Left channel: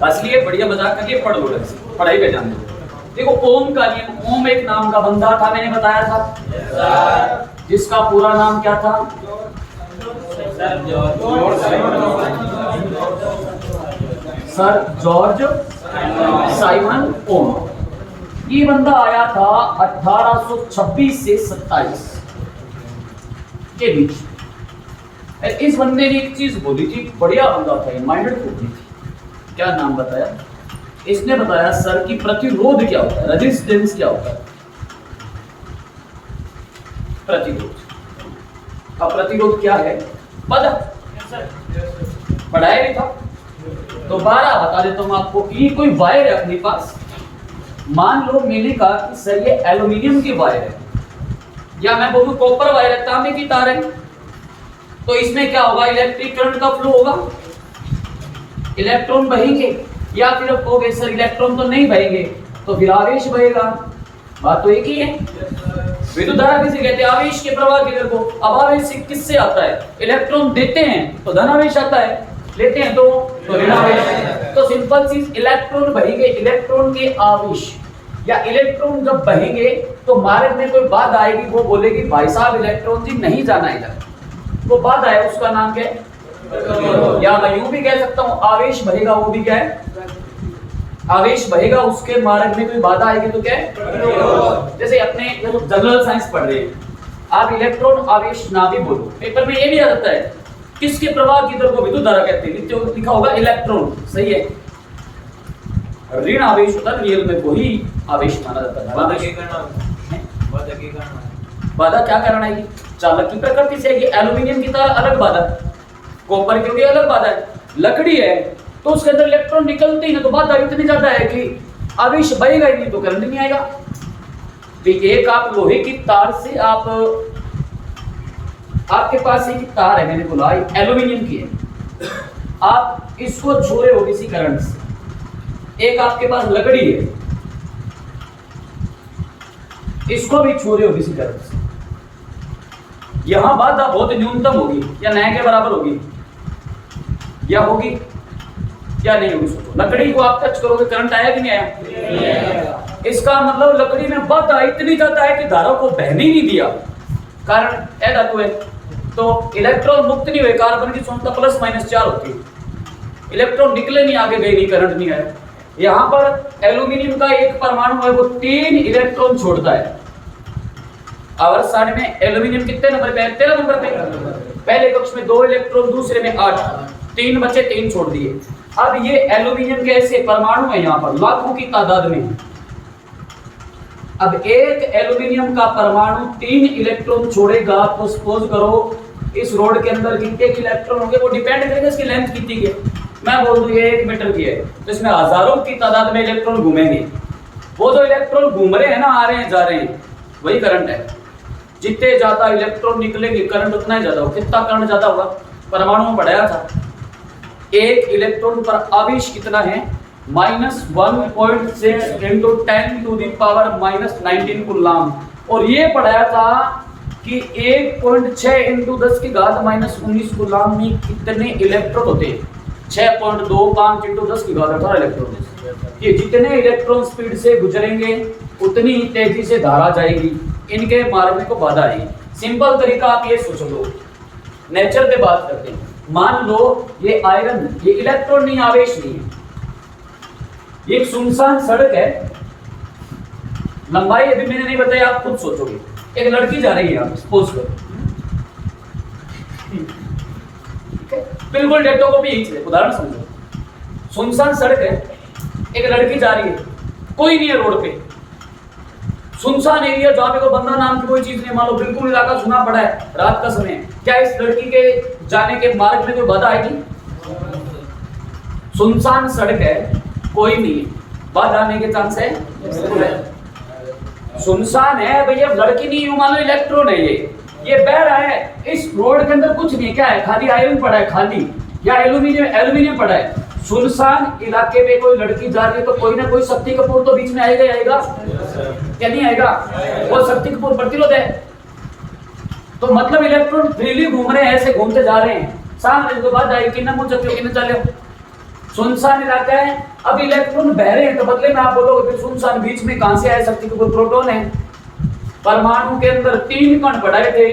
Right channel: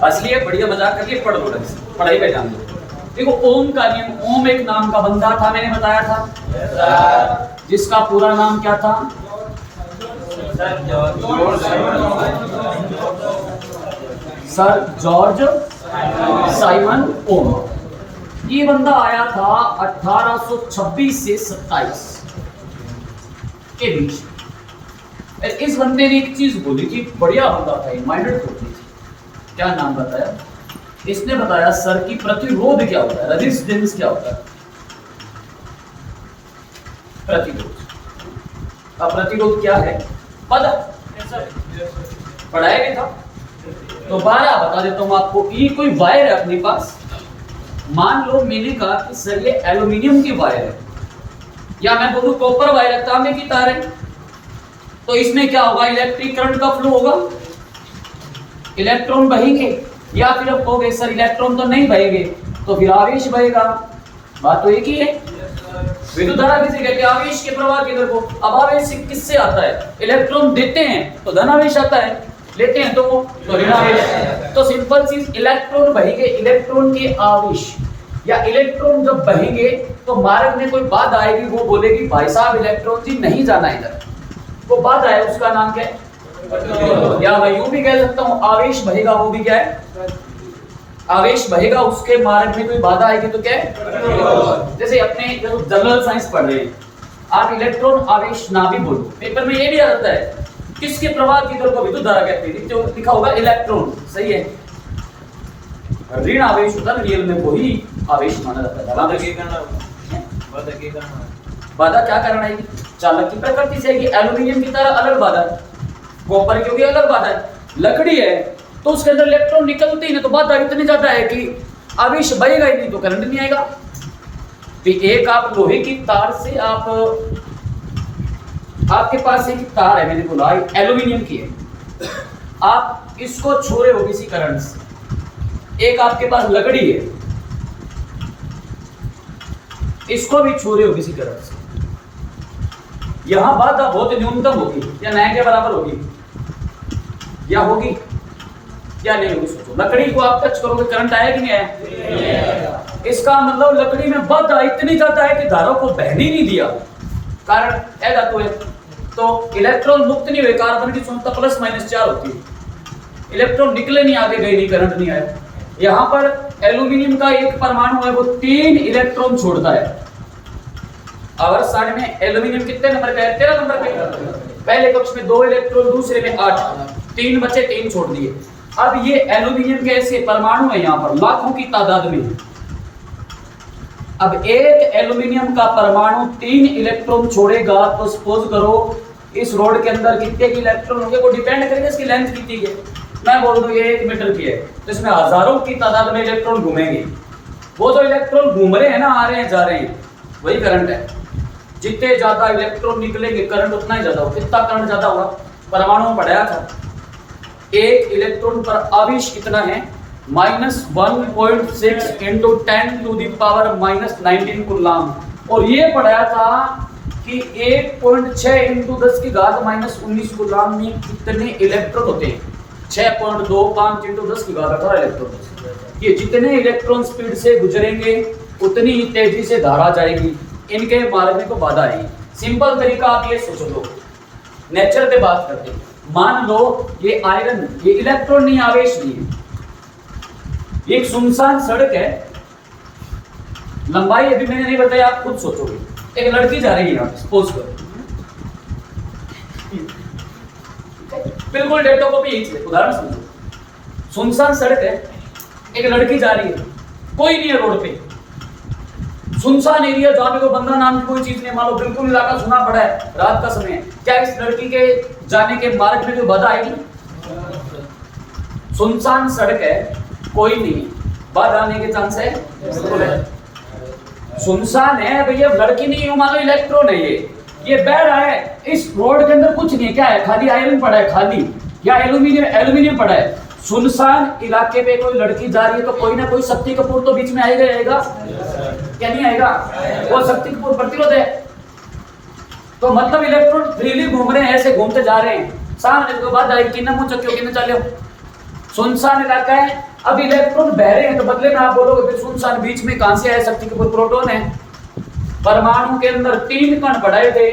बस लिए बढ़िया मजाक करके पढ़ लो ढंग से, पढ़ाई पे ध्यान दो। देखो ओम का नियम, ओम एक नाम का बंदा था, मैंने बताया था, जिसका पूरा नाम क्या था? सर जॉर्ज साइमन ओम। ये बंदा आया था 1826 से 27 के बीच। इस बंदे ने एक चीज बोली थी, बढ़िया बंदा था, माइंडेड थी। क्या नाम बताया इसने? बताया सर कि प्रतिरोध क्या होता है, रेजिस्टेंस क्या होता है, प्रतिरोध। अब प्रतिरोध क्या है पता पढ़ाया नहीं था तो 12 बता देता हूं आपको। ये कोई वायर है अपने पास, मान लो मैंने कहा कि सर ये एल्यूमिनियम की वायर है, या मैं बोलूं कॉपर वायर है, तांबे की तार है, तो इसमें क्या होगा? इलेक्ट्रिक करंट का फ्लो होगा, इलेक्ट्रॉन बहेंगे। या फिर आप कहोगे सर इलेक्ट्रॉन तो नहीं बहेंगे, तो फिर आवेश बहेगा। बात तो एक ही है। विद्युत धारा किसे कहते हैं? आवेश के प्रवाह के दर को। अब आवेश किससे आता है? इलेक्ट्रॉन देते हैं तो धन आवेश आता है, लेते हैं तो ऋण आवेश। तो सिंपल चीज, इलेक्ट्रॉन बहेंगे, इलेक्ट्रॉन के आवेश या इलेक्ट्रॉन जब बहेंगे तो मार्ग में कोई बाधा आएगी, वो बोलेगी भाई साहब इलेक्ट्रॉन जी नहीं जाना इधर, वो बाधा है, उसका नाम क्या है? या मैं यूं भी कह सकता हूं आवेश बहेगा, वो भी क्या है? आवेश बहेगा, उसके मार्ग में कोई बाधा आएगी तो क्या है? जैसे अपने जनरल साइंस पढ़ रहे हैं, आप इलेक्ट्रॉन आवेश ना भी बोलो, पेपर में ये भी आ जाता है किसके प्रवाह की दर को विद्युत धारा कहते हैं, नीचे लिखा होगा इलेक्ट्रॉन, सही है। ऋण आवेश होता है रियल में, वही आवेश माना जाता है। बाधा क्या कारण आएगी? चालक की प्रकृति से आएगी। एल्यूमिनियम की तरह अलग बाधा है, कॉपर की अलग बाधा है, लकड़ी है तो उसके अंदर इलेक्ट्रॉन निकलते ही नहीं, तो बाधा इतनी ज्यादा है कि आवेश बहेगा ही नहीं तो करंट नहीं आएगा। तो एक आप लोहे की तार से आपके पास एक तार है, मैंने बोला एल्यूमिनियम की है, आप इसको छोड़े हो किसी करंट से। एक आपके पास लकड़ी है, इसको भी छोड़े हो किसी करंट से। यहां बाधा बहुत न्यूनतम होगी या नए के बराबर होगी, या होगी या नहीं होगी? सोचो, लकड़ी को आप टच करोगे करंट आया कि नहीं आया? इसका मतलब लकड़ी में बाधा इतनी ज्यादा है कि धारा को बहने नहीं दिया। कारण ए धातु है तो इलेक्ट्रॉन मुक्त नहीं हुए, कार्बन की क्षमता +-4 होती है, इलेक्ट्रॉन निकले नहीं, आगे गए नहीं, करंट नहीं आया। यहां पर एल्यूमिनियम का एक परमाणु है, वो 3 इलेक्ट्रॉन छोड़ता है। और साइड में एल्यूमिनियम कितने नंबर पे है? 13 नंबर पे। पहले कक्ष में 2 इलेक्ट्रॉन, दूसरे में 8, 3 बचे, 3 छोड़ दिए। अब ये एल्यूमिनियम के ऐसे परमाणु है यहाँ पर लाखों की तादाद में। अब एक एल्यूमिनियम का परमाणु 3 इलेक्ट्रॉन छोड़ेगा तो सपोज करो इस रोड के अंदर कितने के इलेक्ट्रॉन होंगे, वो डिपेंड करेगा इसकी लेंथ कितनी है। मैं बोल दूं ये 1 मीटर की है तो इसमें हजारों की तादाद में इलेक्ट्रॉन घूमेंगे। वो जो इलेक्ट्रॉन घूम रहे हैं ना, आ रहे हैं जा रहे हैं, वही करंट है। जितने ज्यादा इलेक्ट्रॉन निकलेंगे करंट उतना ही ज्यादा होगा। कितना करंट ज्यादा होगा? परमाणु में पढ़ाया था, एक इलेक्ट्रॉन पर आवेश कितना है? -1.6 × 10⁻⁻19 कूलाम। और ये पढ़ाया था कि 1.6 × 10⁻−19 कूलाम में कितने इलेक्ट्रॉन होते हैं? 6.25 × 10⁻18 इलेक्ट्रॉन। ये जितने इलेक्ट्रॉन स्पीड से गुजरेंगे उतनी ही तेजी से धारा जाएगी, इनके मार्ग में को बाधा आएगी। सिंपल तरीका आप ये सोच लो, नेचर पे बात करते हैं। मान लो ये आयरन, ये इलेक्ट्रॉन नहीं, आवेश नहीं है, ये एक सुनसान सड़क है, लंबाई अभी मैंने नहीं बताई, आप खुद सोचोगे। एक लड़की जा रही है यहाँ, सपोज करो, बिल्कुल डेटो को भी यही चीज, उदाहरण समझो। सुनसान सड़क है, एक लड़की जा रही है, कोई नहीं है रोड पे, सुनसान एरिया जहाँ पे कोई बंदा नाम की कोई चीज नहीं, मान लो बिल्कुल इलाका सुना पड़ा है, रात का समय है। क्या इस लड़की के जाने के मार्ग में कोई बाधा आएगी? सुनसान सड़क है, कोई नहीं है, बाधा आने के चांस है? बिल्कुल है। सुनसान है भैया, लड़की नहीं है, मान लो इलेक्ट्रॉन है, ये बह रहा है, इस रोड के अंदर कुछ नहीं है, क्या है? खाली आयरन पड़ा है, खाली, या एल्यूमिनियम पड़ा है। सुनसान इलाके पे कोई लड़की जा रही है तो कोई ना कोई शक्ति कपूर तो बीच में आएगा क्या नहीं आएगा? वो शक्ति कपूर प्रतिरोध है। तो मतलब इलेक्ट्रॉन फ्रीली घूम रहे हैं, ऐसे घूमते जा रहे हैं, सामने के बाद आई किन्ना मुझे क्यों किन्ने चले सुनसान इलाका है, अब इलेक्ट्रॉन बह रहे हैं तो बदले में आप बोलोगे फिर सुनसान बीच में कहां से आए, शक्ति के प्रोटॉन है। परमाणु के अंदर 3 कण पड़े थे,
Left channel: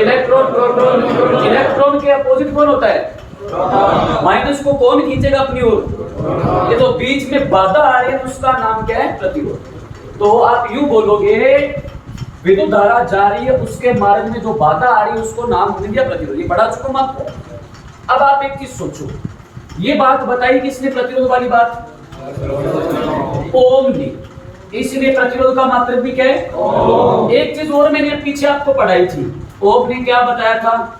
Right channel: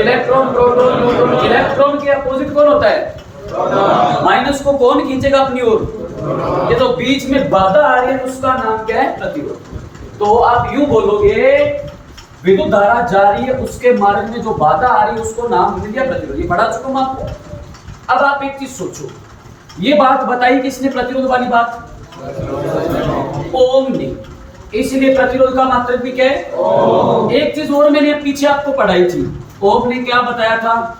इलेक्ट्रॉन प्रोटॉन न्यूट्रॉन। इलेक्ट्रॉन के अपोजिट कौन होता है? माइनस को कौन खींचेगा अपनी ओर? ये तो बीच में बाधा आ रही है, उसका नाम क्या है? प्रतिरोध। तो आप यूं बोलोगे विद्युत धारा जा रही है, उसके मार्ग में जो बाधा आ रही है उसको नाम दे दिया प्रतिरोध। ये पढ़ा चुका मैं आपको। अब आप एक चीज सोचो, ये बात बताई किसने? प्रतिरोध वाली बात ओम ने। इसलिए प्रतिरोध का मात्रक भी क्या है? ओम। एक चीज और मैंने पीछे आपको पढ़ाई थी, ओम ने क्या बताया था?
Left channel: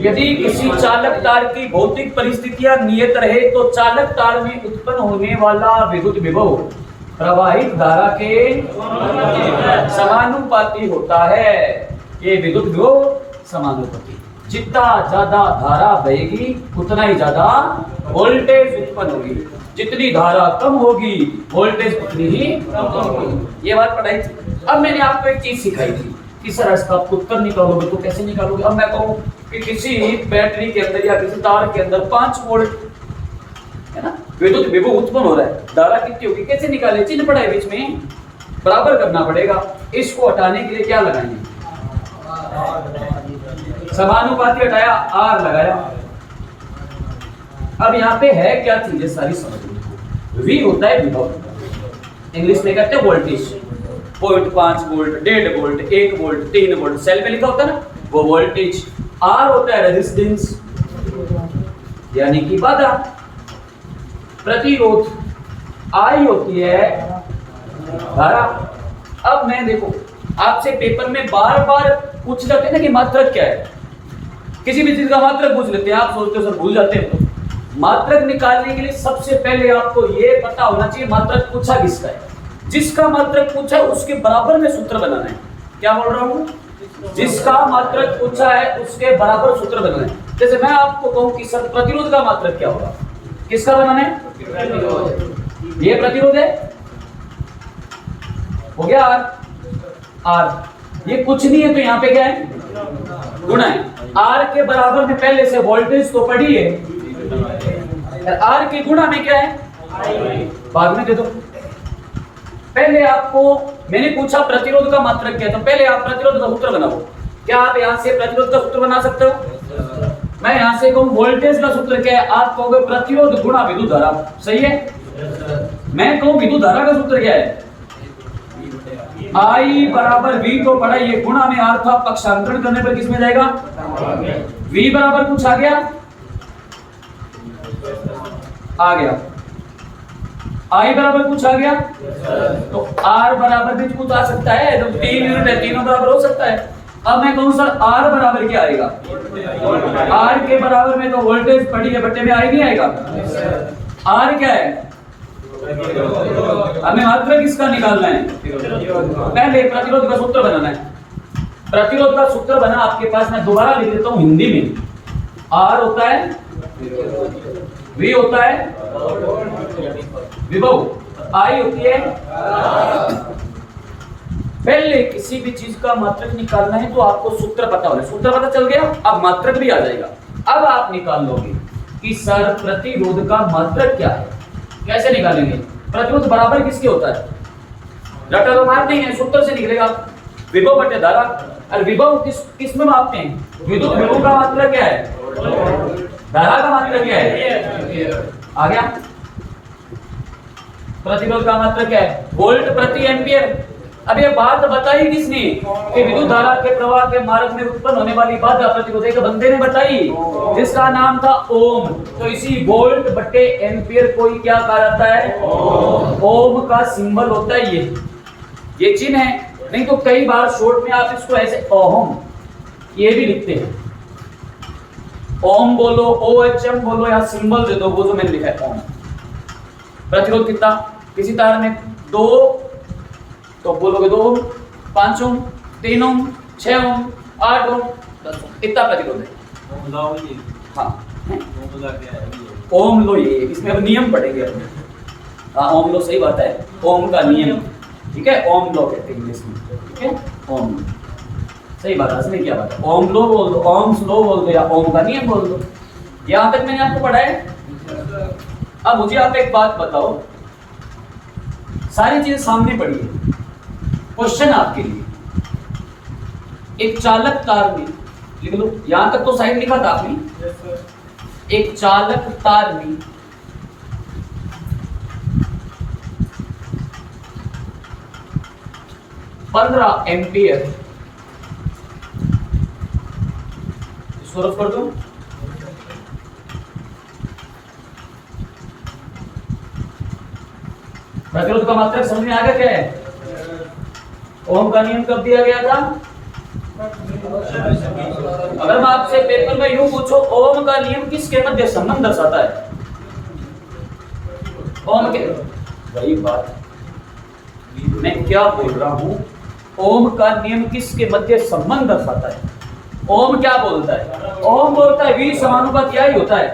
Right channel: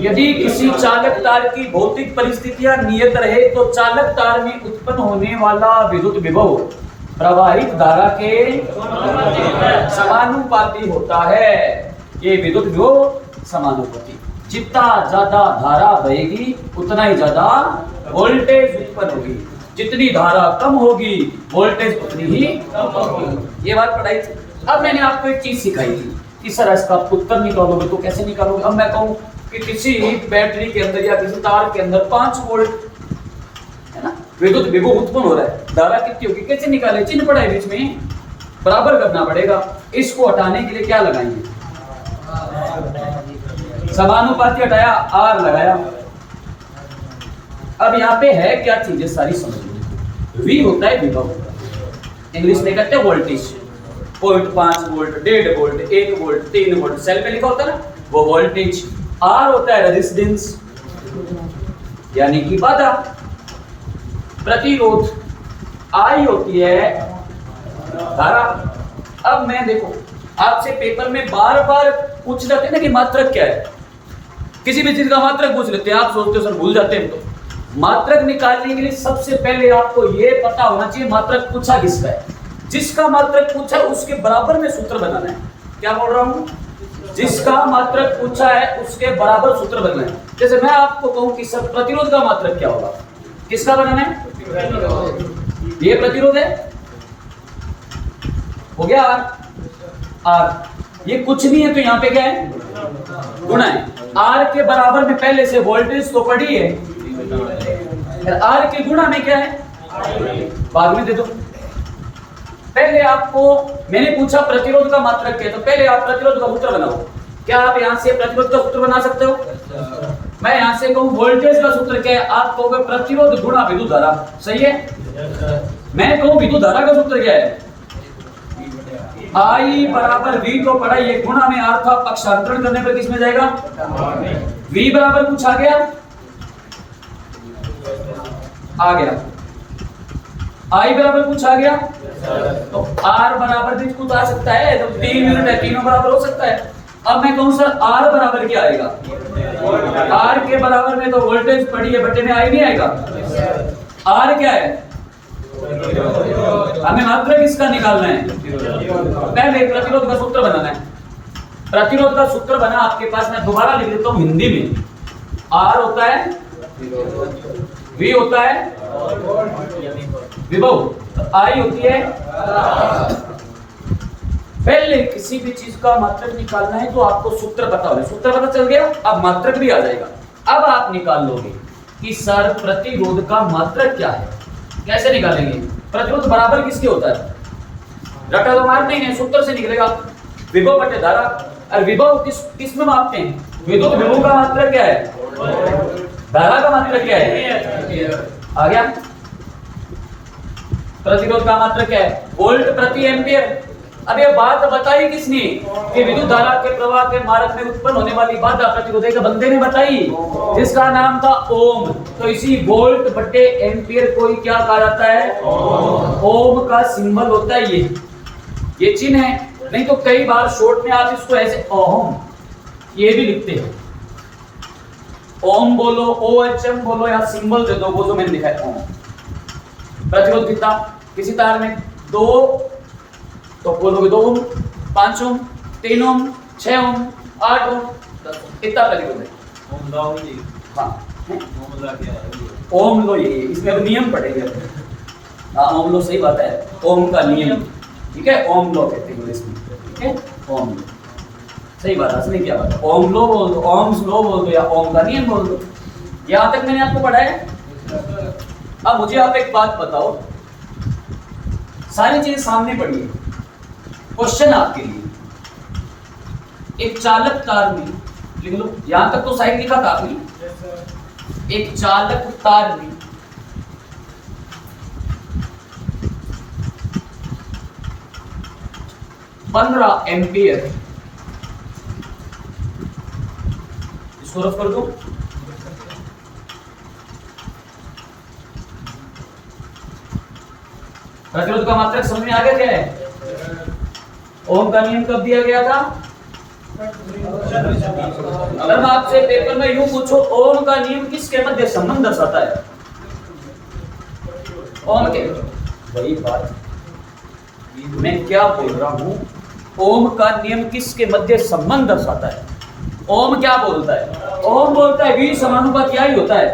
यदि किसी चालक तार की भौतिक परिस्थितियां नियत रहे तो चालक तार में उत्पन्न होने वाला विद्युत विभव प्रवाहित धारा के समानुपाती होता है। ये विद्युत विभव समानुपाती, जितना ज्यादा धारा बहेगी उतना ही ज्यादा वोल्टेज उत्पन्न होगी, जितनी धारा कम होगी वोल्टेज उतनी ही कम होगी। ये बात पढ़ाई थी। अब मैंने आपको एक चीज सिखाई थी कि सर इसका उत्तर निकालोगे तो कैसे निकालोगे? अब मैं कहूं कि किसी बैटरी के अंदर या किसी तार के अंदर 5 वोल्ट है ना विद्युत विभव उत्पन्न हो रहा है, धारा कितनी होगी? कैसे निकाले? चिन्ह पड़ा है बीच में, बराबर करना पड़ेगा। इसको हटाने के लिए क्या लगाएंगे? समानुपाती हटाया, आर लगाया। अब यहाँ पे है क्या चीजें सारी समझ। वी होता है विभव, इंग्लिश में कहते हैं voltage. 0.5 volt, 1.5 volt, 1 volt, 3 volt, cell पे लिखा होता है ना वो वोल्टेज। आर होता है रेजिस्टेंस यानी कि बाधा। प्रतिरोध आई होती है धारा। अब मैं देखो आपसे पेपर में बार बार पूछ जाते हैं ना कि मात्रक क्या है, किसी भी चीज का मात्रक पूछ लेते हैं, आप सोचते हो सर भूल जाते हैं। तो मात्रक निकालने के लिए सबसे पहले आपको यह पता होना चाहिए मात्रक पूछा किसका है। जिसका मात्रक पूछा है उसके बराबर में सूत्र बनाना है। क्या बोल रहा हूं? जिसका मात्रक पूछा है उसके बराबर सूत्र बनाना है। जैसे मैं आपको कहूं कि सर प्रतिरोध का मात्रक क्या होगा, किसका बनाना है? ये प्रतिरोध है, हो गया आर। आर ये कुछ नहीं है तो यहाँ पे क्या है? गुणा है। आर के बराबर में पहले से वोल्टेज तो पड़ी है, आर के गुणा में क्या है? बाद में दे दो। पहले आपको मैंने पूछा प्रतिरोध का मात्रक क्या है, तो पहले आप प्रतिरोध का सूत्र बनाओ। क्या आप यहां से प्रतिरोध का सूत्र बना सकते हो? मैं यहां से कहूं वोल्टेज का सूत्र क्या है, आप कहोगे प्रतिरोध गुणा विद्युत धारा। सही है। मैं कहूं विद्युत धारा का सूत्र क्या है? आई बराबर वी को पढ़ा, ये गुणा में आर था, पक्षांतरण करने पर किस में जाएगा? वी बराबर कुछ आ गया, आ गया। आई बराबर कुछ आ गया, तो आर बराबर भी कुछ आ सकता है। तो 3 यूनिट है, तीनों बराबर हो सकता है। अब मैं कहूं सर आर बराबर क्या आएगा? आर के बराबर में तो वोल्टेज पड़ी है, बट्टे में आई नहीं आएगा। आर क्या है? हमें मात्रक किसका निकालना है? पहले प्रतिरोध का सूत्र बनाना है। प्रतिरोध का सूत्र बना आपके पास, मैं दोबारा लिख देता हूं हिंदी में। आर होता है वी होता है विभव, आई होती है। पहले किसी भी चीज का मात्रक निकालना है तो आपको सूत्र पता होना। सूत्र पता चल गया, अब मात्रक भी आ जाएगा। अब आप निकाल लोगे कि सर प्रतिरोध का मात्रक क्या है। कैसे निकालेंगे? प्रतिरोध बराबर किसके होता है? रटा तो मारते ही नहीं, सूत्र से निकलेगा विभव बटे धारा। और विभव किस में मापते हैं? विद्युत विभव का मात्रक क्या है? धारा का मात्रक क्या है? आ गया। प्रतिरोध का मात्रक क्या है? वोल्ट प्रति एम्पियर। अब ये बात बताई किसने कि विद्युत धारा के प्रवाह के मार्ग में उत्पन्न होने वाली बाधा प्रतिरोध एक बंदे ने बताई, जिसका नाम था ओम। तो इसी वोल्ट बटे एम्पियर को ही क्या कहा जाता है? ओम का सिंबल होता है ये चिन्ह है। नहीं तो कई बार शॉर्ट में आप इसको ऐसे ओम ये भी लिखते हैं। ओम बोलो, OHM बोलो, या सिंबल दे दो, वो जो मैंने लिखा है ओम। प्रतिरोध कितना? किसी तार में 2 तो बोलोगे 2 ओम, 5 ओम, 3 ओम, 6 ओम, 8 ओम, 10 ओम, इतना प्रतिरोध है। हाँ ओम लो, ये इसमें अब नियम पड़ेगा। हाँ ओम लो, सही बात है, ओम का नियम। ठीक है, ओम लो कहते हैं इंग्लिश में। ठीक है, ओम लो सही बात है। असली क्या बात है? ओम लो बोल दो, ओम्स लो बोल दो, या ओम का नियम बोल दो। यहां तक मैंने आपको पढ़ाया। अब मुझे आप एक बात बताओ, सारी चीजें सामने पड़ी है, क्वेश्चन आपके लिए। एक चालक तार में, लिख लो, यहां तक तो साइड लिखा था आपने। एक चालक तार में 15 एम्पियर, इसको रफ कर दो। प्रतिरोध का मात्रक समझ में आ गया क्या है? ओम का नियम कब दिया गया था? अगर मैं आपसे पेपर में यूं पूछो ओम का नियम किसके मध्य संबंध दर्शाता है? ओम के, वही बात मैं क्या बोल रहा हूं, ओम का नियम किसके मध्य संबंध दर्शाता है? ओम क्या बोलता है? ओम बोलता है V समानुपात क्या ही होता है,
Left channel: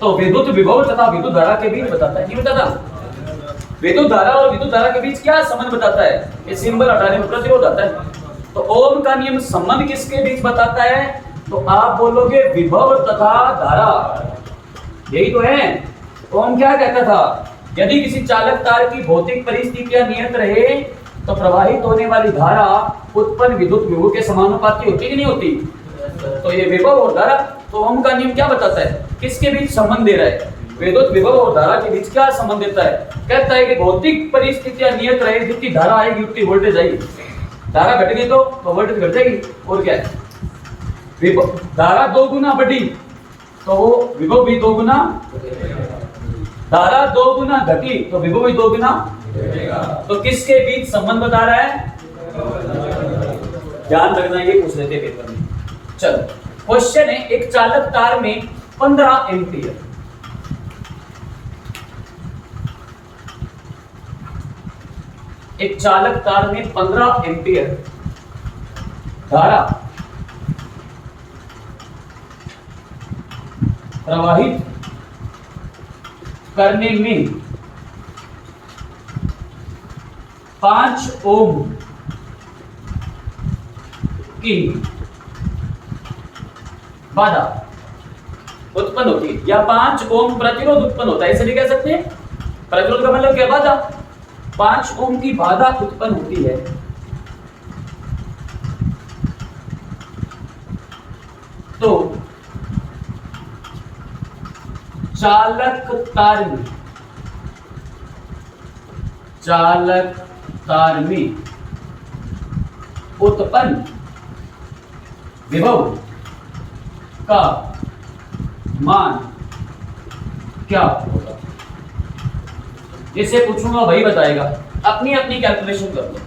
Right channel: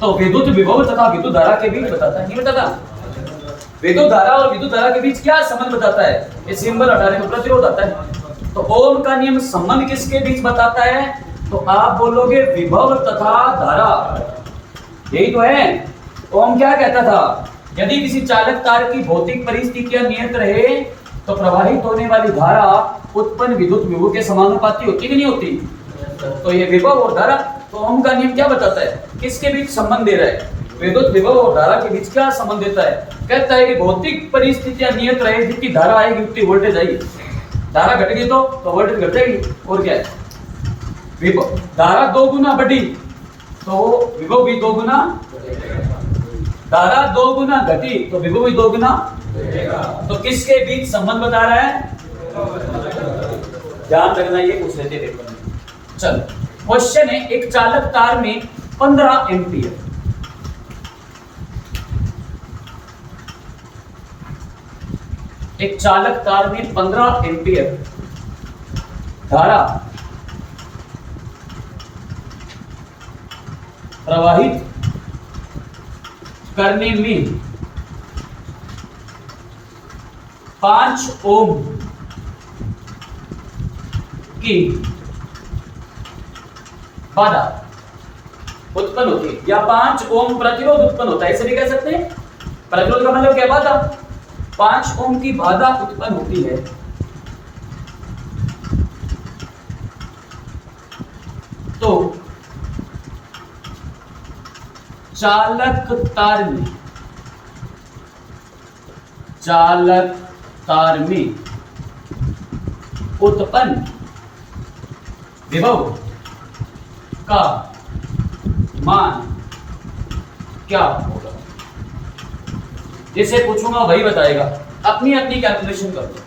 तो विद्युत विभव तथा विद्युत धारा के बीच बताता है, नहीं बताता? विद्युत धारा और विद्युत धारा के बीच क्या संबंध बताता है? ये सिंबल हटाने में प्रतिरोध आता है। तो ओम का नियम संबंध किसके बीच बताता है? तो आप बोलोगे विभव तथा धारा, यही तो है। ओम क्या कहता था? यदि किसी चालक तार की भौतिक परिस्थितियां नियत रहे तो प्रवाहित होने वाली धारा उत्पन्न विद्युत विभव के समानुपाती होती कि नहीं होती? तो ये विभव और धारा, तो ओम का नियम क्या बताता है? किसके बीच संबंध दे रहा है? विद्युत विभव और धारा के बीच क्या संबंध देता है? कहता है कि भौतिक परिस्थितियां नियत रहे, जितनी धारा आएगी उतनी वोल्टेज आएगी। धारा घट गई तो वोल्टेज घट जाएगी, और क्या है? विभव, धारा 2 गुना बढ़ी तो विभव भी 2 गुना, धारा 2 गुना घटी तो विभव भी 2 गुना। तो किसके बीच संबंध बता रहा है? ध्यान रखना, ये पूछ लेते पेपर में। चलो क्वेश्चन है, एक चालक तार में 15 एम्पियर, एक चालक तार में 15 एम्पियर धारा प्रवाहित करने में 5 ओम की बाधा उत्पन्न होती है, या 5 ओम प्रतिरोध उत्पन्न होता है, ऐसे भी कह सकते हैं। प्रतिरोध का मतलब क्या? बाधा। 5 ओम की बाधा उत्पन्न होती है तो चालक तार में उत्पन्न विभव का मान क्या होगा? जिसे पूछूंगा वही बताएगा, अपनी अपनी कैलकुलेशन कर लो।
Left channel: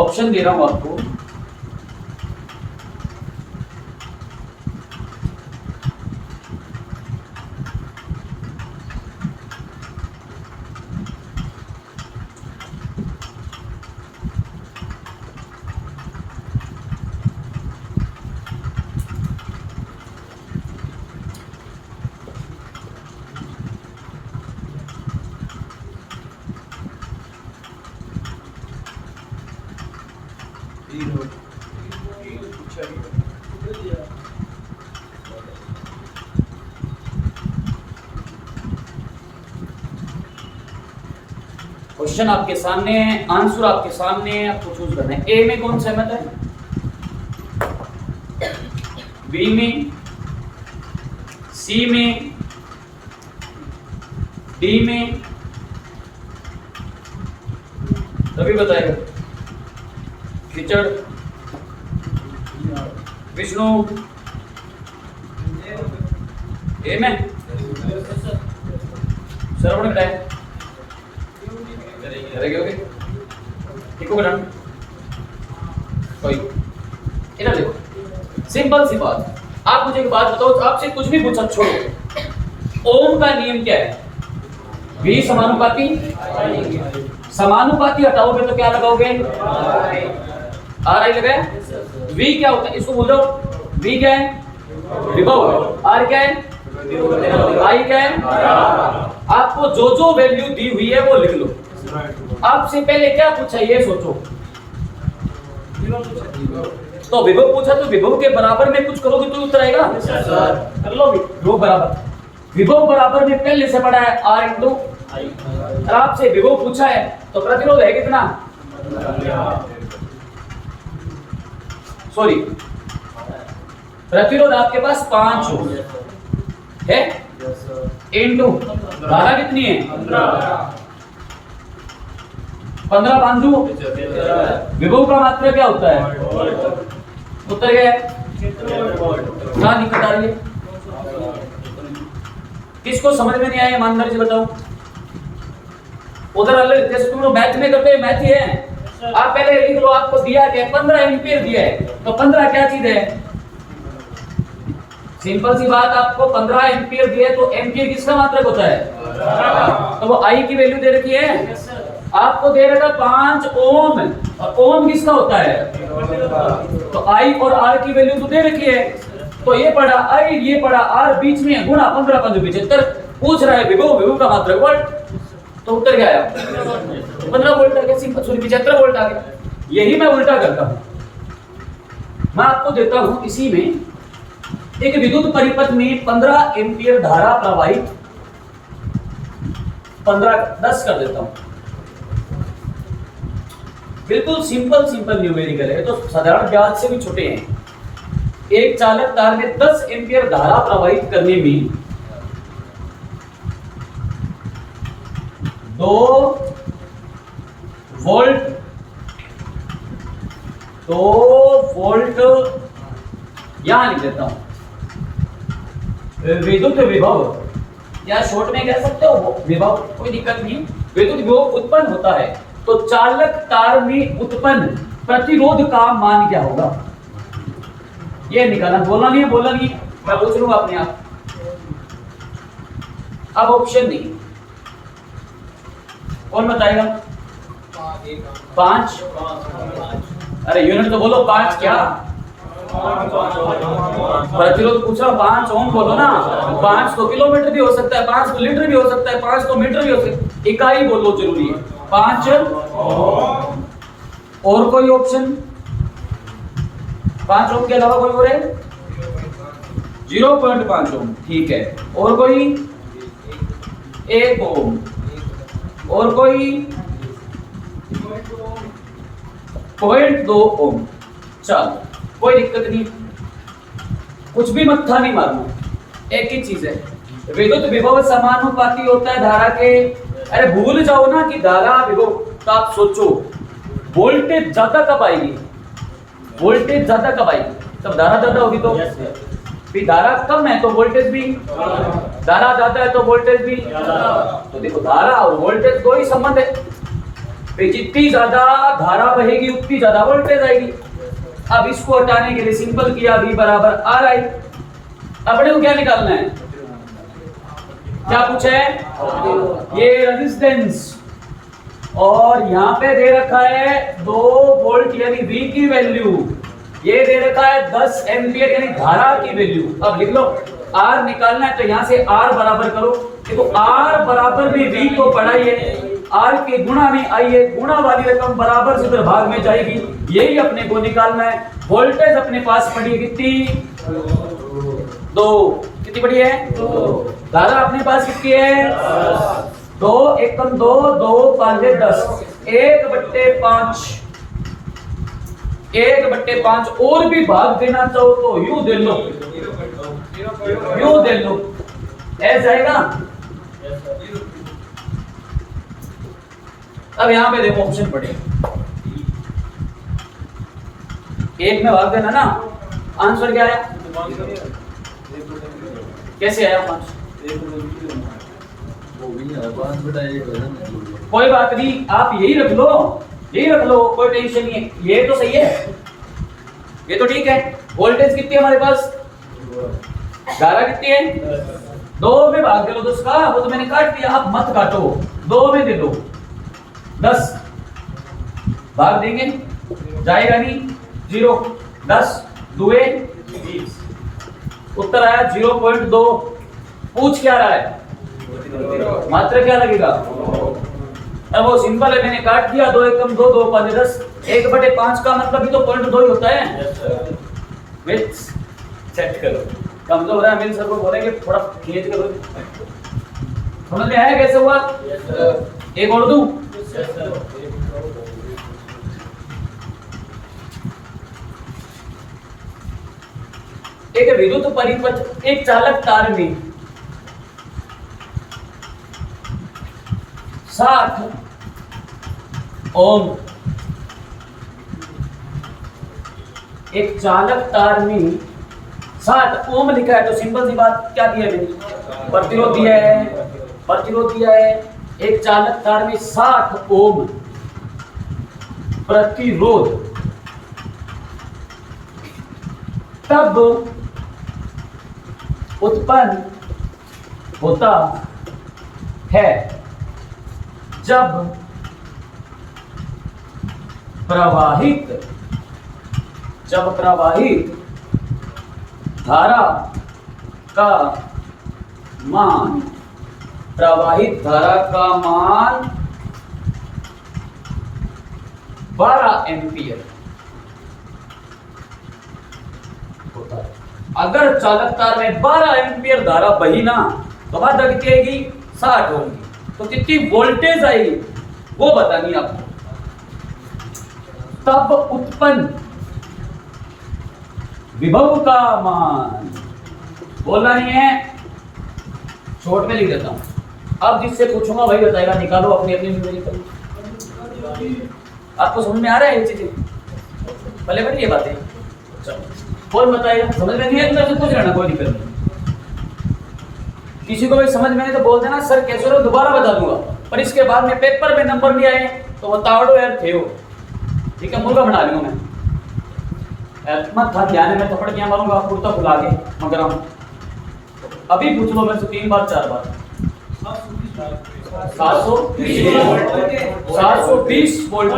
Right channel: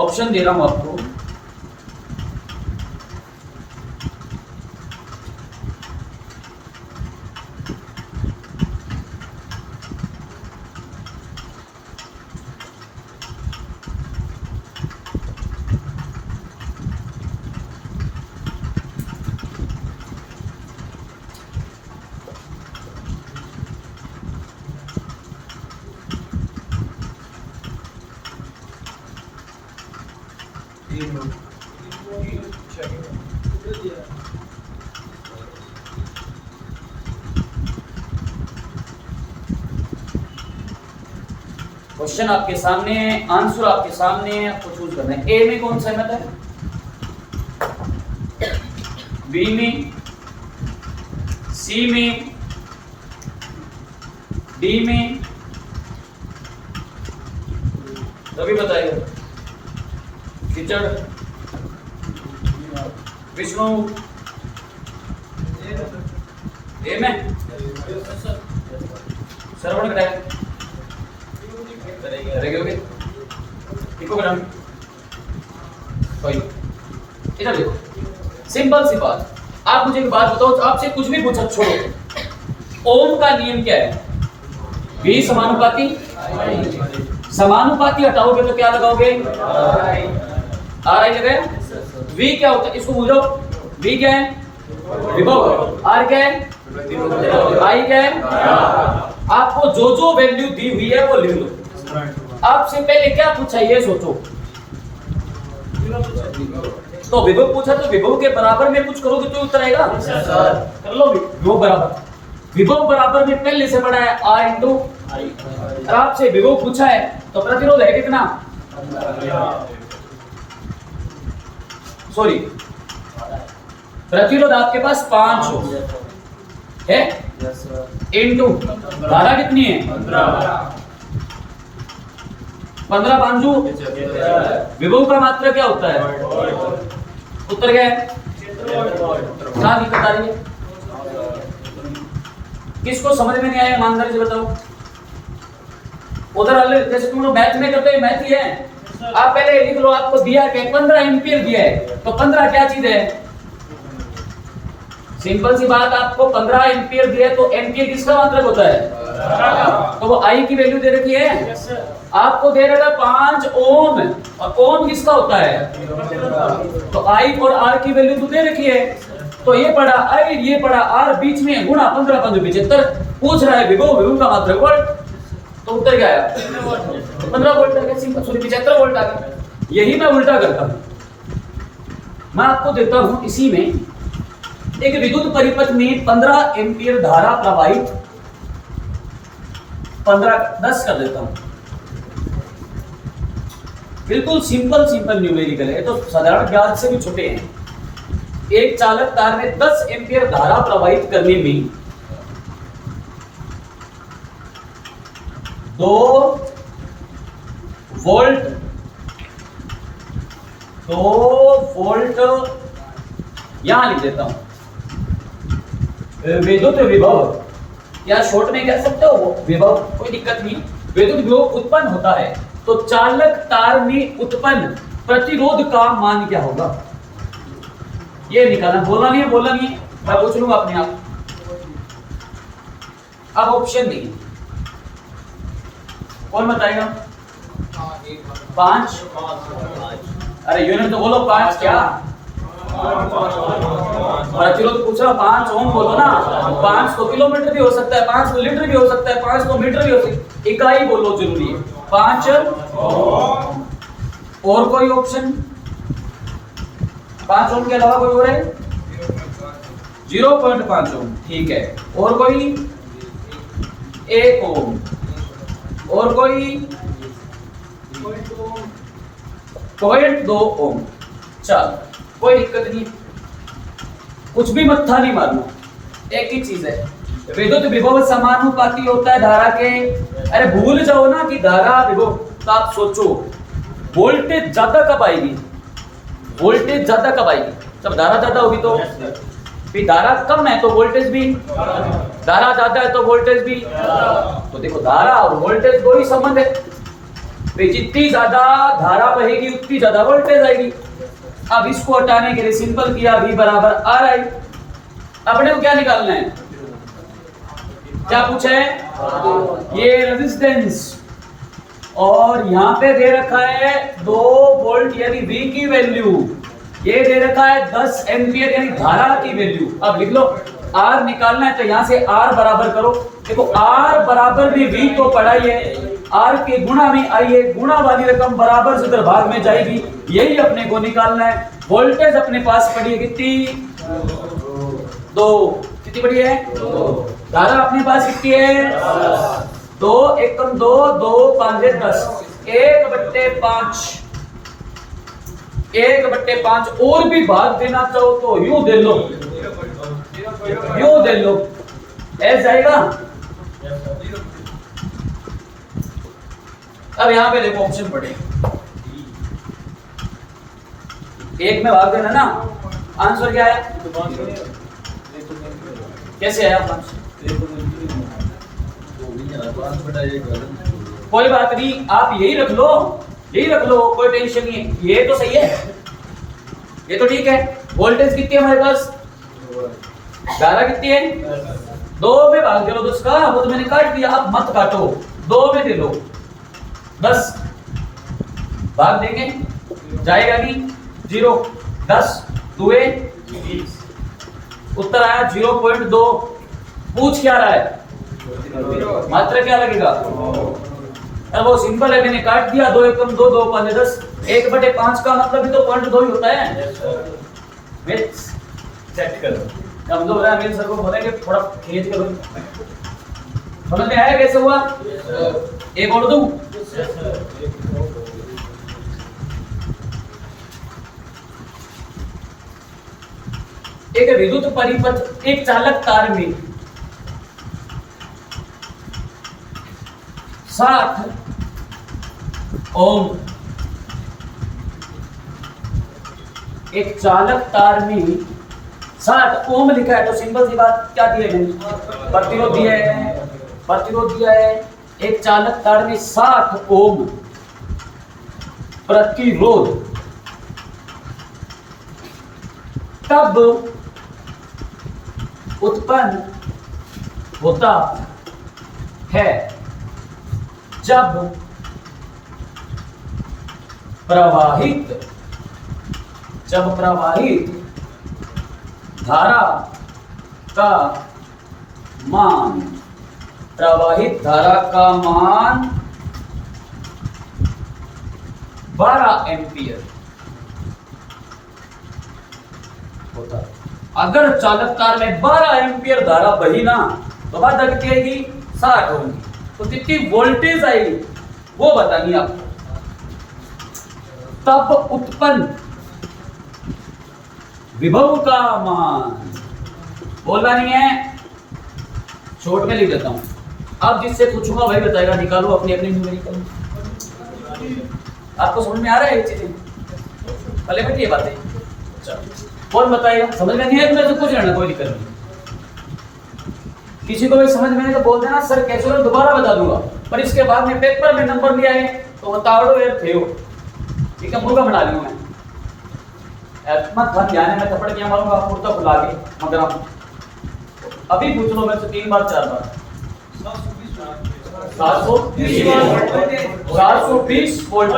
ऑप्शन दे रहा हूं आपको, क्वेश्चन आपके सामने है, आंसर आपके सामने है, आपको चूज करना है। ए में कौन सहमत है? बी में, सी में, डी में, तभी बताएगा। किचड़, विष्णु, ए में, श्रवण कराए करेंगे, इको करना कोई इधर देखो, सिंपल सी बात। आप मुझे एक बात बताओ, आपसे कुछ भी पूछा छोड़ो, ओम का नियम क्या है? V समानुपाती, समानुपाती हटाओगे तो क्या लगाओगे? RI लगाए। V क्या होता है? इसको भूल जाओ। V क्या है? विभव। R क्या है? I क्या है? आपको जो जो वैल्यू दी हुई है वो लिख लो। आपसे पहले क्या पूछा ये सोचो, तो विभव पूछा तो विभव के बराबर में कुछ करोगे तो उत्तर आएगा। कर लो विभव बराबर, विभव बराबर में पहले से पढ़ा है R इंटू आई। और आपसे विभव पूछा है तो प्रतिरोध है कितना, सॉरी प्रतिरोध आपके पास 5 है इंटू धारा कितनी है 15 बांजू। विभव का मात्रा क्या होता है, उत्तर क्या है, क्या दिक्कत आ रही है, किसको समझ में नहीं आया ईमानदारी से बताओ। उधर वाले जैसे तुम लोग मैथ में करते हो, मैथ ही है, आप पहले लिख लो आपको दिया क्या 15 एम्पियर दिया है, तो 15 क्या चीज है, सिंपल सी बात, आपको 15 एम्पियर दिया है तो एम्पियर किसका मात्रक होता है, तो वो आई की वैल्यू दे रखी है, आपको दे रखा 5 ओम, और ओम किसका होता है, तो आई और आर की वैल्यू तो दे रखी है, तो ये पड़ा आई ये पड़ा आर, बीच में गुणा 15 5 75, पूछ रहा है विभव, विभव का मात्रक वोल्ट, तो उत्तर क्या आया 15 वोल्ट आ गया, सिंपल, सॉरी 75 वोल्ट आ गया। यही मैं उल्टा करता हूं, मैं आपको देता हूं इसी में एक विद्युत परिपथ में 15 एम्पियर धारा प्रवाहित, 10 कर देता हूं, बिल्कुल सिंपल न्यूमेरिकल है, तो साधारण ब्याज से भी छोटे हैं। एक चालक तार में 10 एम्पियर धारा प्रवाहित करने में 2 वोल्ट यहां लिख देता हूं, विद्युत विभव, या शॉर्ट में कह सकते हो विभव, कोई दिक्कत नहीं, विद्युत विभव उत्पन्न होता है, तो चालक तार में उत्पन्न प्रतिरोध का मान क्या होगा, ये निकालना, बोलना नहीं है, मैं पूछ लूंगा अपने आप। अब ऑप्शन नहीं, कौन बताएगा, 5, अरे यूनिट तो बोलो 5 क्या, प्रतिरोध पूछ रहा 5 ओम बोलो ना, 5 तो किलोमीटर भी हो सकता है, 5 तो लीटर भी हो सकता है, 5 तो मीटर भी हो सकता है, इकाई बोलो जरूरी है 5 ओम। और कोई ऑप्शन, 5 ओम के अलावा कोई और है, 0.5 ओम, ठीक है, और कोई 1 ओम, और कोई 0.2 ओम, चल कोई दिक्कत नहीं, कुछ भी मत्था नहीं मारना, एक ही चीज है, विद्युत विभव समानुपाती होता है धारा के, अरे भूल जाओ ना कि धारा विभव, तो आप सोचो वोल्टेज ज्यादा कब आएगी, वोल्टेज ज्यादा कब आएगी, जब धारा ज्यादा होगी, तो भी धारा कम है तो वोल्टेज भी, धारा ज्यादा है तो वोल्टेज भी, तो देखो धारा और वोल्टेज दो ही संबंध है, जितनी ज्यादा धारा बहेगी उतनी ज्यादा वोल्टेज आएगी। अब इसको हटाने के लिए सिंपल किया, V बराबर आर आई। अपने को क्या निकालना है, क्या पूछा है, ये रेजिस्टेंस, और यहां पे दे रखा है 2 वोल्ट यानी V की वैल्यू, ये दे रखा है 10 एम्पियर यानी धारा की वैल्यू। अब लिख लो R निकालना है तो यहां से R बराबर करो, देखो R बराबर में V तो पढ़ा ही है, R के गुणा में आइए, गुणा वाली रकम बराबर से उधर भाग में जाएगी, यही अपने को निकालना है। वोल्टेज अपने पास पड़ी है कितनी, 2, कितनी पड़ी है, 2, धारा अपने पास कितनी है, 2 एकम 2, 2 5 10, 1/5, 1/5, और भी भाग देना चाहो तो यूं दे लो, यूं दे लो, ऐसा जाएगा। अब यहां पे देखो ऑप्शन पड़े, एक में भाग देना ना, आंसर क्या आया, कैसे आया 5, कोई बात नहीं, आप यही रख लो, कोई टेंशन नहीं है, ये तो सही है, ये तो ठीक है। वोल्टेज कितनी है हमारे पास, धारा कितनी है, 2 में भाग दे लो 10 का, वो तो मैंने काट दिया, आप मत काटो, 2 में दे दो 10, भाग देंगे जाएगा नहीं, 0 10 2 20, उत्तर आया 0.2। पूछ क्या रहा है, मात्रा क्या लगेगा, अब वो सिंपल है, मैंने काट दिया, 2 एकम 2, 2 5 10, 1/5 का मतलब भी तो 0.2 ही होता है। विच सेट करो, कमजोर है। अमिल सर को बोलेंगे थोड़ा खींच करो। समझ में आया कैसे हुआ? एक और दूं? एक विद्युत परिपथ एक चालक तार में 60 ओम, एक चालक तार में 60 ओम लिखा है तो सिंपल सी बात क्या दी है मैंने? प्रतिरोध दिया है, प्रतिरोध दिया है। एक चालक तार में 60 ओम प्रतिरोध, तब उत्पन्न होता है जब प्रवाहित धारा का मान, प्रवाहित धारा का मान 12 एम्पियर होता है। अगर चालक तार में 12 एम्पियर धारा बही ना तो बात कितनी आएगी? 60 होगी। तो कितनी वोल्टेज आएगी वो बतानी आपको। तब उत्पन्न विभव का मान, बोलना नहीं है, शॉर्ट में लिख देता हूं। अब जिससे पूछूंगा वही बताएगा। निकालो अपनी अपनी न्यूमेरिकल। आपको समझ में आ रहा है ये चीजें? पहले बैठिए बातें। कौन बताएगा? समझ में नहीं है तो मैं पूछ लेना, कोई दिक्कत नहीं। किसी को भी समझ में नहीं तो बोल देना सर कैसे हो, दोबारा बता दूंगा। पर इसके बाद में पेपर में नंबर लिया है तो बताओ यार थे हो, ठीक है? मुर्गा बना लूंगा मैं। मत था ध्यान में थप्पड़ क्या मारूंगा कुर्ता खुला के, मगर अभी पूछ लो मेरे से 3 बार 4 बार। 720 वोल्ट।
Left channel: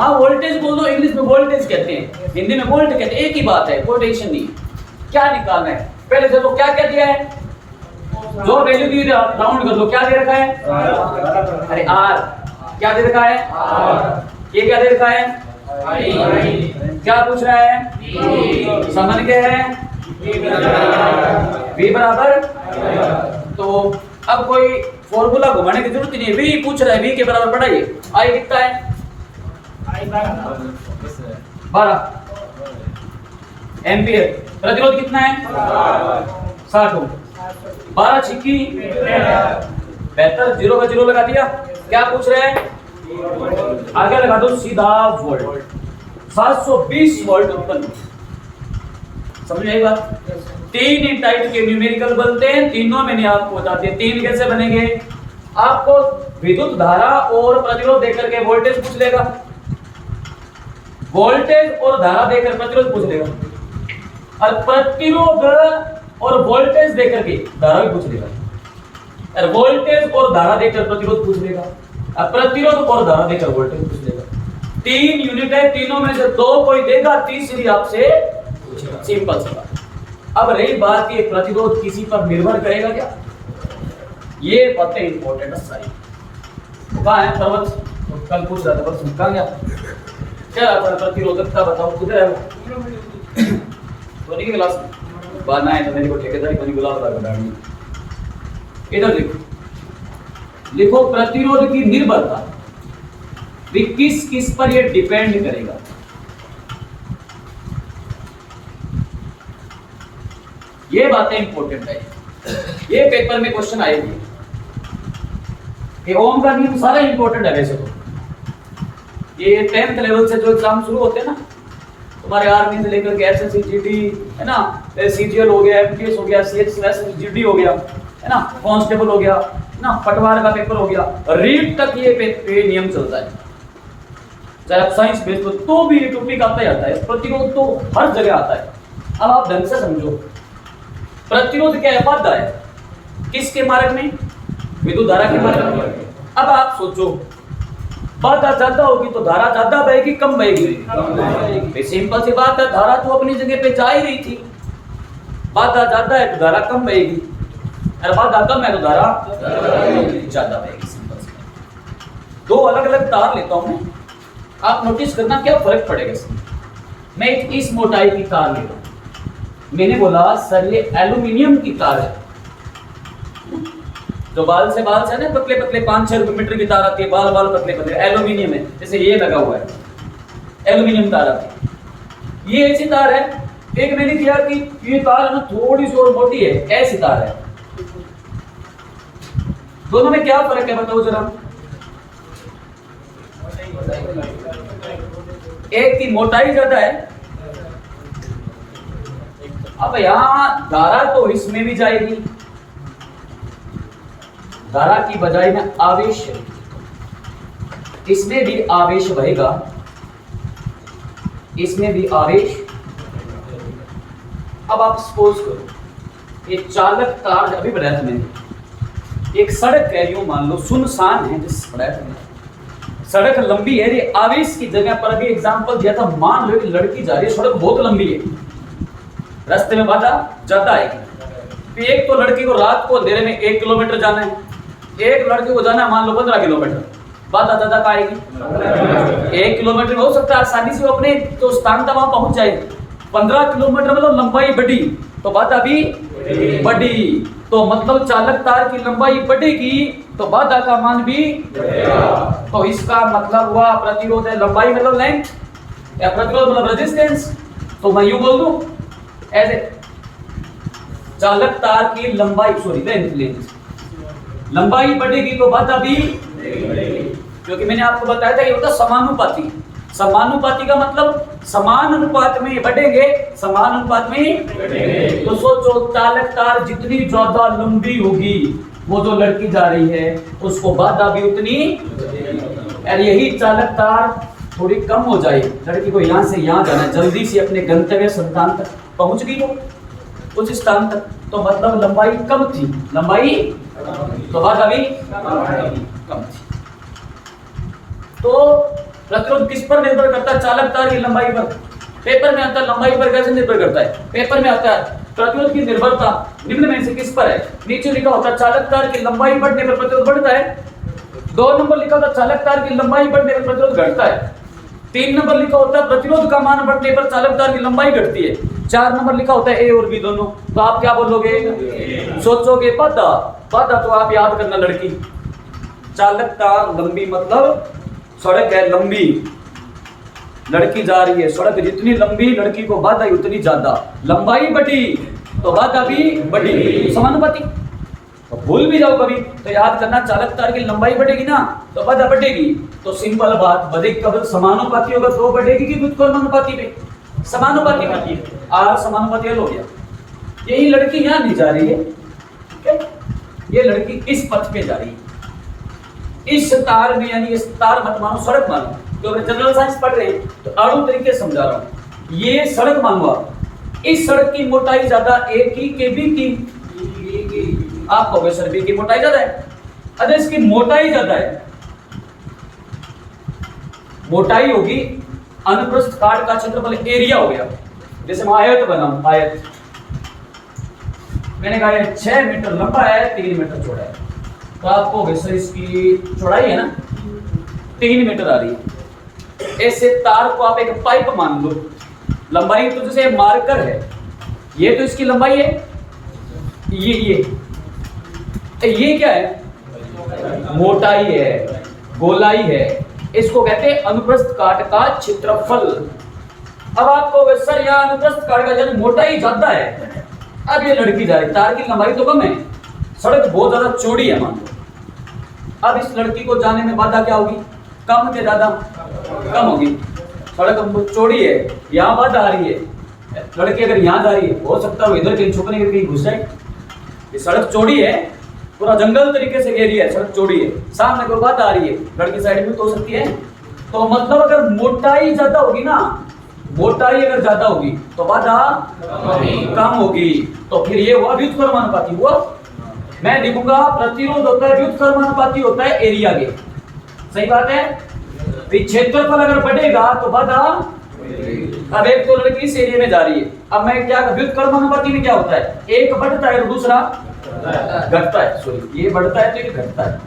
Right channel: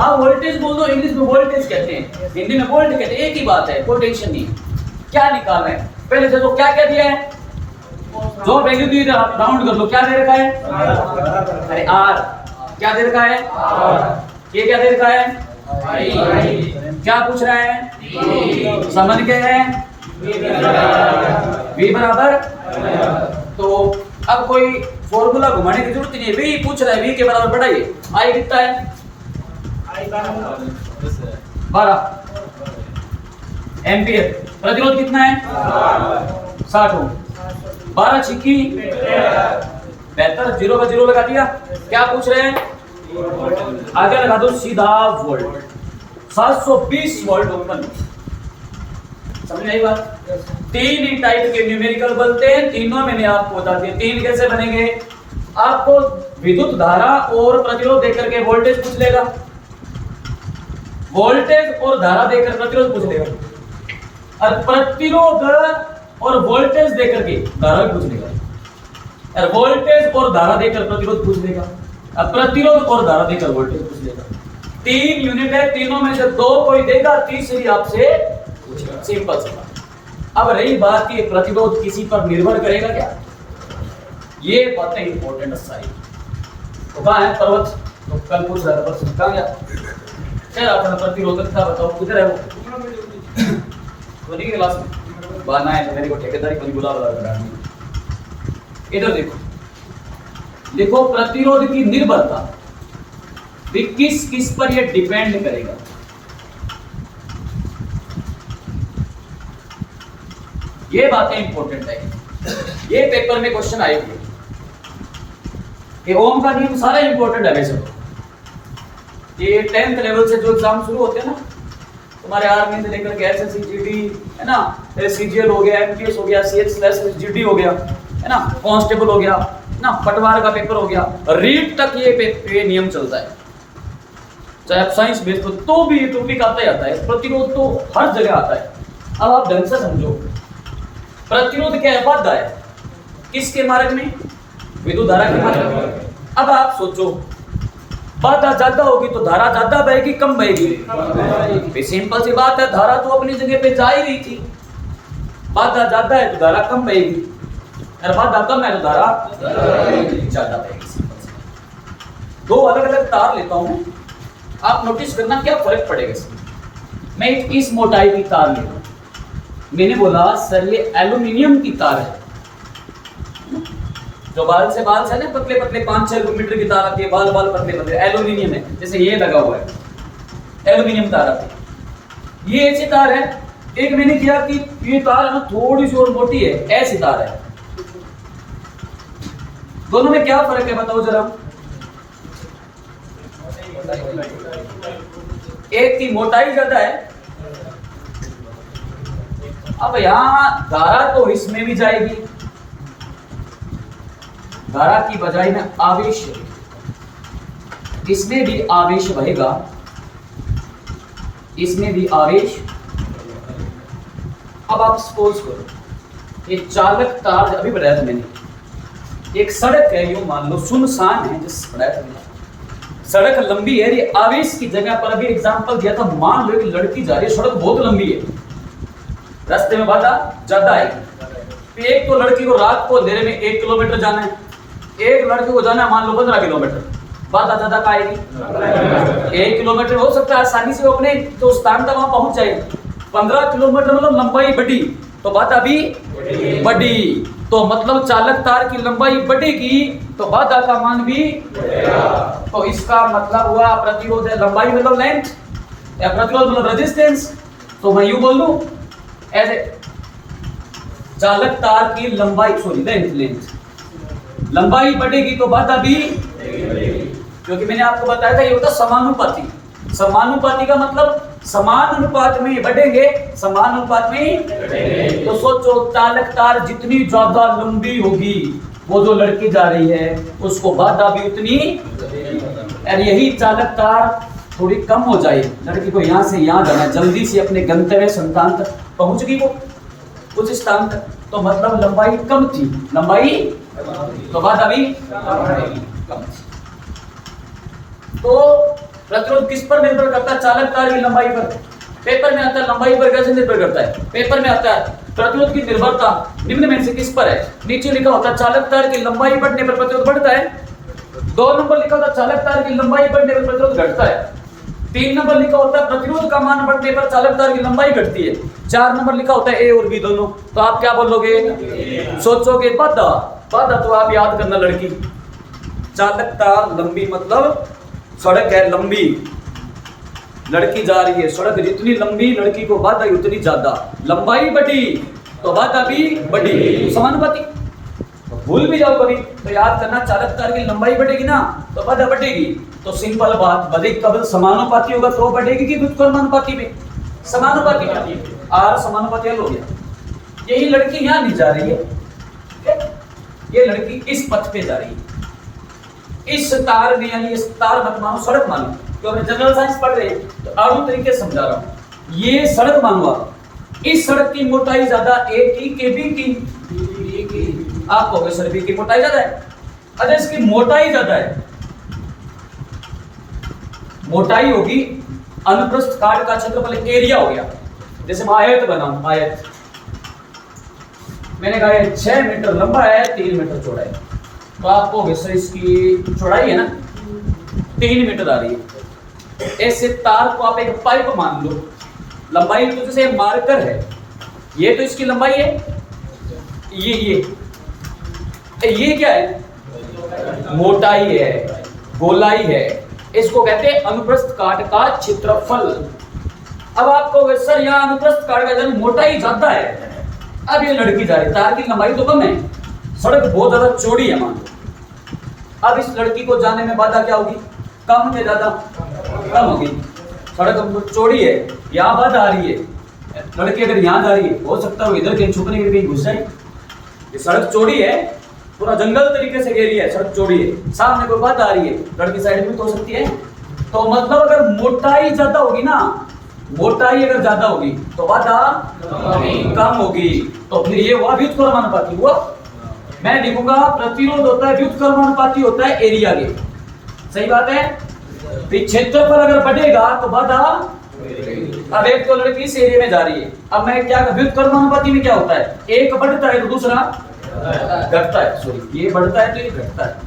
हाँ वोल्टेज बोल दो, इंग्लिश में वोल्टेज कहते हैं, हिंदी में वोल्ट कहते हैं, एक ही बात है, कोई टेंशन नहीं है। क्या निकालना है पहले से तो क्या क्या दिया है, जो वैल्यू दी राउंड कर लो। क्या दे रखा है? अरे आर। क्या दे रखा है? ये क्या दे रखा है? क्या पूछ रहा है? समझ गए हैं? V बराबर। तो अब कोई फॉर्मूला घुमाने की जरूरत नहीं है। V पूछ रहा है, V के बराबर पढ़ाइए। I कितना है? 12 एम्पियर। प्रतिरोध कितना है? 60 ओम। 12 छिक्की 72, 0 का 0 लगा दिया। क्या पूछ रहे हैं? आगे लगा दो सीधा वोल्ट। 720 वोल्ट उत्पन्न। समझ में आई बात? 3 टाइप के न्यूमेरिकल बनते हैं, तीनों मैंने आपको बता दिया। 3 कैसे बनेंगे? आपको विद्युत धारा और प्रतिरोध देकर के वोल्टेज पूछ लेगा, वोल्टेज और धारा देकर प्रतिरोध पूछ लेगा, और प्रतिरोध और वोल्टेज देकर के धारा भी पूछ लेगा, और वोल्टेज और धारा देकर प्रतिरोध पूछ लेगा, और प्रतिरोध और धारा देकर वोल्टेज पूछ लेगा। 3 यूनिट है, तीनों में से 2 कोई देगा, तीसरी आपसे पूछेगा। सिंपल सी बात। अब रही बात कि प्रतिरोध किसी पर निर्भर करेगा क्या, ये बातें इंपॉर्टेंट है सारी। तो कहाँ है पर्वत? तो कल पूछ रहा था पर्वत कहाँ गया? चल आता प्रतिरोधक का बताओ किधर है वो? तो नहीं क्लास में बाना है तो मेरे को ठेकेदारी कभी बुला बनानी। इधर देखो, लिखो प्रतिरोध की निर्भरता भी किस किस पर ये डिपेंड करेगा। ये बातें इंपॉर्टेंट है, ये पेपर में क्वेश्चन आएंगे। ये ओम का नियम सारा इंपॉर्टेंट है वैसे तो। ये 10th लेवल से जो एग्जाम शुरू होते हैं ना, तुम्हारे आर्मी से लेकर के एसएससी जीडी है ना, सीजीएल हो गया, एमटीएस हो गया, सीएच/जीडी हो गया है ना, कांस्टेबल हो गया ना, पटवार का पेपर हो गया, रीट तक ये नियम चलता है। चाहे आप साइंस बेस्ड हो तो भी ये टॉपिक आता ही आता है। प्रतिरोध तो हर जगह आता है। अब आप ढंग से समझो, प्रतिरोध क्या है? बाधा है। किसके मार्ग में? विद्युत धारा के मार्ग में। अब आप सोचो, बाधा ज्यादा होगी तो धारा ज्यादा बहेगी कम बहेगी? सिंपल सी बात है, धारा तो अपनी जगह पे जा ही रही थी। बाधा ज्यादा है तो धारा कम बहेगी, और बाधा कम है तो धारा ज्यादा बहेगी। सिंपल सी बात। 2 अलग अलग तार लेता हूं मैं, आप नोटिस करना क्या फर्क पड़ेगा इसमें। मैं एक इस मोटाई की तार लेता हूं, मैंने बोला सर ये एल्यूमिनियम की तार है, जो बाल से ना पतले पतले 5-6 मीटर की तार आती है, बाल पतले पतले, एल्यूमिनियम है, जैसे ये लगा हुआ है एल्यूमिनियम तार आती है। ये ऐसी तार है, एक मैंने किया कि ये तार है ना थोड़ी सी और मोटी है, ऐसी तार है। दोनों में क्या फर्क है बताओ जरा। एक की मोटाई ज्यादा है। अब यहां धारा तो इसमें भी जाएगी, धारा की बजाय में आवेश, इसमें भी आवेश बहेगा, इसमें भी आवेश। अब आप सपोज करो एक चालक तार अभी बढ़ाया था मैंने, एक सड़क है, यूं मान लो सुनसान है, जिस बढ़ाया था मैंने, सड़क लंबी है, ये आवेश की जगह पर अभी एग्जांपल दिया था। मान लो एक लड़की जा रही है, सड़क बहुत लंबी है, रास्ते में बाधा ज्यादा आएगी। एक तो लड़की को रात को अंधेरे में 1 किलोमीटर जाना है, एक लड़की को जाना है मान लो 15 किलोमीटर, बाधा ज्यादा का आएगी। 1 किलोमीटर हो सकता है आसानी से वो अपने जो स्थान था वहां पहुंच जाए। 15 किलोमीटर मतलब लंबाई बढ़ी तो बाधा भी बढ़ी, तो मतलब चालक तार की लंबाई बढ़ेगी तो बाधा का मान भी बढ़ेगा। तो इसका मतलब हुआ प्रतिरोध है लंबाई मतलब लेंथ, या प्रतिरोध मतलब रेजिस्टेंस। तो मैं यूं बोल दूं ऐसे, चालक तार की लंबाई लेंथ लंबाई बढ़ेगी तो बाधा भी बढ़ेगी, क्योंकि मैंने आपको बताया था ये होता समानुपाती। समानुपाती का मतलब समान अनुपात में बढ़ेंगे, समान अनुपात में बढ़ेंगे। तो सोचो चालक तार जितनी ज्यादा लंबी होगी, वो जो लड़की जा रही है उसको बाधा भी उतनी, और यही चालक तार थोड़ी कम हो जाए, लड़की को यहाँ से यहाँ जाना है, जल्दी से अपने गंतव्य स्थान तक पहुंच गई वो उस स्थान तक, तो मतलब लंबाई कम थी, लंबाई तो बाधा भी कम थी। तो प्रतिरोध किस पर निर्भर करता है? चालक तार की लंबाई पर। पेपर में आता है लंबाई पर कैसे निर्भर करता है? पेपर में आता है प्रतिरोध की निर्भरता निम्न में से किस पर है? नीचे लिखा होता है चालक तार की लंबाई बढ़ने पर प्रतिरोध बढ़ता है। 2 नंबर लिखा होता है चालक तार की लंबाई बढ़ने पर प्रतिरोध घटता है। 3 नंबर लिखा होता है प्रतिरोध का मान बढ़ने पर चालक तार की लंबाई घटती है। 4 नंबर लिखा होता है ए और बी दोनों। तो आप क्या बोलोगे? सोचोगे बाधा, बाधा तो आप याद करना लड़की, चालक तार लंबी मतलब सड़क है लंबी, लड़की जा रही है, सड़क जितनी लंबी लड़की को बाधा उतनी ज्यादा, लंबाई बढ़ी तो बाधा भी बढ़ी, समानुपाती। तो भूल भी जाओ कभी तो याद करना चालक तार की लंबाई बढ़ेगी ना तो बाधा बढ़ेगी। तो सिंपल बात, बढ़ेगी कब? समानुपाती होगा तो बढ़ेगी कि व्युत्क्रमानुपाती में? समानुपाती में। आर समानुपाती हल हो गया। यही लड़की यहाँ नहीं जा रही है, ये लड़की इस पथ पे जा रही है, इस तार में, यानी इस तार मत मानो सड़क मानो, जो अपने जनरल साइंस पढ़ रहे हैं तो अणु तरीके समझा रहा हूं। ये सड़क मानो आप, इस सड़क की मोटाई ज्यादा ए की के बी की, आप कहोगे सर बी की मोटाई ज्यादा है। अगर इसकी मोटाई ज्यादा है, मोटाई होगी अनुप्रस्थ काट का क्षेत्रफल एरिया हो गया। जैसे मैं आयत बनाऊं, आयत मैंने कहा 6 मीटर लंबा है, 3 मीटर चौड़ा है, तो आपको सर इसकी चौड़ाई है ना 3 मीटर आ रही है। ऐसे तार को आप एक पाइप मान लो, लंबाई तो जैसे मार्कर है, ये तो इसकी लंबाई है, ये क्या है? मोटाई है, गोलाई है, इसको कहते हैं अनुप्रस्थ काट का क्षेत्रफल। अब आपको सर यहाँ अनुप्रस्थ काट का मोटाई ज्यादा है, अब ये लड़की जा रही, तार की लंबाई तो कम है, सड़क बहुत ज्यादा चौड़ी है मान लो। अब इस लड़की को जाने में बाधा क्या होगी? कम के ज्यादा? कम होगी। सड़क तो चौड़ी है, यहाँ बाधा आ रही है, लड़की अगर यहाँ जा रही है हो सकता है इधर कहीं छुपने के लिए कहीं घुस जाए। ये सड़क चौड़ी है, पूरा जंगल तरीके से घेरी है, सड़क चौड़ी है, सामने कोई बाधा आ रही है, लड़की साइड में तो हो सकती है। तो मतलब अगर मोटाई ज्यादा होगी ना, मोटाई अगर ज्यादा होगी तो बाधा कम होगी, तो फिर ये हुआ व्युत्क्रमानुपाती हुआ। मैं लिखूंगा प्रतिरोध होता है व्युत्क्रमानुपाती होता है एरिया के, सही बात है। क्षेत्रफल अगर बढ़ेगा तो बाधा, अब एक तो लड़की इस एरिया में जा रही है, अब मैं क्या व्युत्क्रमानुपाती में क्या होता है? एक बढ़ता है तो दूसरा घटता है, सॉरी ये बढ़ता है तो ये घटता है।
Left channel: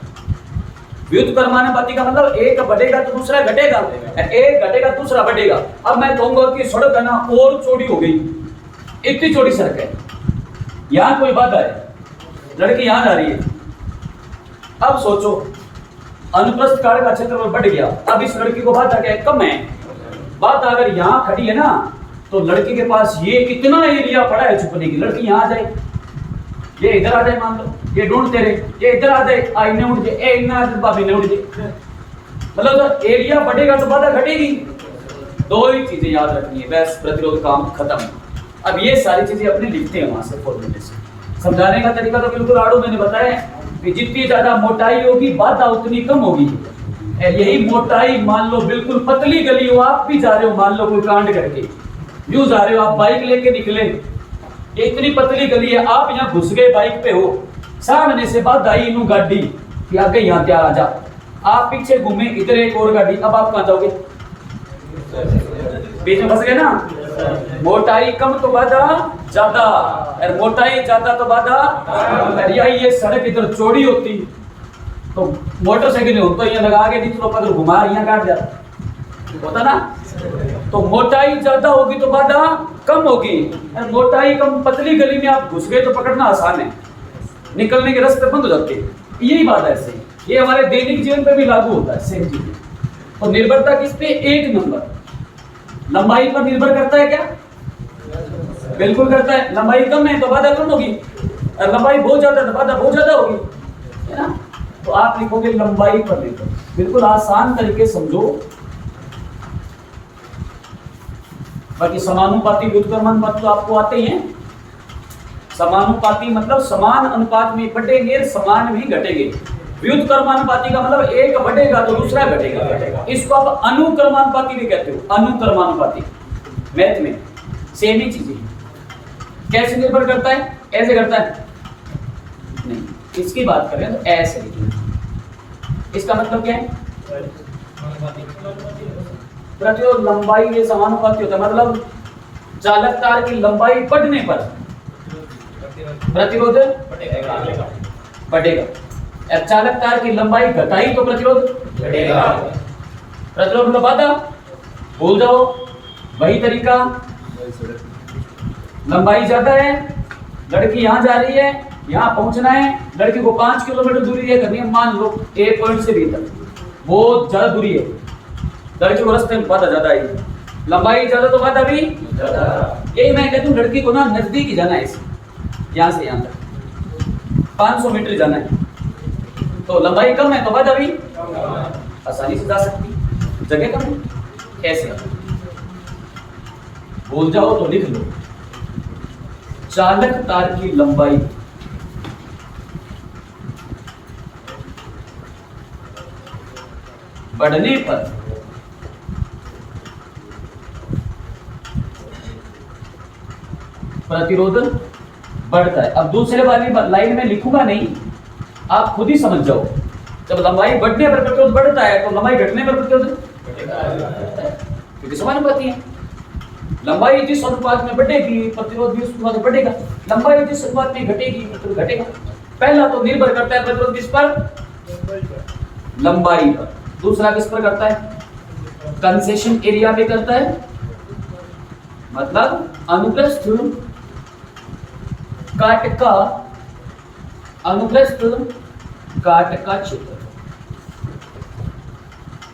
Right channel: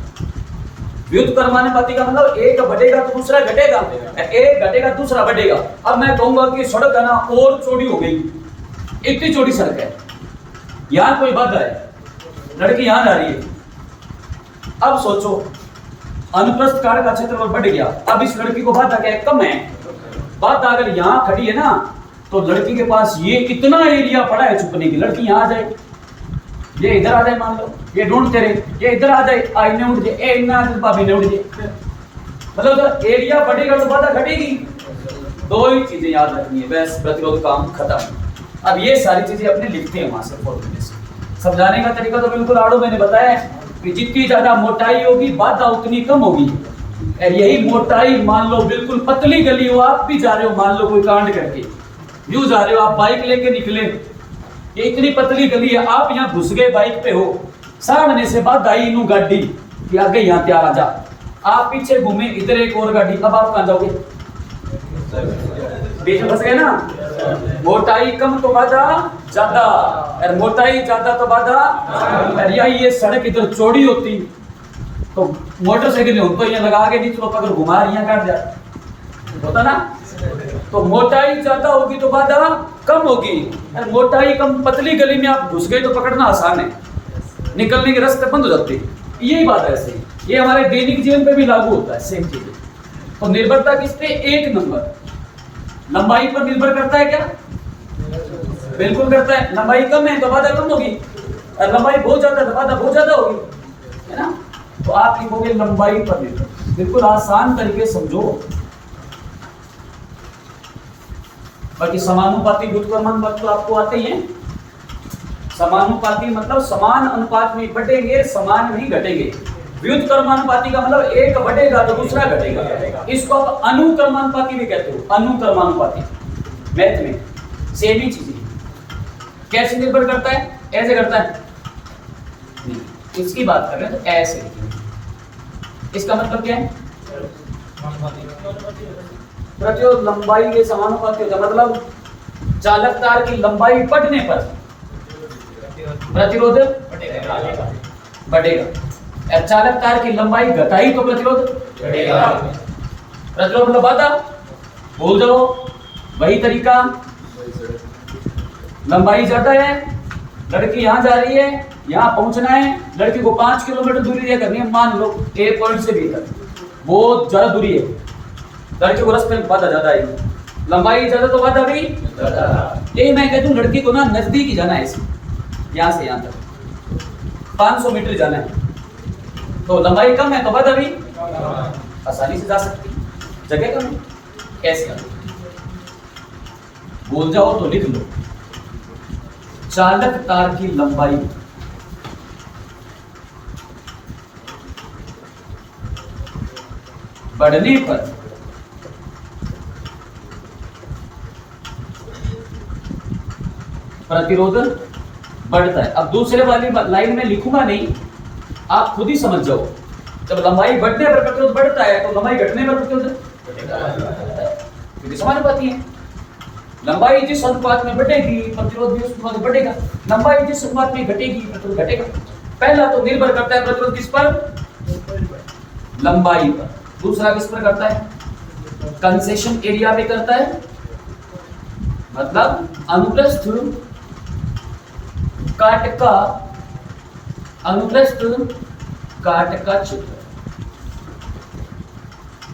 व्युत्क्रमानुपाती का मतलब एक बढ़ेगा तो दूसरा घटेगा, एक घटेगा दूसरा बढ़ेगा। अब मैं कहूंगा कि सड़क है ना और चौड़ी हो गई, इतनी चौड़ी सड़क है, यहां कोई बाधा है, लड़की यहां जा रही है। अब सोचो अनुप्रस्थ काट का क्षेत्रफल बढ़ गया, अब इस लड़की को बाधा क्या है? कम है। बाधा अगर यहां खड़ी है ना तो लड़की के पास ये इतना एरिया पड़ा है छुपने की, लड़की यहां आ जाए, ये इधर आ जाए, मान लो ये ढूंढते रहे, ये इधर आ जाए, आईने उठ जाए, ए इन्ना आ जाए, भाभी ने उठ जाए, मतलब तो एरिया बढ़ेगा तो बाधा घटेगी। दो ही चीजें याद रखनी है, बस प्रतिरोध काम खत्म। अब ये सारी चीजें अपने लिखते हैं वहां से फॉर्मूले से। समझाने का तरीका तो बिल्कुल आड़ू मैंने बताया कि जितनी ज्यादा मोटाई होगी बाधा उतनी कम होगी। यही मोटाई मान लो बिल्कुल पतली गली हो, आप भी जा रहे हो, मान लो कोई कांड करके यूं जा रहे हो, आप बाइक लेके निकले, ये इतनी पतली गली है, आप यहाँ घुस गए बाइक पे हो, सामने से बाधा आई इनू गाड़ी कि आगे यहाँ क्या आ जा, आप पीछे घूमे, इधर एक और गाड़ी, अब आप कहाँ जाओगे? बीच में फंस गए ना। मोटाई कम तो बाधा ज्यादा, और मोटाई ज्यादा तो बाधा, और ये सड़क इधर चौड़ी होती तो मोटरसाइकिल तो ये लगा के नीचे पकड़ घुमा यहाँ काट जाता होता ना। तो मोटाई ज्यादा होगी तो बाधा कम होगी, और मोटाई कम पतली गली में आप घुस गए तो पकड़ना आसान है, निकलने के रास्ते बंद हो जाते हैं। यही बात है सही, ये हमारे दैनिक जीवन पे भी लागू होता है सेम चीज। तो निर्भरता किस पे? एक नंबर लंबाई पर निर्भर करता है क्या? बिल्कुल करता है। लंबाई कम है तो बाधा कम होगी, और लंबाई बहुत ज्यादा है तो बाधा बहुत ज्यादा होगी, है ना। तो आप लिखोगे लंबाई पर निर्भर, बिल्कुल आसान तरीके समझो। बाकी समानुपाती व्युत्क्रमानुपाती तो आपको आते ही हैं। समानुपाती मतलब समान अनुपात में बढ़ेंगे, समान में ही घटेंगे। व्युत्क्रमानुपाती का मतलब एक बढ़ेगा तो दूसरा घटेगा। इसको आप अनुक्रमानुपाती भी कहते हो। अनुक्रमानुपाती मैथ में सेम ही चीज है। कैसे निर्भर करता है? ऐसे करता है नहीं, इसकी बात कर रहे हैं तो ऐसे लिखेंगे। इसका मतलब क्या है? प्रतिरोध लंबाई के समानुपाती होता है, मतलब चालक तार की लंबाई बढ़ने पर प्रतिरोध बढ़ेगा, चालक तार की लंबाई घटाई तो प्रतिरोध बढ़ेगा। प्रतिरोध मतलब बाधा भूल जाओ, वही तरीका। लंबाई ज्यादा है, लड़की यहां जा रही है, यहां पहुंचना है, लड़की को 5 किलोमीटर दूरी तय करनी है, मान लो ए पॉइंट से बी तक, बहुत ज्यादा दूरी है, लड़की को रास्ते में बाधा ज्यादा आएगी, लंबाई ज्यादा तो बाधा भी ज्यादा। यही मैं कहता हूँ लड़की को ना नजदीक ही जाना है, इसे यहाँ से यहाँ तक 500 मीटर जाना है, तो लंबाई कम है तो बाधा भी आसानी से जा सकती, जगह कम है। ऐसे बोल जाओ तो लिख लो, चालक तार की लंबाई बढ़ने पर प्रतिरोध बढ़ता है। अब दूसरे वाली लाइन में लिखूंगा नहीं, आप खुद ही समझ जाओ। जब लंबाई बढ़ने पर प्रतिरोध बढ़ता है तो लंबाई घटने पर प्रतिरोध क्योंकि समानुपाती है। लंबाई जिस अनुपात में बढ़ेगी प्रतिरोध भी उस अनुपात में बढ़ेगा, लंबाई जिस अनुपात में घटेगी प्रतिरोध घटेगा। पहला तो निर्भर करता है प्रतिरोध किस पर? लंबाई पर। दूसरा किस पर करता है? कंसेशन एरिया पे करता है, मतलब अनुप्रस्थ काट का, अनुप्रस्थ काट का क्षेत्र।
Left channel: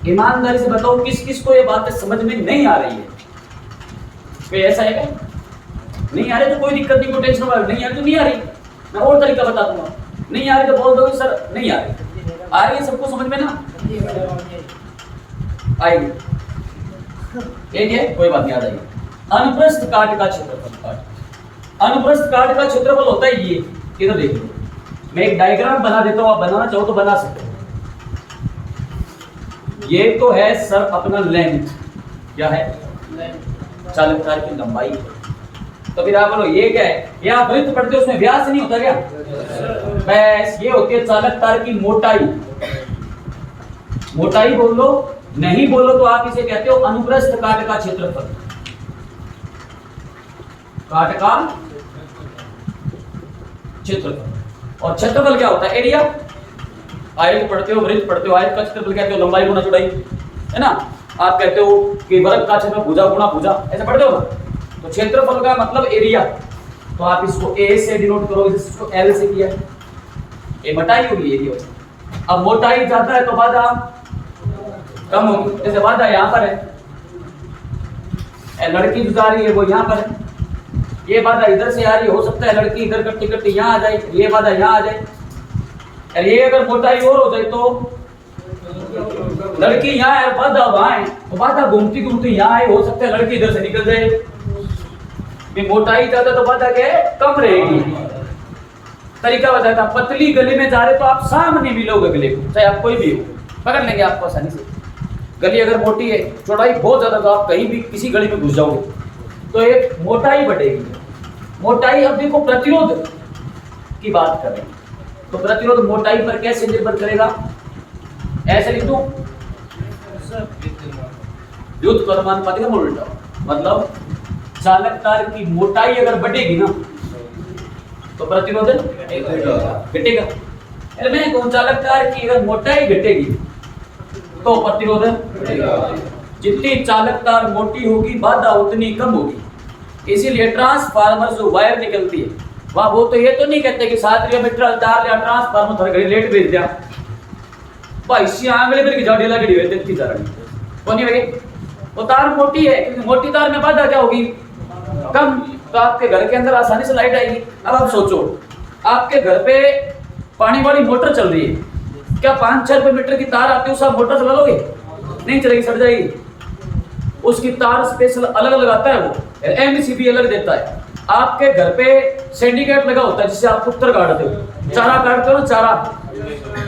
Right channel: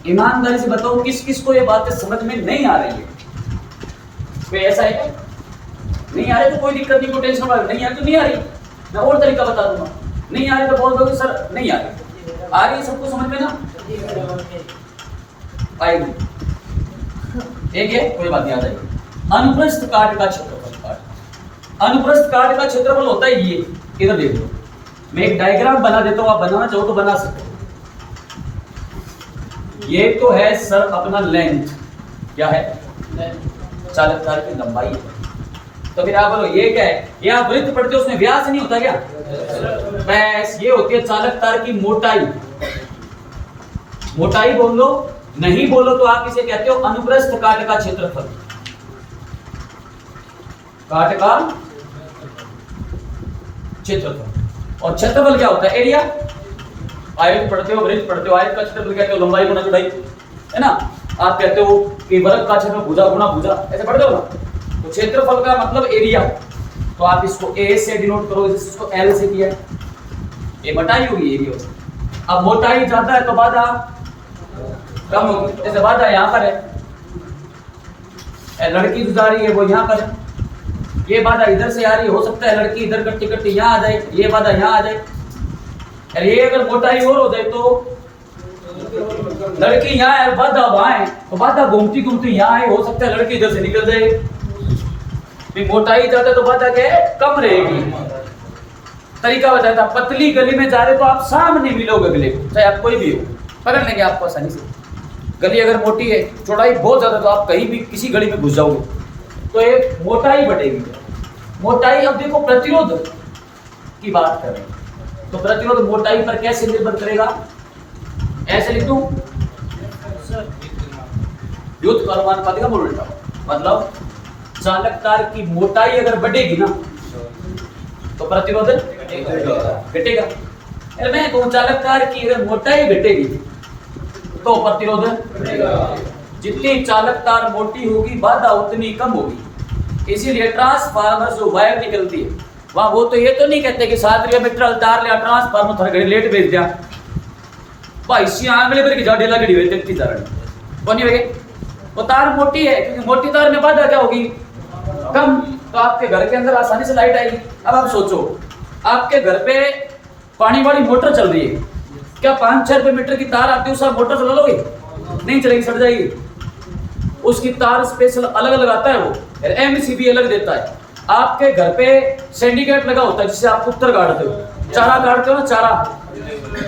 ईमानदारी से बताओ किस किस को ये बात समझ में नहीं आ रही है? कोई ऐसा है क्या? नहीं आ रही तो कोई दिक्कत नहीं, कोई टेंशन वाली नहीं आ तो नहीं आ रही, मैं और तरीका बता दूंगा। नहीं आ रही तो बोल दोगे सर नहीं आ रही, आ रही है सबको समझ में ना? आएगी, एक है कोई बात नहीं, आ जाएगी। अनुप्रस्थ काट का क्षेत्रफल, अनुप्रस्थ काट का क्षेत्रफल होता है ये, इधर देख लो, मैं एक डायग्राम बना देता हूं, आप बनाना चाहो तो बना सकते हो। ये तो है सर अपना लेंथ, क्या है? चालक तार की लंबाई है। तो फिर आप बोलो ये क्या है? ये आप वृत्त पढ़ते हो उसमें व्यास नहीं होता क्या? बस ये होती है चालक तार की मोटाई। मोटाई बोल लो, नहीं बोलो तो आप इसे कहते हो अनुप्रस्थ काट का क्षेत्रफल। काट का क्षेत्रफल। और क्षेत्रफल क्या होता है? एरिया। आयत पढ़ते हो, वृत्त पढ़ते हो, आयत का क्षेत्रफल कहते हो लंबाई गुना चौड़ाई, है ना। आप कहते हो कि वर्ग का क्षेत्रफल भुजा गुना भुजा, ऐसे पढ़ते हो ना। तो क्षेत्रफल का मतलब एरिया, तो आप इसको ए से डिनोट करोगे, जैसे इसको एल से किया है, ये मोटाई होगी एरिया। अब मोटाई ज्यादा है तो बाधा कम होगी, जैसे बाधा यहाँ पर है, लड़की जो जा रही है वो यहाँ पर है, ये बाधा इधर से आ रही है, हो सकता है लड़की इधर करते करते यहाँ आ जाए, ये बाधा यहाँ आ जाए। और ये अगर मोटाई और हो जाए तो लड़की यहाँ है और बाधा वहां है, तो बाधा घूमती घूमती यहाँ है, हो सकता है लड़की इधर से निकल जाए। भी मोटाई ज्यादा तो बाधा क्या है, कम रहेगी। तरीका बताता, पतली गली में जा रहे तो आप सामने मिलोगे गले को, चाहे आप कोई भी हो, पकड़ लेंगे आपको आसानी से। गली अगर मोटी है, चौड़ाई बहुत ज्यादा, तो आप कहीं भी किसी गली में घुस जाओगे तो एक मोटाई बढ़ेगी। मोटाई, अब देखो प्रतिरोध की बात करें तो प्रतिरोध मोटाई पर कैसे निर्भर करेगा, ऐसे लिख दूं, युद्ध परमाणुपाती का मूल उल्टा, मतलब चालक तार की मोटाई अगर बढ़ेगी ना तो प्रतिरोध घटेगा। अरे मैं कहूं चालक तार की अगर मोटाई घटेगी तो प्रतिरोध घटेगा। जितनी चालक तार मोटी होगी बाधा उतनी कम होगी। इसीलिए ट्रांसफार्मर जो वायर निकलती है वाह, वो तो ये तो नहीं कहते कि 7 मीटर तार लिया ट्रांसफार्मर थोड़ा घड़ी लेट भेज दिया भाई, सी आंगले पर की जाड़ी लगी हुई है, जा रही कौन नहीं। वो तार मोटी है, क्योंकि मोटी तार में बाधा क्या होगी, कम, तो आपके घर के अंदर आसानी से लाइट आएगी। अब आप सोचो, आपके घर पे पानी वाली मोटर चल रही है, क्या 5-6 रुपए मीटर की तार आती है, उस आप मोटर चला लोगे, नहीं चलेगी, सड़ जाएगी। उसकी तार स्पेशल अलग अलग आता है, वो एमसीबी अलग देता है। आपके घर पे सिंडिकेट लगा होता है जिससे आप कुत्तर काटते हो, चारा काटते हो ना, चारा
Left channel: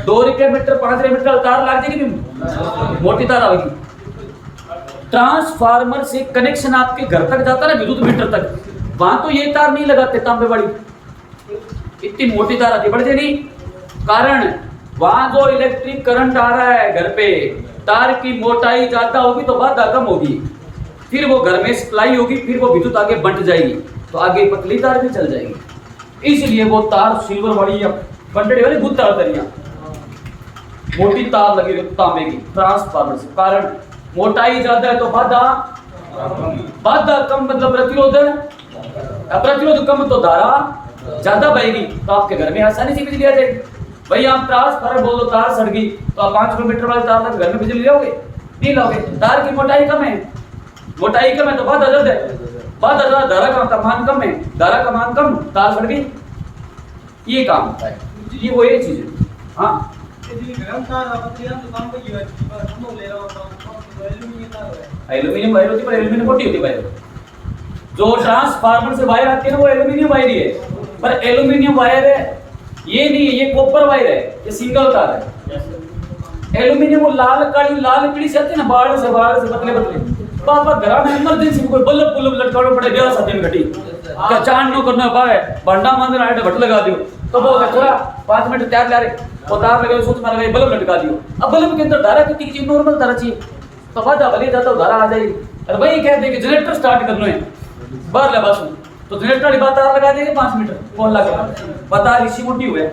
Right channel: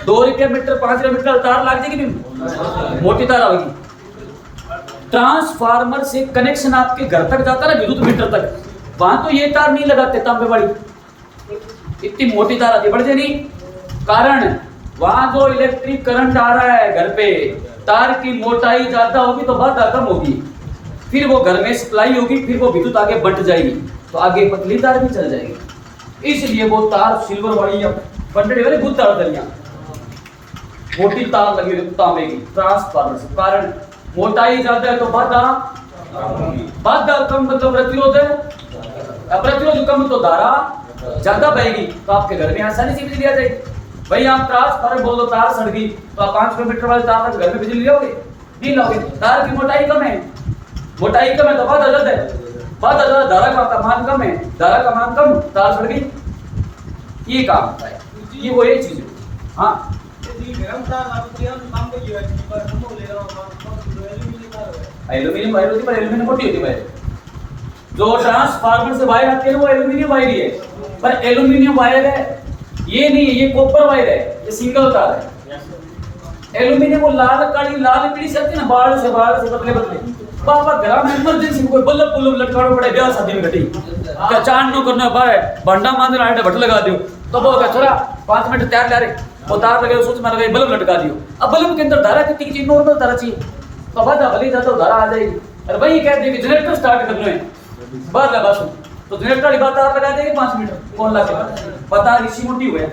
2 रुपये मीटर 5 रुपये मीटर तार लग जाएगी, मोटी तार आएगी। ट्रांसफार्मर से कनेक्शन आपके घर तक जाता है ना, विद्युत मीटर तक, वहां तो ये तार नहीं लगाते तांबे वाली, इतनी मोटी तार आती, बढ़ जाएगी। कारण वहां जो इलेक्ट्रिक करंट आ रहा है घर पे, तार की मोटाई ज्यादा होगी तो बाधा कम होगी, फिर वो घर में सप्लाई होगी, फिर वो विद्युत आगे बंट जाएगी, तो आगे पतली तार भी चल जाएगी। इसलिए वो तार सिल्वर वाली या बंटने वाली गुद तार दरिया मोटी तार लगी तांबे की ट्रांसफार्मर से। कारण मोटाई ज्यादा है तो बाधा कम, मतलब प्रतिरोध कम तो धारा ज्यादा बहेगी, तो आपके घर में आसानी से बिजली आ जाएगी। भाई आप ट्रांसफार्मर बोल दो, तार सड़ गई तो आप 5 किलोमीटर वाले तार तक घर में बिजली लोगे, नहीं लोगे। तार की मोटाई कम है, मोटाई कम है तो बाधा ज्यादा है, बाधा ज्यादा, धारा का मान कम है, धारा का मान कम, तार सड़ गई, ये काम होता है। ये वो एक चीज है। हाँ, एल्यूमिनियम वायर होती है, पर एल्यूमिनियम मोटी होती है। जो ट्रांसफार्मर से वायर आती है ना, वो एल्यूमिनियम वायर ही है, पर एल्यूमिनियम वायर है ये नहीं, ये कॉपर वायर है, ये सिंगल तार है। एल्यूमिनियम वो लाल काली लाल पीली से आती है ना, बाहर से पतले पतले, पापा घर में इमरजेंसी कोई बल्ब बुल्ब लटकाना पड़े, ब्याह शादी में घटी क्या चांद नो करना पाए, भंडा मांद रहा है, भट लगा दियो, तो बोल छोरा 5 मिनट तैयार ला रहे, वो तार लगे, सोच मार गए, बल्ब लटका दियो। अब बल्ब के अंदर धारा कितनी की नॉर्मल धारा चाहिए, तो बाधा भले जाता धारा आ जाएगी। और वही कहते हैं कि जनरेटर स्टार्ट करना है, बाहर लगा सुन, तो जनरेटर वाली बात तार लगा देंगे 5 मीटर, कौन लगा पता ऋषि मोटी हुए,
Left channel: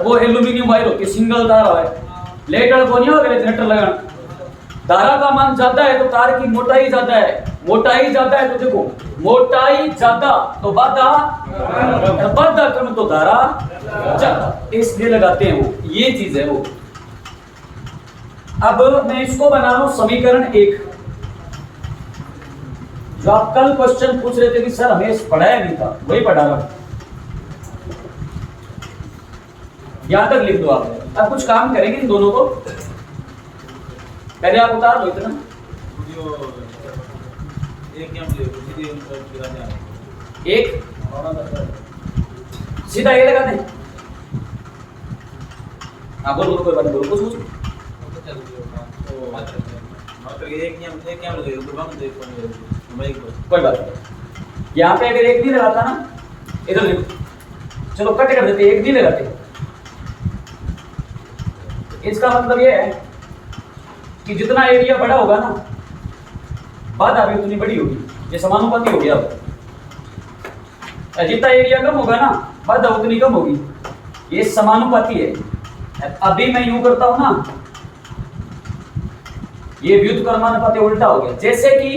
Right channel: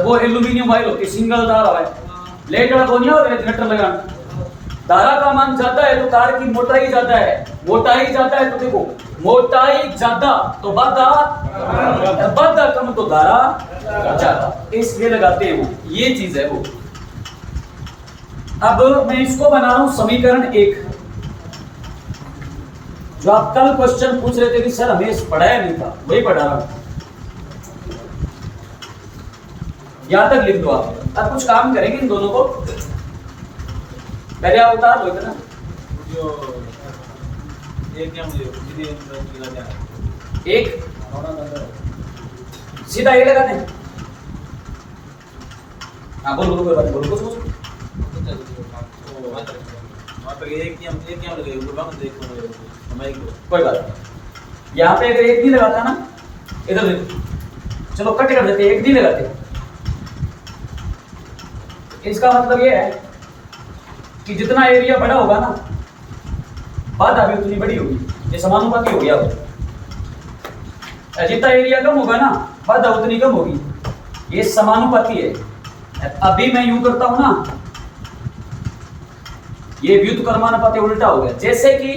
वो एल्यूमिनियम वायर होती है, सिंगल तार है, लेट वाला बोनिया वगैरह जनरेटर लगाना। धारा का मान ज्यादा है तो तार की मोटाई ज्यादा है, मोटाई ज्यादा है तो देखो मोटाई ज्यादा तो बाधा कम तो धारा ज्यादा, इसलिए लगाते हैं वो, ये चीज है वो। अब मैं इसको बना रहा हूं समीकरण 1, जो आप कल क्वेश्चन पूछ रहे थे कि सर हमें पढ़ाया नहीं था, वही पढ़ा रहा हूं, यहां तक लिख दो आप। अब कुछ काम करेंगे इन दोनों को, पहले आप उतार लो इतना, एक सीधा ये लगा दें। हाँ बोलो कोई बात नहीं, बोलो कुछ कोई बात नहीं। यहाँ पे अगर एक नहीं लगाता ना, इधर देखो, चलो कट कर देते, एक नहीं लगाते, इसका मतलब ये है कि जितना एरिया बड़ा होगा ना, बाधा भी उतनी बड़ी होगी, ये समानुपाती हो गया। जितना एरिया कम होगा ना, बाधा उतनी कम होगी, ये समानुपाती है। अभी मैं यूं करता हूं ना, ये व्युत्क्रमानुपाती उल्टा हो गया। जैसे कि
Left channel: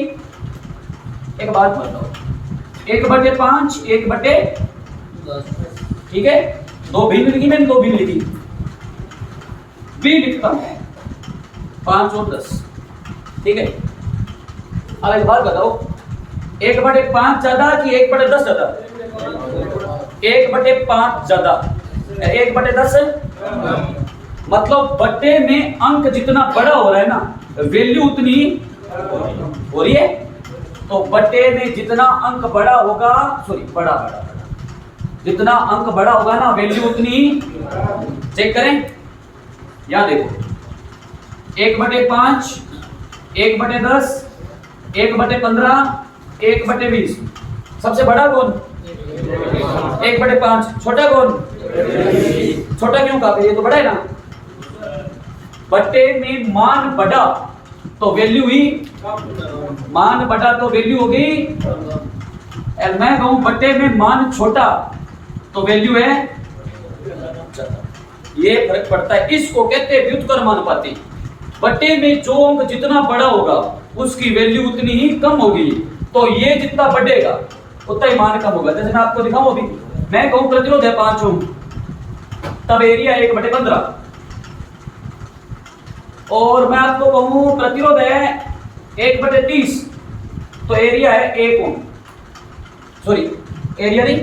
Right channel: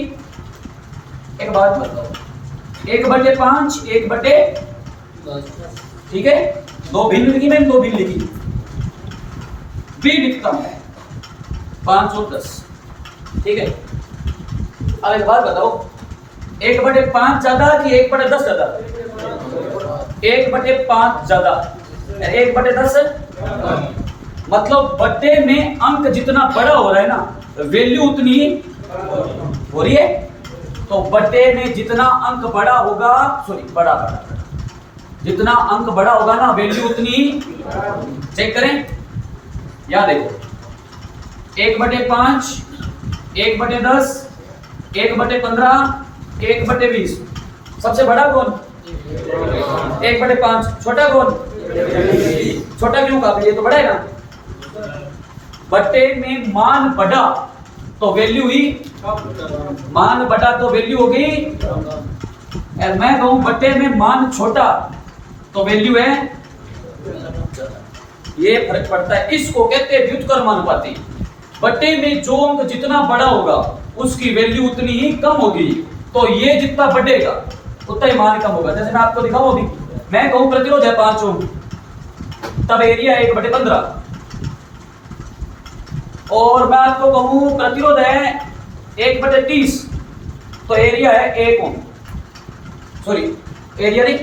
एक बात बताओ, 1/5 1/10, ठीक है, दो भिन्न लिखी मैंने, दो भिन्न लिखी, बी लिखता हूं 5 और 10, ठीक है। अब एक बात बताओ, 1/5 ज्यादा कि 1/10 ज्यादा? 1/5 ज्यादा, 1/10 मतलब बट्टे में अंक जितना बड़ा हो रहा है ना, वैल्यू उतनी हो रही है। तो बट्टे में जितना अंक बड़ा होगा, सॉरी बड़ा जितना अंक बड़ा होगा ना, वैल्यू उतनी, चेक करें, यहां देखो 1/5 1/10 1/15 1/20, सबसे बड़ा कौन? 1/5। छोटा कौन? छोटा क्यों कहा? ये तो बड़ा है ना। बट्टे में मान बढ़ा तो वैल्यू ही, मान बढ़ा तो वैल्यू होगी। मैं कहूं बट्टे में मान छोटा तो वैल्यू है, ये फर्क पड़ता है। इसको कहते हैं व्युत्क्रमानुपाती। बट्टे में जो अंक जितना बड़ा होगा उसकी वैल्यू उतनी ही कम होगी, तो ये जितना बढ़ेगा उतना ही मान कम होगा। जैसे मैं आपको दिखाऊं, अभी मैं कहूं प्रतिरोध है 5 ओम, तब एरिया 1/15, और मैं आपको कहूं प्रतिरोध है 1/30, तो एरिया है 1 ओम, सॉरी एरिया नहीं,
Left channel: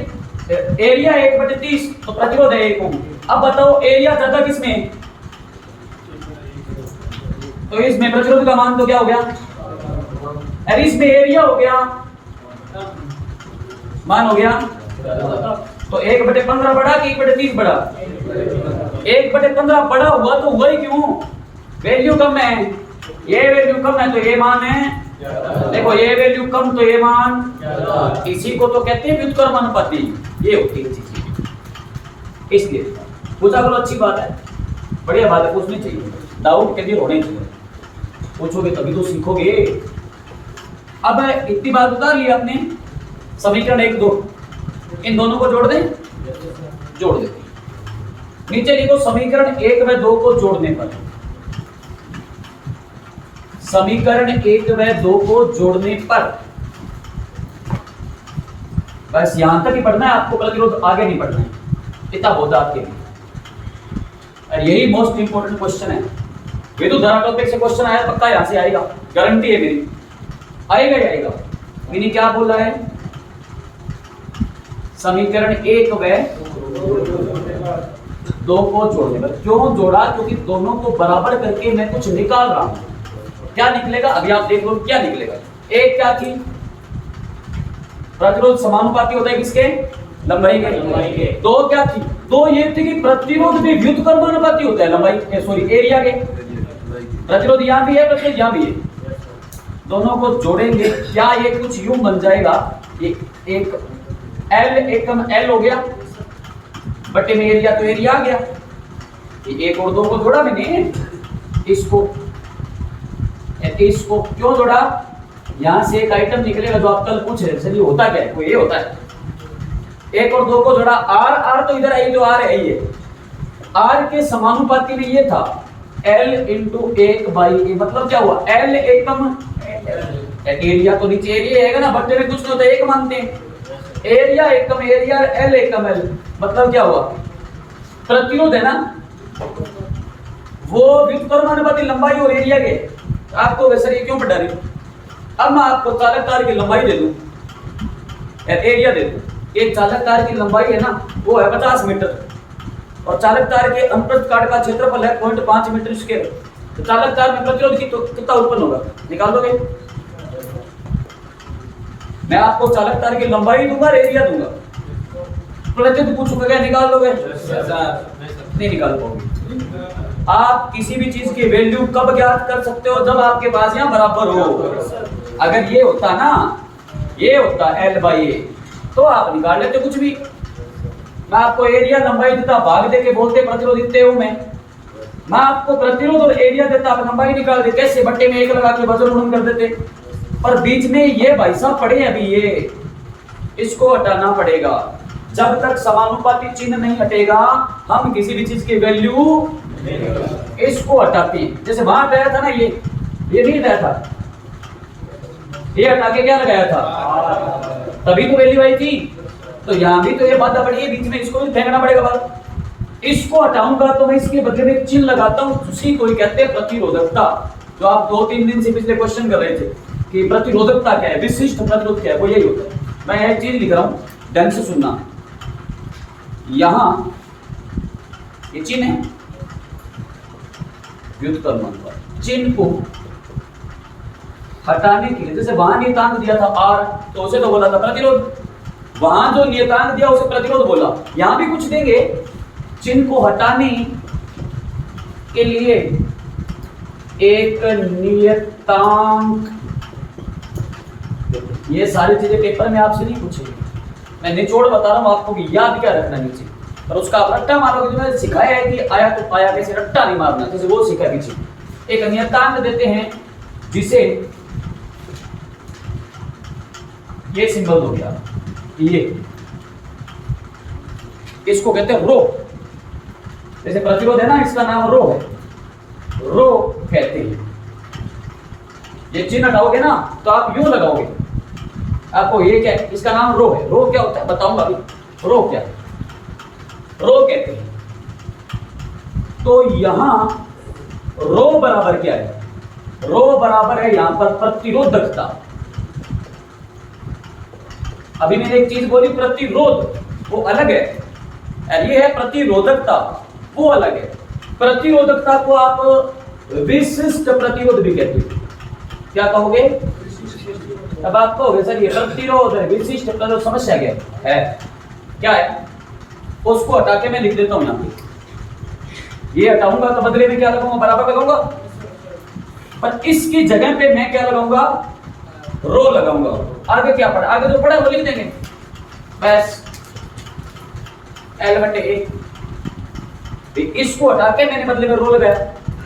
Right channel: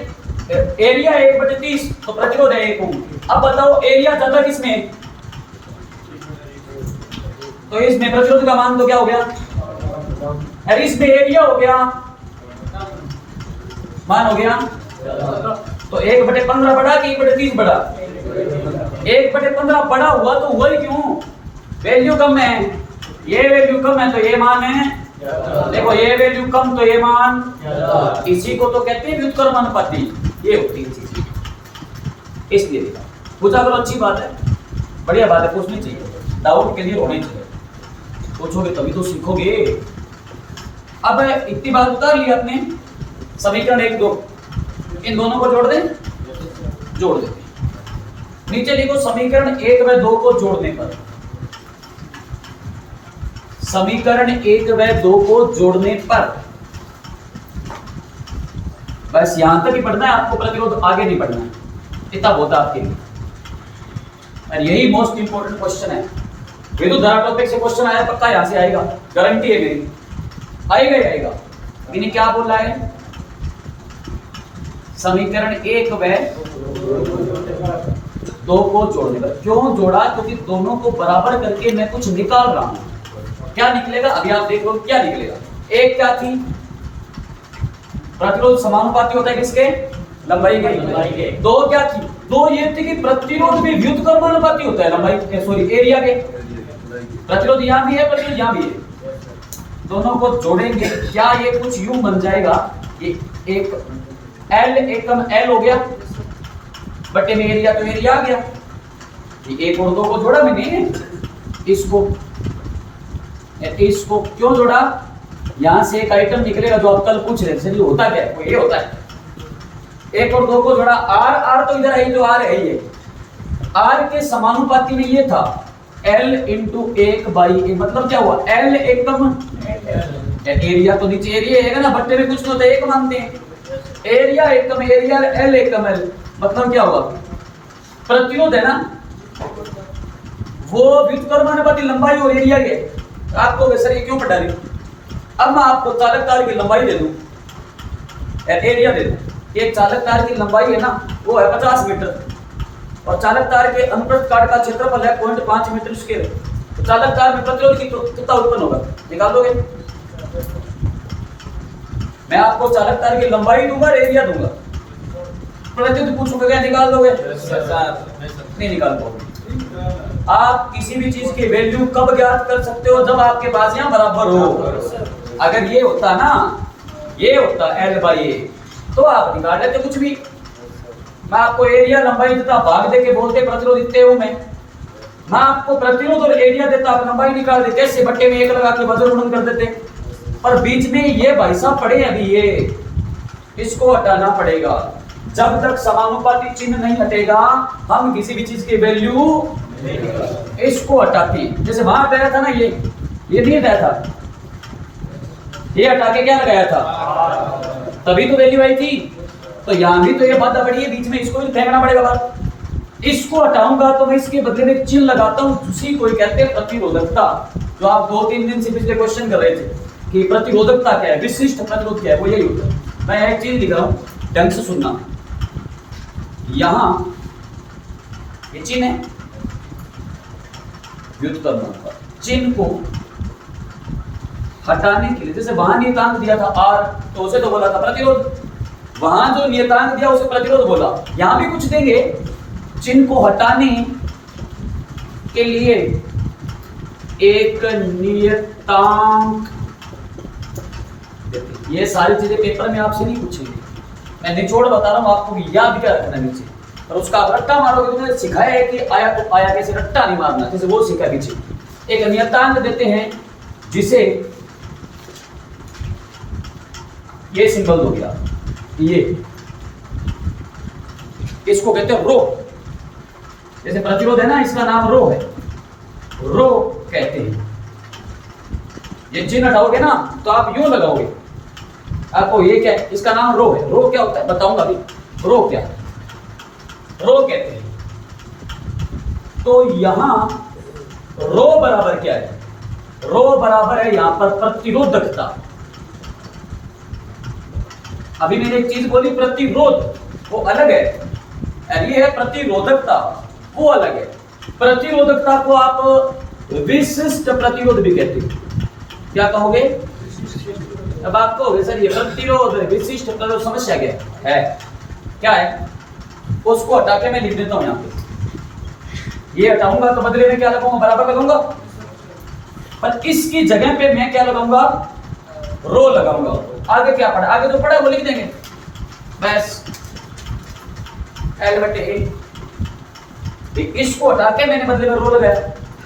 एरिया 1/30 तो प्रतिरोध है 1 ओम। अब बताओ एरिया ज्यादा किसमें है? तो इसमें प्रतिरोध का मान तो क्या हो गया, अरे इसमें एरिया हो गया, मान हो गया। तो 1/15 बढ़ा कि 1/30 बढ़ा? 1/15 बढ़ा हुआ तो वही क्यों, वैल्यू कम है, ये वैल्यू कम है तो ये मान है, देखो ये वैल्यू कम तो ये मान, इसी को तो कहते हैं व्युत्क्रमानुपाती। ये होती है चीज, इसलिए पूछा करो, अच्छी बात है, बढ़िया बात है, पूछनी चाहिए, डाउट क्लियर होने चाहिए, पूछोगे तभी तो सीखोगे। अब इतनी बात उतार ली आपने, समीकरण 1 2, इन दोनों को जोड़ दें, जोड़ दें। नीचे लिखो समीकरण 1 व 2 को जोड़ने पर, समीकरण 1 व 2 को जोड़ने पर, बस यहां तक ही पढ़ना है आपको, प्रतिरोध आगे नहीं पढ़ना है, इतना बहुत है आपके लिए। और यही मोस्ट इंपोर्टेंट क्वेश्चन है। विद्युत धारा टॉपिक से क्वेश्चन आया पक्का, यहां से आएगा, गारंटी है मेरी, आएगा ही आएगा। मैंने क्या बोला है, समीकरण 1 व 2 को जोड़ने पर, क्यों जोड़ा, क्योंकि दोनों को बराबर करके मैं कुछ निकाल रहा हूं। क्या निकलेगा अभी आप देख लो, क्या निकलेगा। एक क्या थी, प्रतिरोध समानुपाती होता है किसके, लंबाई के। 2 क्या थी, 2 ये थी कि प्रतिरोध भी व्युत्क्रमानुपाती होता है लंबाई, सॉरी एरिया के। प्रतिरोध यहां भी है, प्रतिरोध यहां भी है, दोनों को जोड़ेंगे, क्या ये कुछ यूं बन जाएगा, ये एक L एकम L हो गया, बट्टे में एरिया तो एरिया आ गया। ये 1 और 2 को जोड़ा मैंने, इसको क्यों जोड़ा, यहां से एक आइटम निकलेगा जो आप कल पूछ रहे थे, होता क्या है, वो ये होता है। 1 और 2 को जोड़ा, R तो इधर आई, जो R है ये, R के समानुपाती में ये था L इंटू 1/a, मतलब क्या हुआ, L एकम एरिया, तो नीचे एरिया है ना, बट्टे में कुछ नहीं होता, एक मानते हैं, एरिया एकम एरिया, L एकम L, मतलब क्या हुआ, प्रतिरोध है ना, वो व्युत्क्रमानुपाती लंबाई और एरिया के। आपको सर ये क्यों पढ़ा रही, अब मैं आपको चालक तार की लंबाई दे दूं, एरिया दे दूं। एक चालक तार की लंबाई है ना, वो है 50 मीटर, और चालक तार के अनुप्रस्थ काट का क्षेत्रफल है 0.5 मीटर स्क्वायर। तो चालक तार में प्रतिरोध की कितना उत्पन्न होगा, निकाल लोगे। मैं आपको चालक तार की लंबाई दूंगा, एरिया दूंगा, प्रतिरोध पूछोगे क्या निकाल लोगे, नहीं निकाल पाओगे। आप किसी भी चीज की वैल्यू कब ज्ञात कर सकते हो, जब आपके पास यहाँ बराबर हो। अगर ये होता ना, ये होता L/A, तो आप निकाल लेते कुछ भी। मैं आपको एरिया लंबाई देता, भाग दे के बोलते प्रतिरोध इतने हूं मैं आपको प्रतिरोध और एरिया देता, आप लंबाई निकाल दे, कैसे, बट्टे में 1 लगा के वजन गुणन कर देते। पर बीच में ये भाई साहब पड़े, अभी ये इसको हटाना पड़ेगा। जब तक समानुपाती चिन्ह नहीं हटेगा, हम किसी भी चीज की वैल्यू इसको हटाते हैं, जैसे वहां हटाया था ना, ये नहीं हटाया था, ये हटा के क्या लगाया था, तभी तो वैल्यू आई थी। तो यहां भी तो ये बाधा पड़ी है बीच में, इसको भी फेंकना पड़ेगा बाहर। इसको हटाऊंगा तो मैं इसके बदले में एक चिन्ह लगाता हूं, उसी को कहते हैं प्रतिरोधकता। जो आप 2-3 दिन से पिछले क्वेश्चन कर रहे थे कि प्रतिरोधकता क्या है, विशिष्ट प्रतिरोध क्या है, वो यही होता है। मैं एक चीज लिख रहा हूं, ढंग से सुनना। यहां ये चिन्ह है व्युत्क्रमण का, चिन्ह को हटाने के लिए, जैसे वहां नियतांक दिया था R, तो उसे तो बोला था प्रतिरोध, वहां जो नियतांक दिया उसे प्रतिरोध बोला। यहां भी कुछ देंगे, चिन्ह को हटाने के लिए एक नियतांक। ये सारी चीजें पेपर में आपसे नहीं पूछेंगे, मैं निचोड़ बता रहा हूं आपको कि याद क्या रखना नीचे, और उसका आप रट्टा मारोगे। तो मैंने सिखाया है कि आया तो आया, कैसे रट्टा नहीं मारना, जैसे वो सीखा पीछे। एक नियतांक देते हैं जिसे ये सिंबल हो गया, ये इसको कहते हैं रो। जैसे प्रतिरोध है ना, इसका नाम रो है, रो कहते हैं। ये चिन्ह हटाओगे ना तो आप यूं लगाओगे, आपको ये क्या है, इसका नाम रो है। रो क्या होता है बताऊंगा अभी, रो क्या है, रो कहते हैं। तो यहां रो बराबर क्या है, रो बराबर है यहां पर प्रतिरोधकता। अभी मैंने एक चीज बोली, प्रतिरोध वो अलग है, और ये है प्रतिरोधकता, वो अलग है। प्रतिरोधकता को आप विशिष्ट प्रतिरोध भी कहते हैं। क्या कहोगे? अब आप कहोगे सर ये प्रतिरोध है, विशिष्ट प्रतिरोध, समस्या क्या है? क्या है? उसको हटा के मैं लिख देता हूं यहां पे। ये हटाऊंगा तो बदले में क्या लगाऊंगा, बराबर लगाऊंगा, पर इसकी जगह पे मैं क्या लगाऊंगा, रो लगाऊंगा। आगे क्या पढ़ा, आगे जो पढ़ा वो लिख देंगे बस, L/A। इसको हटा के मैंने बदले में रो लगाया।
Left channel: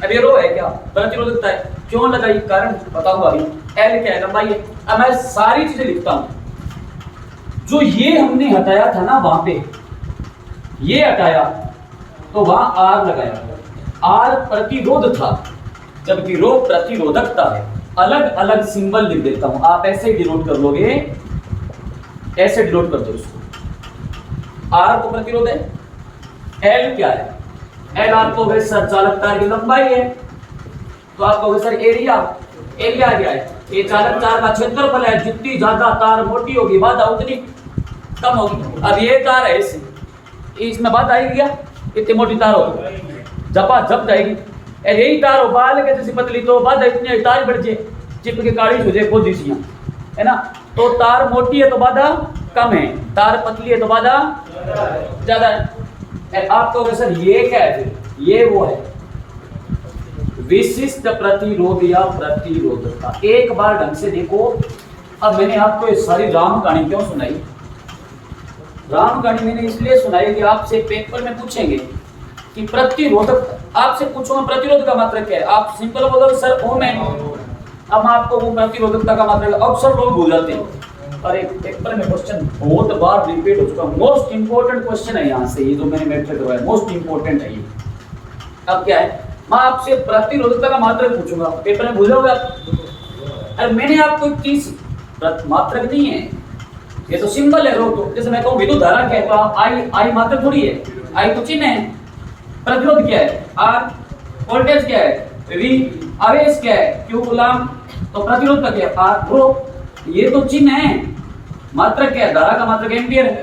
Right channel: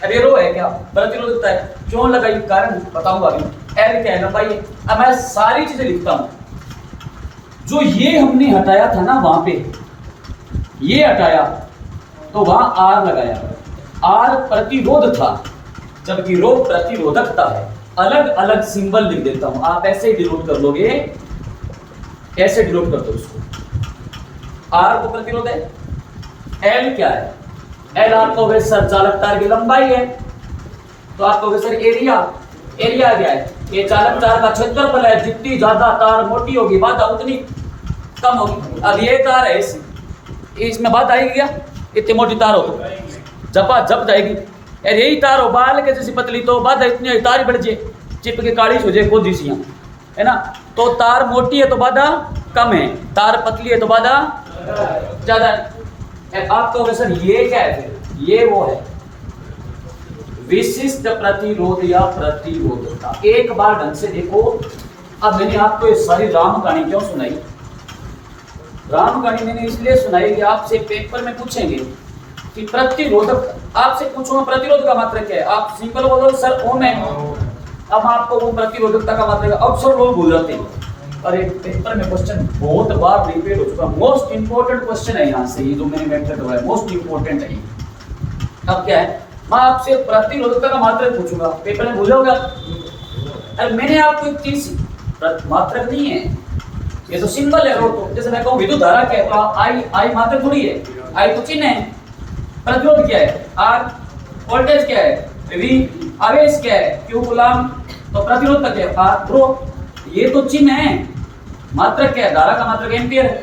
अब ये रो है क्या, प्रतिरोधकता है, क्यों लगाई, कारण बताऊंगा अभी। L क्या है, लंबाई है। अब मैं सारी चीजें लिखता हूं। जो ये हमने हटाया था ना, वहां पे ये हटाया तो वहां R लगाया, R प्रतिरोध था, जबकि रो प्रतिरोधकता है। अलग अलग सिंबल लिख देता हूं, आप ऐसे डिनोट कर लोगे, ऐसे डिनोट कर दो इसको। R को प्रतिरोध है, L क्या है, L आप कहोगे सर चालक तार की लंबाई है, तो आप कहोगे सर एरिया, एरिया क्या है, ये चालक तार का क्षेत्रफल है। जितनी ज्यादा तार मोटी होगी बाधा उतनी कम होगी। अब ये तार है, इसमें बात आएगी क्या, इतनी मोटी तार हो जपा जप जाएगी। और यही तार हो बाल के जैसी पतली, तो बाधा इतनी तार बढ़ जाए, चिप के काली हो जाए कोदी सी, है ना। तो तार मोटी है तो बाधा कम है, तार पतली है तो बाधा ज्यादा है। आप कहोगे सर ये क्या है, ये वो है विशिष्ट प्रतिरोध या प्रतिरोधकता। एक बार ढंग से देखो। अब मैंने आपको ये सारी राम कहानी क्यों सुनाई, राम कहानी मैंने इसलिए सुनाई कि आपसे पेपर में पूछेंगे कि प्रतिरोधक, आपसे पूछूंगा प्रतिरोध का मात्रक क्या है, आप सिंपल बोलोगे सर ओम है। अब आपको वो प्रतिरोधकता का मात्रक अक्सर लोग भूल जाते हैं, और एक पेपर में क्वेश्चन बहुत बार रिपीट हो चुका, मोस्ट इंपोर्टेंट क्वेश्चन है यहाँ से, ये जो मैंने मैटर करवाया मोस्ट इंपोर्टेंट है ये। अब क्या है, मैं आपसे प्रतिरोधकता का मात्रक पूछूंगा, पेपर में भूल जाओगे आप। अरे मैंने आपको एक चीज, मात्रक नहीं है ये तो सिंबल है, रो तो जैसे मैं कहूँ विद्युत धारा क्या है, तो आई मात्रक थोड़ी है, आई तो चिन्ह है। प्रतिरोध क्या है, R, वोल्टेज क्या है, V, आवेश क्या है, Q कूलम, तो प्रतिरोध का क्या है, R, रो। ये तो चिन्ह है, मात्रक क्या है, धारा का मात्रक एम्पियर है,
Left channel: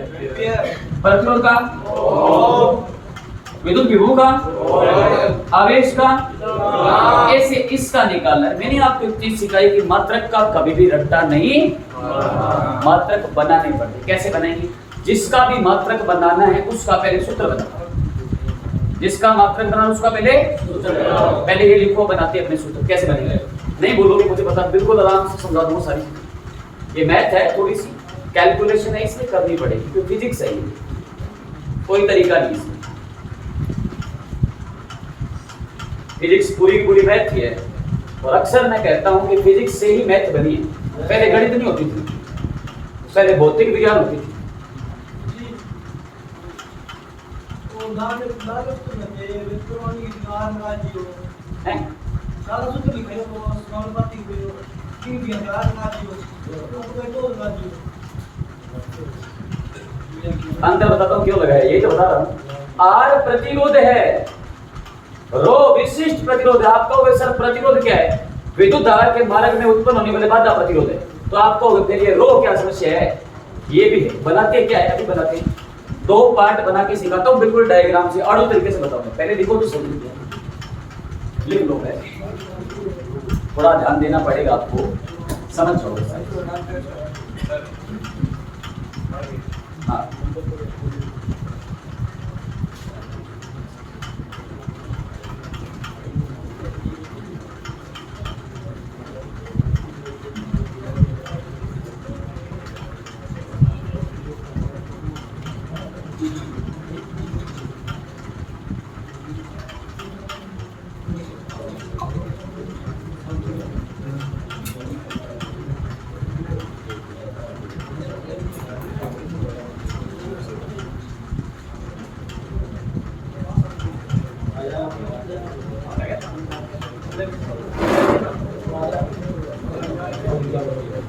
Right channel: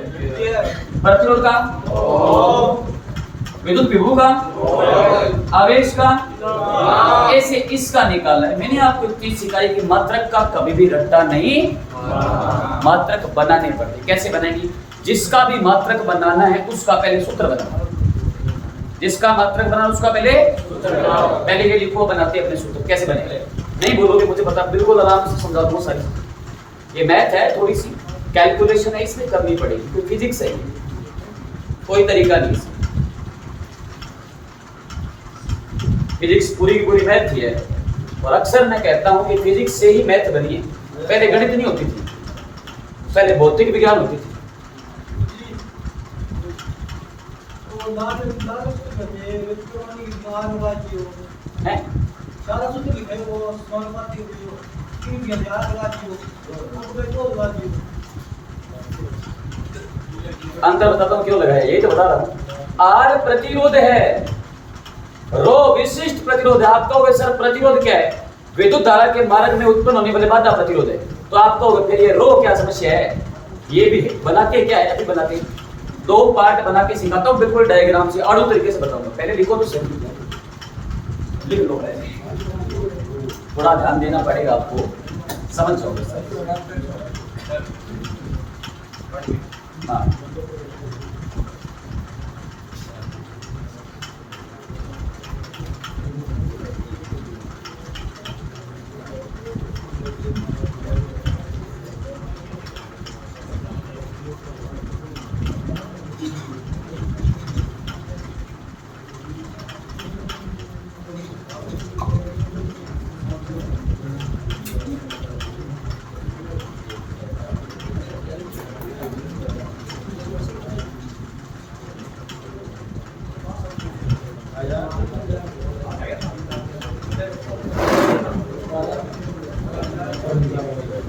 प्रतिरोध का विद्युत विभव का, आवेश का, ऐसे इसका निकालना है। मैंने आपको एक चीज सिखाई कि मात्रक का कभी भी रट्टा नहीं, मात्रक बनाने पड़ते। कैसे बनेगी, जिसका भी मात्रक बनाना है उसका पहले सूत्र बनाना, जिसका मात्रक बनाना उसका पहले पहले ये लिखो, बनाते अपने सूत्र। कैसे बनेगा नहीं बोलोगे, मुझे बता, बिल्कुल आराम से समझा दूंगा सारी। ये मैथ है, थोड़ी सी कैलकुलेशन है, इसलिए करनी पड़ेगी, क्योंकि फिजिक्स है, कोई तरीका नहीं इसमें। फिजिक्स पूरी की पूरी मैथ ही है, और अक्सर मैं कहता हूं कि फिजिक्स से ही मैथ बनी है। पहले गणित नहीं होती थी, पहले भौतिक विज्ञान होती थी। हैं? अंतर बताता हूँ क्यों लगाया, यही तो बता रहा हूँ। आर प्रतिरोध है, रो विशिष्ट प्रतिरोध है। आप कहोगे सर प्रतिरोध क्या है? विद्युत धारा के मार्ग में उत्पन्न होने वाले बाधा प्रतिरोध है। तो आप कहोगे फिर ये रो क्या समस्या है? ये भी है। बनाते क्या है? अभी बनाते दो पार्ट बना के सिखाता हूँ, बिल्कुल डायग्राम से आड़ू तरीके से बताऊंगा। पहले लिखो तो सही लिख लो, पहले थोड़ा ध्यान देना पड़ेगा आपको, समझ जाओगे सर। हाँ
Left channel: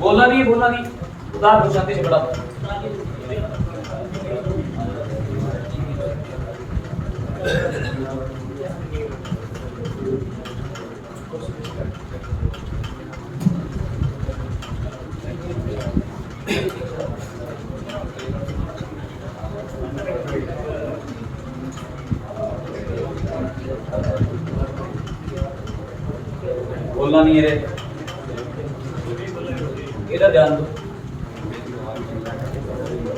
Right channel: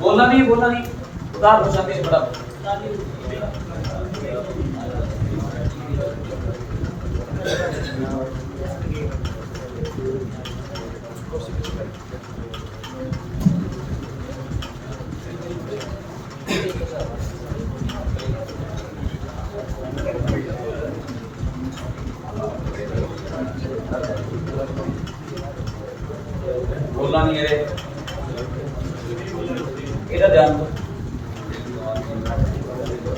बोलना नहीं उदार हो जाते बड़ा। बोलना नहीं है रे, इधर ध्यान दो।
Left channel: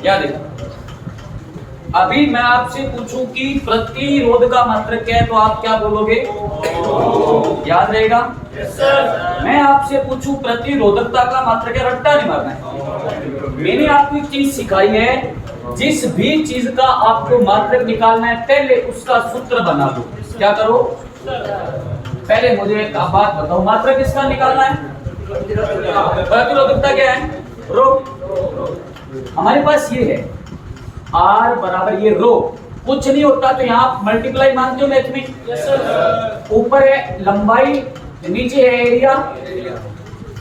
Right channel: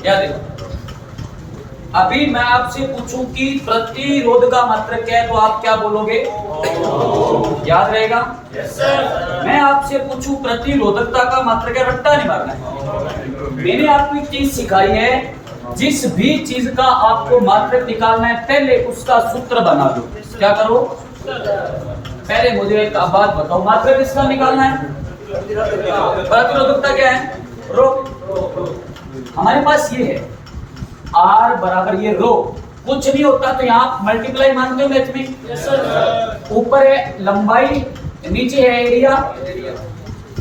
क्या देखो, अभी मैं आपसे पूछूं कि प्रतिरोध का मात्रक क्या है तो आप क्या बोलोगे? याद रहेगा? Yes sir. मैं आपसे पूछूं प्रतिरोधकता का मात्रक क्या, रट्टा नहीं मारना है। मैंने आपको एक चीज सिखाई है, जिस भी चीज का आपको मात्रक निकालना है पहले उसका सूत्र बना दो। क्या करो? पहले मुझे एक बात बताओ, मात्रक किसका निकालना है? प्रतिरोधकता क्या है? रो। हमारे पास ये है R बराबर ये रो, कुछ नहीं होता तो यहाँ मल्टीप्लाई मानते हो मैथ में? Yes sir. ऊपर है लंबाई, नीचे है एरिया।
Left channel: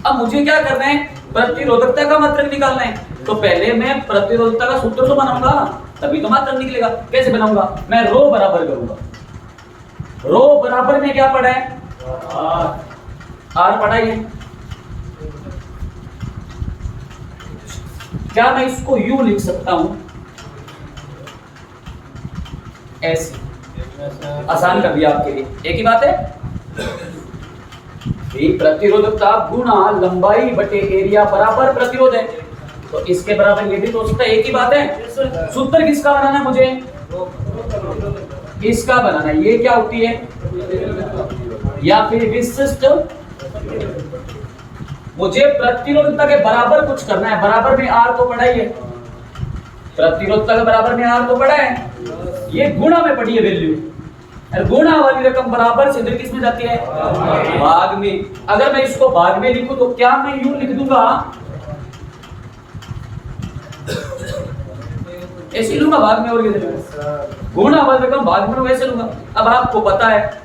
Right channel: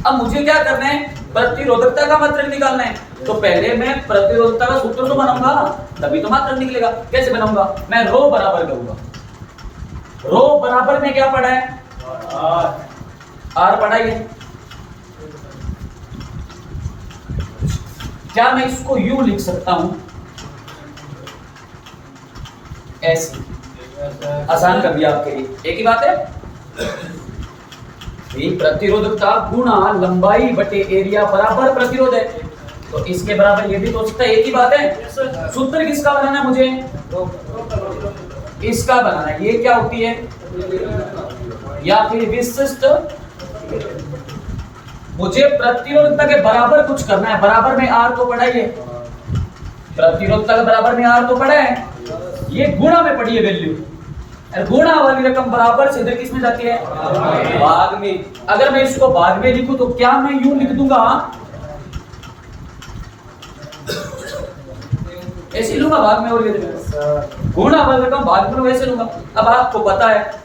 अब मुझे क्या करना है? प्रतिरोधकता का मात्रक निकालना है। तो पहले मैं प्रतिरोधकता का सूत्र तो बनाऊंगा, तभी तो मात्रक निकलेगा। कैसे बनाऊंगा? मैं रो बराबर करूंगा। रो बराबर में क्या पढ़ा है? R पढ़ा है। क्या मैं इसको यूं लिख सकता हूं? ऐसे आसान कर दिया आपके लिए। एक ही बात है, प्रतिरोधकता गुणा लंबाई बटे एरिया बराबर प्रतिरोध है, तो इसके बराबर ये भी तो सकता है। एक ही बात है। सूत्र किसका बनाना है मुझे? इसका बनाना है। ये क्या होती है? या फिर विशिष्ट। मुझे प्रतिरोधकता के बराबर कुछ करना है। बराबर में R को पढ़ा है, प्रतिरोधकता के बराबर में R को पढ़ा है, ये गुणा में पढ़ी है वैल्यू। गुणा वाली रकम बराबर से किस में जाती है? भाग में। अगर मैं इसको भाग में लिखूं तो क्या मैं यूं लिख दूंगा? ऐसे लूंगा भाग में, और गुणा वाली रकम भाग में वैसे लूंगा। अब आपको पता है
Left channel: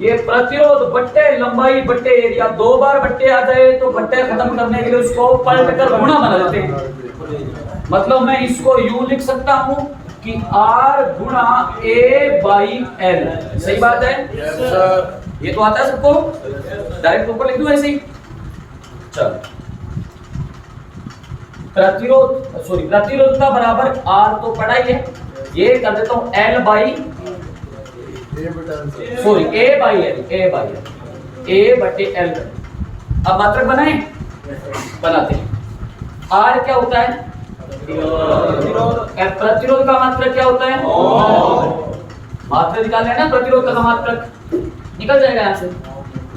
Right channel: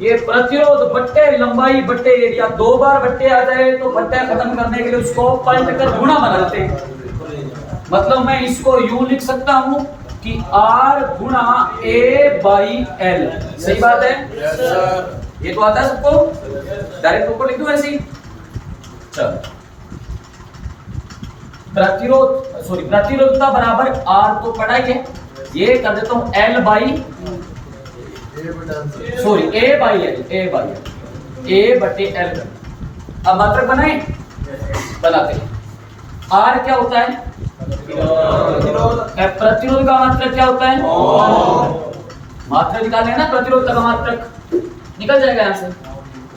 ये प्रतिरोध बट्टे लंबाई बट्टे एरिया, दो बार बट्टे आ जाए तो बट्टे खत्म करने के लिए उसको पलट कर गुणा बना देते हैं। मतलब मैं इसको यूं लिख सकता हूं कि R गुणा A बाई L। सही बात है? ये तो आता है सबको, डायरेक्ट ऊपर लिख दूं ऐसे ही। चल, प्रतिरोधकता बराबर R तो पढ़ा ही है, ये कर देता हूं L by A by L, A बटे L। अब मात्रक बनाए? बनाते हैं। R क्या होता है? प्रतिरोध का मात्रक क्या होता है? मात्रक निकालने है ना, प्रतिरोध का मात्रक निकल जाएगा यहाँ से।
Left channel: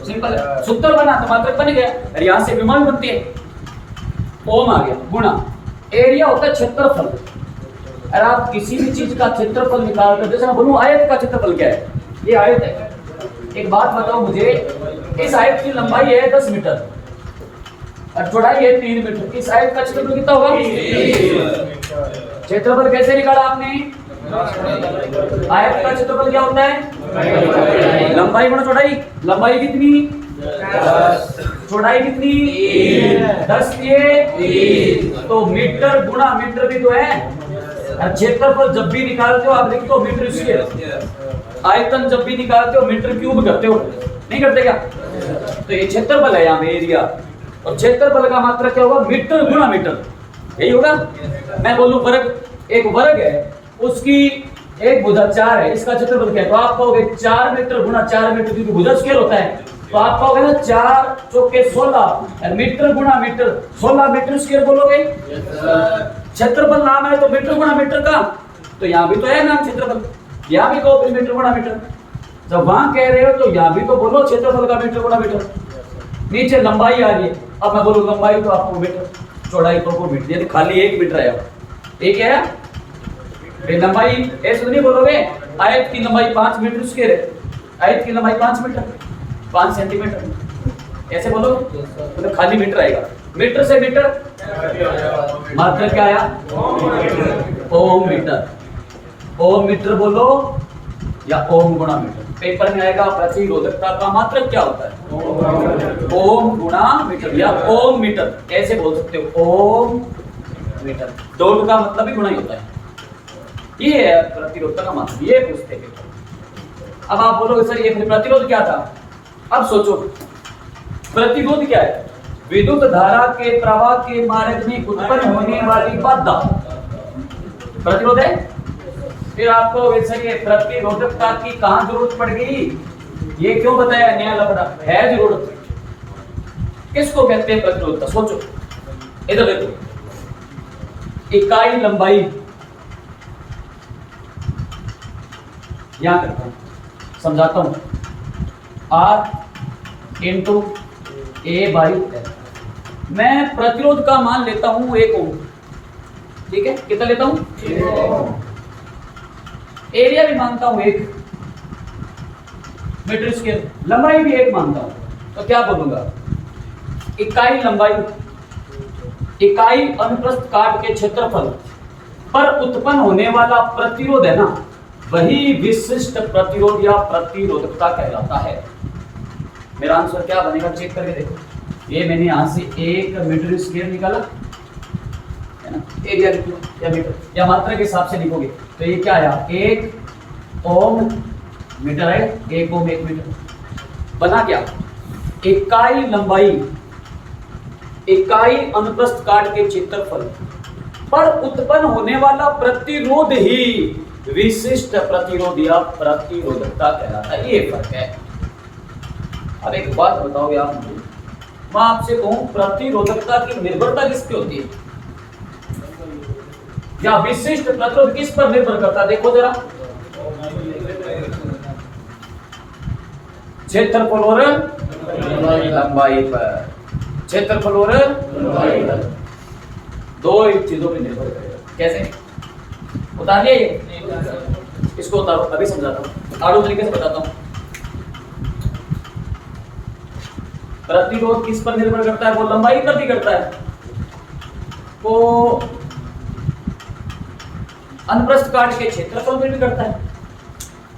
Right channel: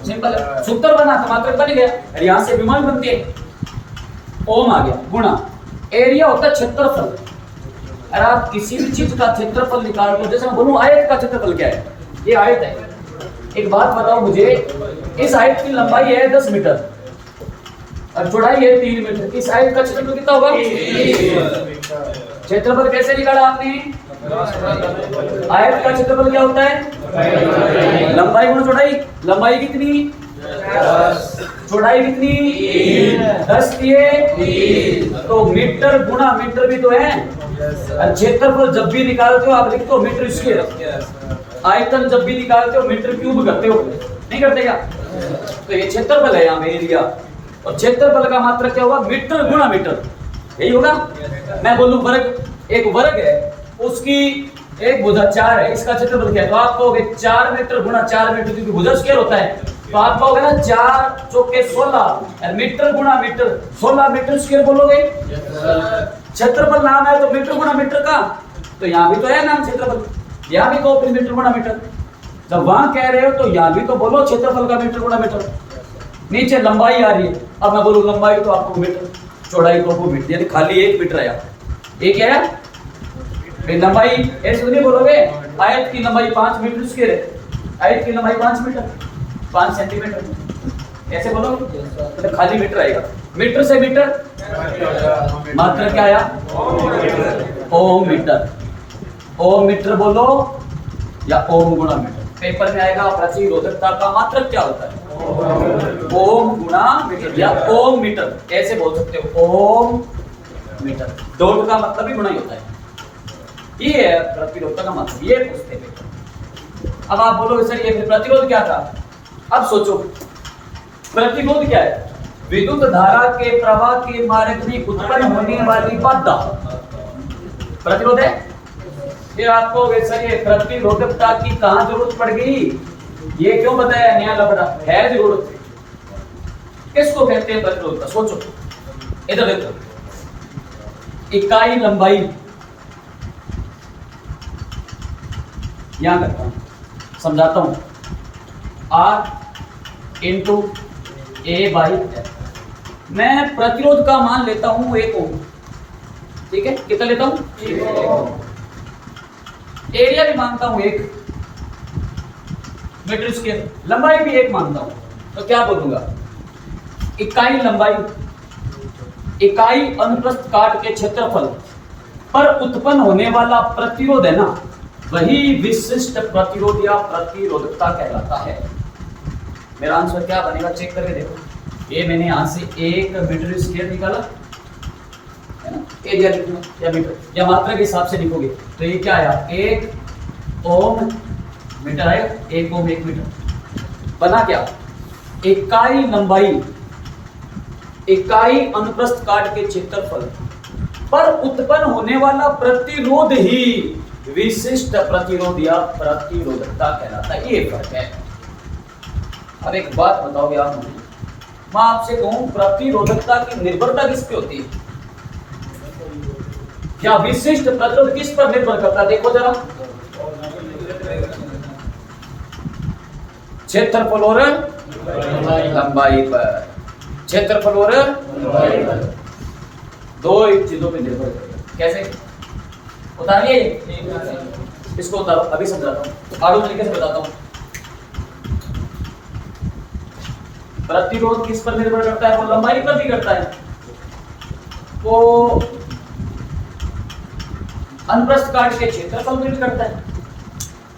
सिंपल है, सूत्र बना तो मात्रक बन गया, और यहाँ से विमान बनती है, ओम आ गया। गुणा एरिया होता है क्षेत्रफल। अगर आप किसी भी चीज का क्षेत्रफल निकालते हो, जैसे मैं बोलूं आयत का क्षेत्रफल क्या है? ये आयत है। एक बात बताओ मुझे, इस आयत की लंबाई है 10 मीटर और चौड़ाई है 3 मीटर। इस आयत का क्षेत्रफल कितना होगा? क्षेत्रफल कैसे निकाला आपने? आयत का क्षेत्रफल क्या होता है? लंबाई गुणा चौड़ाई। लंबाई कितनी? 10। चौड़ाई कितनी? 10 ये तो मीटर गुणा मीटर भी तो है। और क्षेत्रफल जब भी निकालते हो आप लिखते हो मीटर स्क्वायर। आयतन जब भी निकालते हो मीटर क्यूब करते हो, नहीं करते क्या? तो ये क्षेत्रफल है यहाँ पे एरिया, और क्षेत्रफल का मात्रक क्या होगा? मीटर गुणा मीटर, यही होगा। मैं बोलूं वर्ग, एक वर्ग है उसकी एक भुजा 4 है, इसका क्षेत्रफल क्या है? तो आप कहोगे 4 मीटर गुणा 4 मीटर, क्योंकि भुजा स्केल होता है। तो आप कहोगे ना 4 चौके 16 मीटर गुणा मीटर, 16 मीटर स्क्वायर बोलोगे। क्षेत्रफल नाम है तो मीटर गुणा मीटर का, तो यहाँ भी तो है नाम क्षेत्रफल, यहाँ भी कहो मीटर गुणा मीटर। जब वहां कह रहे हो तो यहाँ भी तो बोलो क्षेत्रफल का मीटर गुणा मीटर। नीचे लंबाई आ रही है, अब मैं बोलूँ लंबाई तो आपको मीटर, चौड़ाई तो आपको मीटर, यानी खाली 1 मीटर आया। एक है लंबाई, ऐसे तो नहीं बोलोगे आयत की लंबाई 5 मीटर स्क्वायर है, आयत की लंबाई 5 मीटर 5 सेंटीमीटर, ऐसे बोलोगे तो खाली मीटर आएगा। मीटर से मीटर मात्र क्या आया? ओम मीटर। ओम मीटर बोलो या ओम गुणा मीटर। पेपर में आएगा प्रतिरोधकता का मात्रक क्या होता है? ओम गुणा मीटर या ओम मीटर, ऐसे बोल सकते हो ओम मीटर। डोल का मतलब भी गुणा ही होता है, ये है प्रतिरोधकता का मतलब, ये पूछते हैं। अब आप बोलोगे सर ये प्रतिरोध क्या था? अब सोचो प्रतिरोध क्या है? विद्युत धारा के प्रवाह के मार्ग में उत्पन्न होने वाली बाधा प्रतिरोध है। फिर आपको वैसे ये प्रतिरोधकता की कहां जरूरत पड़ गई? ये क्यों बताया? नया लफड़ा है जरूरत। किसको कहते हैं प्रतिरोधकता? सोचो, इधर देखो, इकाई लंबाई यहां करता हूं, समझाता हूं। R into A by L। मैं प्रतिरोध का मान लेता हूं 1 ओम, ठीक है? कितना लेता हूं? 1 ओम। एरिया भी मानता हूं 1 मीटर स्क्वायर, लंबाई भी 1 मानता हूं। तो क्या बोलूंगा? इकाई लंबाई, इकाई अनुप्रस्थ काट के क्षेत्रफल पर उत्पन्न होने वाला प्रतिरोध है ना, वही विशिष्ट प्रतिरोध या प्रतिरोधकता कहलाता है। मेरा आंसर क्या बनेगा? चेक करके देखो। ये मैंने यहां से 1 मीटर स्क्वायर निकाला है ना, एरिया लिखूंगा या मीटर या मात्रा के हिसाब से लिखोगे तो ये क्या आया? 1 ओम मीटर है, 1 ओम 1 मीटर। बना क्या? इकाई लंबाई, इकाई अनुप्रस्थ काट के क्षेत्रफल पर उत्पन्न होने वाला प्रतिरोध ही विशिष्ट प्रतिरोध या प्रतिरोधकता कहलाता है। ये फर्क है। अब एक बात बताओ यार मुझे, मैं आपसे कहूं प्रतिरोधकता की निर्भरता किस पे होती है या विशिष्ट प्रतिरोध किस पर निर्भर करता है? देखो जरा, क्षेत्रफल और लंबाई पर, क्षेत्रफल और लंबाई पर, दो चीजों पे निर्भर करेगा। कैसे उतारिए? इसको उतारो, अभी समझाता हूं, आगे तरीके से बताता हूं। प्रतिरोध किस पर निर्भर करता है? वो लंबाई पर भी करता है, वो अनुप्रस्थ काट के क्षेत्रफल पर भी करता है,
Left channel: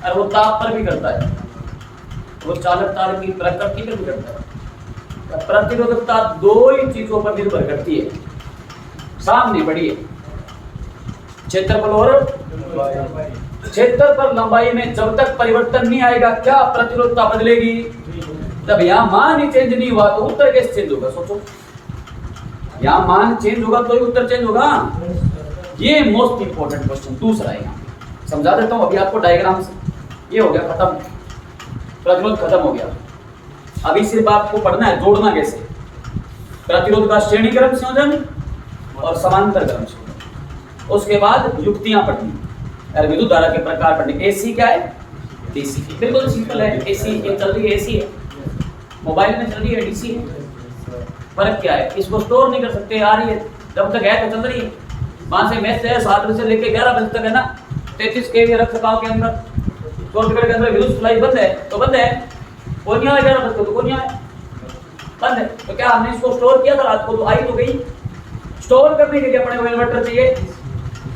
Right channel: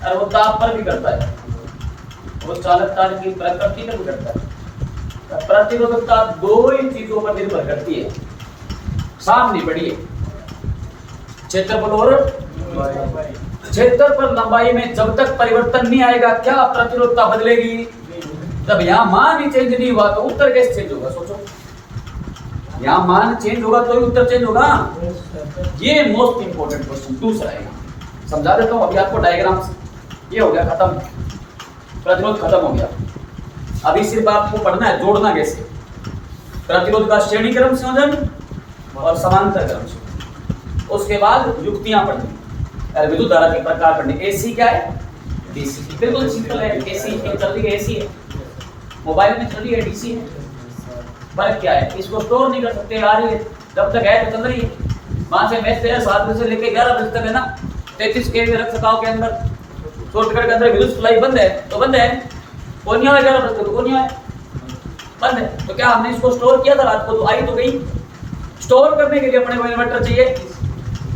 और वो ताप पर भी करता है, वो चालक तार की प्रकृति पर भी करता है। प्रतिरोधकता दो ही चीजों पर निर्भर करती है। सामने बढ़िए, क्षेत्रफल और क्षेत्रफल लंबाई में जब तक परिवर्तन नहीं आएगा क्या प्रतिरोधकता बदलेगी? जब यहाँ मान ही चेंज नहीं हुआ तो उत्तर कैसे चेंज होगा? सोचो, यहाँ मान चेंज होगा तो ही उत्तर चेंज होगा। ये मोस्ट इंपोर्टेंट क्वेश्चन। दूसरा है, समझा देता हूँ अभी आपको डायग्राम से। ये हो गया खत्म, प्रतिरोध खत्म हो गया। अभी सिर्फ आपको पढ़ना है जोड़ना कैसे, प्रतिरोध का श्रेणी क्रम संयोजन और समांतर क्रम संयोजन। उसके बाद युक्तियां पढ़नी और विद्युत धारा के प्रकार पढ़ने। एसी क्या है? डीसी। बिल्कुल सिंपल है। एसी चल रही है, एसी है, मोबाइल में चल रही है, डीसी है। फर्क क्या है? इसको स्टोर नहीं कर सकते, आ रही है जब तक है तो चल रही है। वहां से मैच है 7 बजे से लेकर 11 बजे तक है ना, 33 kV रख सकाओ के अंदर, 100 मीटर के अंदर विद्युत सप्लाई बंद है तो बंद है, कौन नहीं आया 11 बजे तो कौन नहीं आया, बंद है। तो क्या हमने इसको स्टोर किया था रात को? तो आई तो गई। स्टोर करने के लिए अपने को इन्वर्टर चाहिए,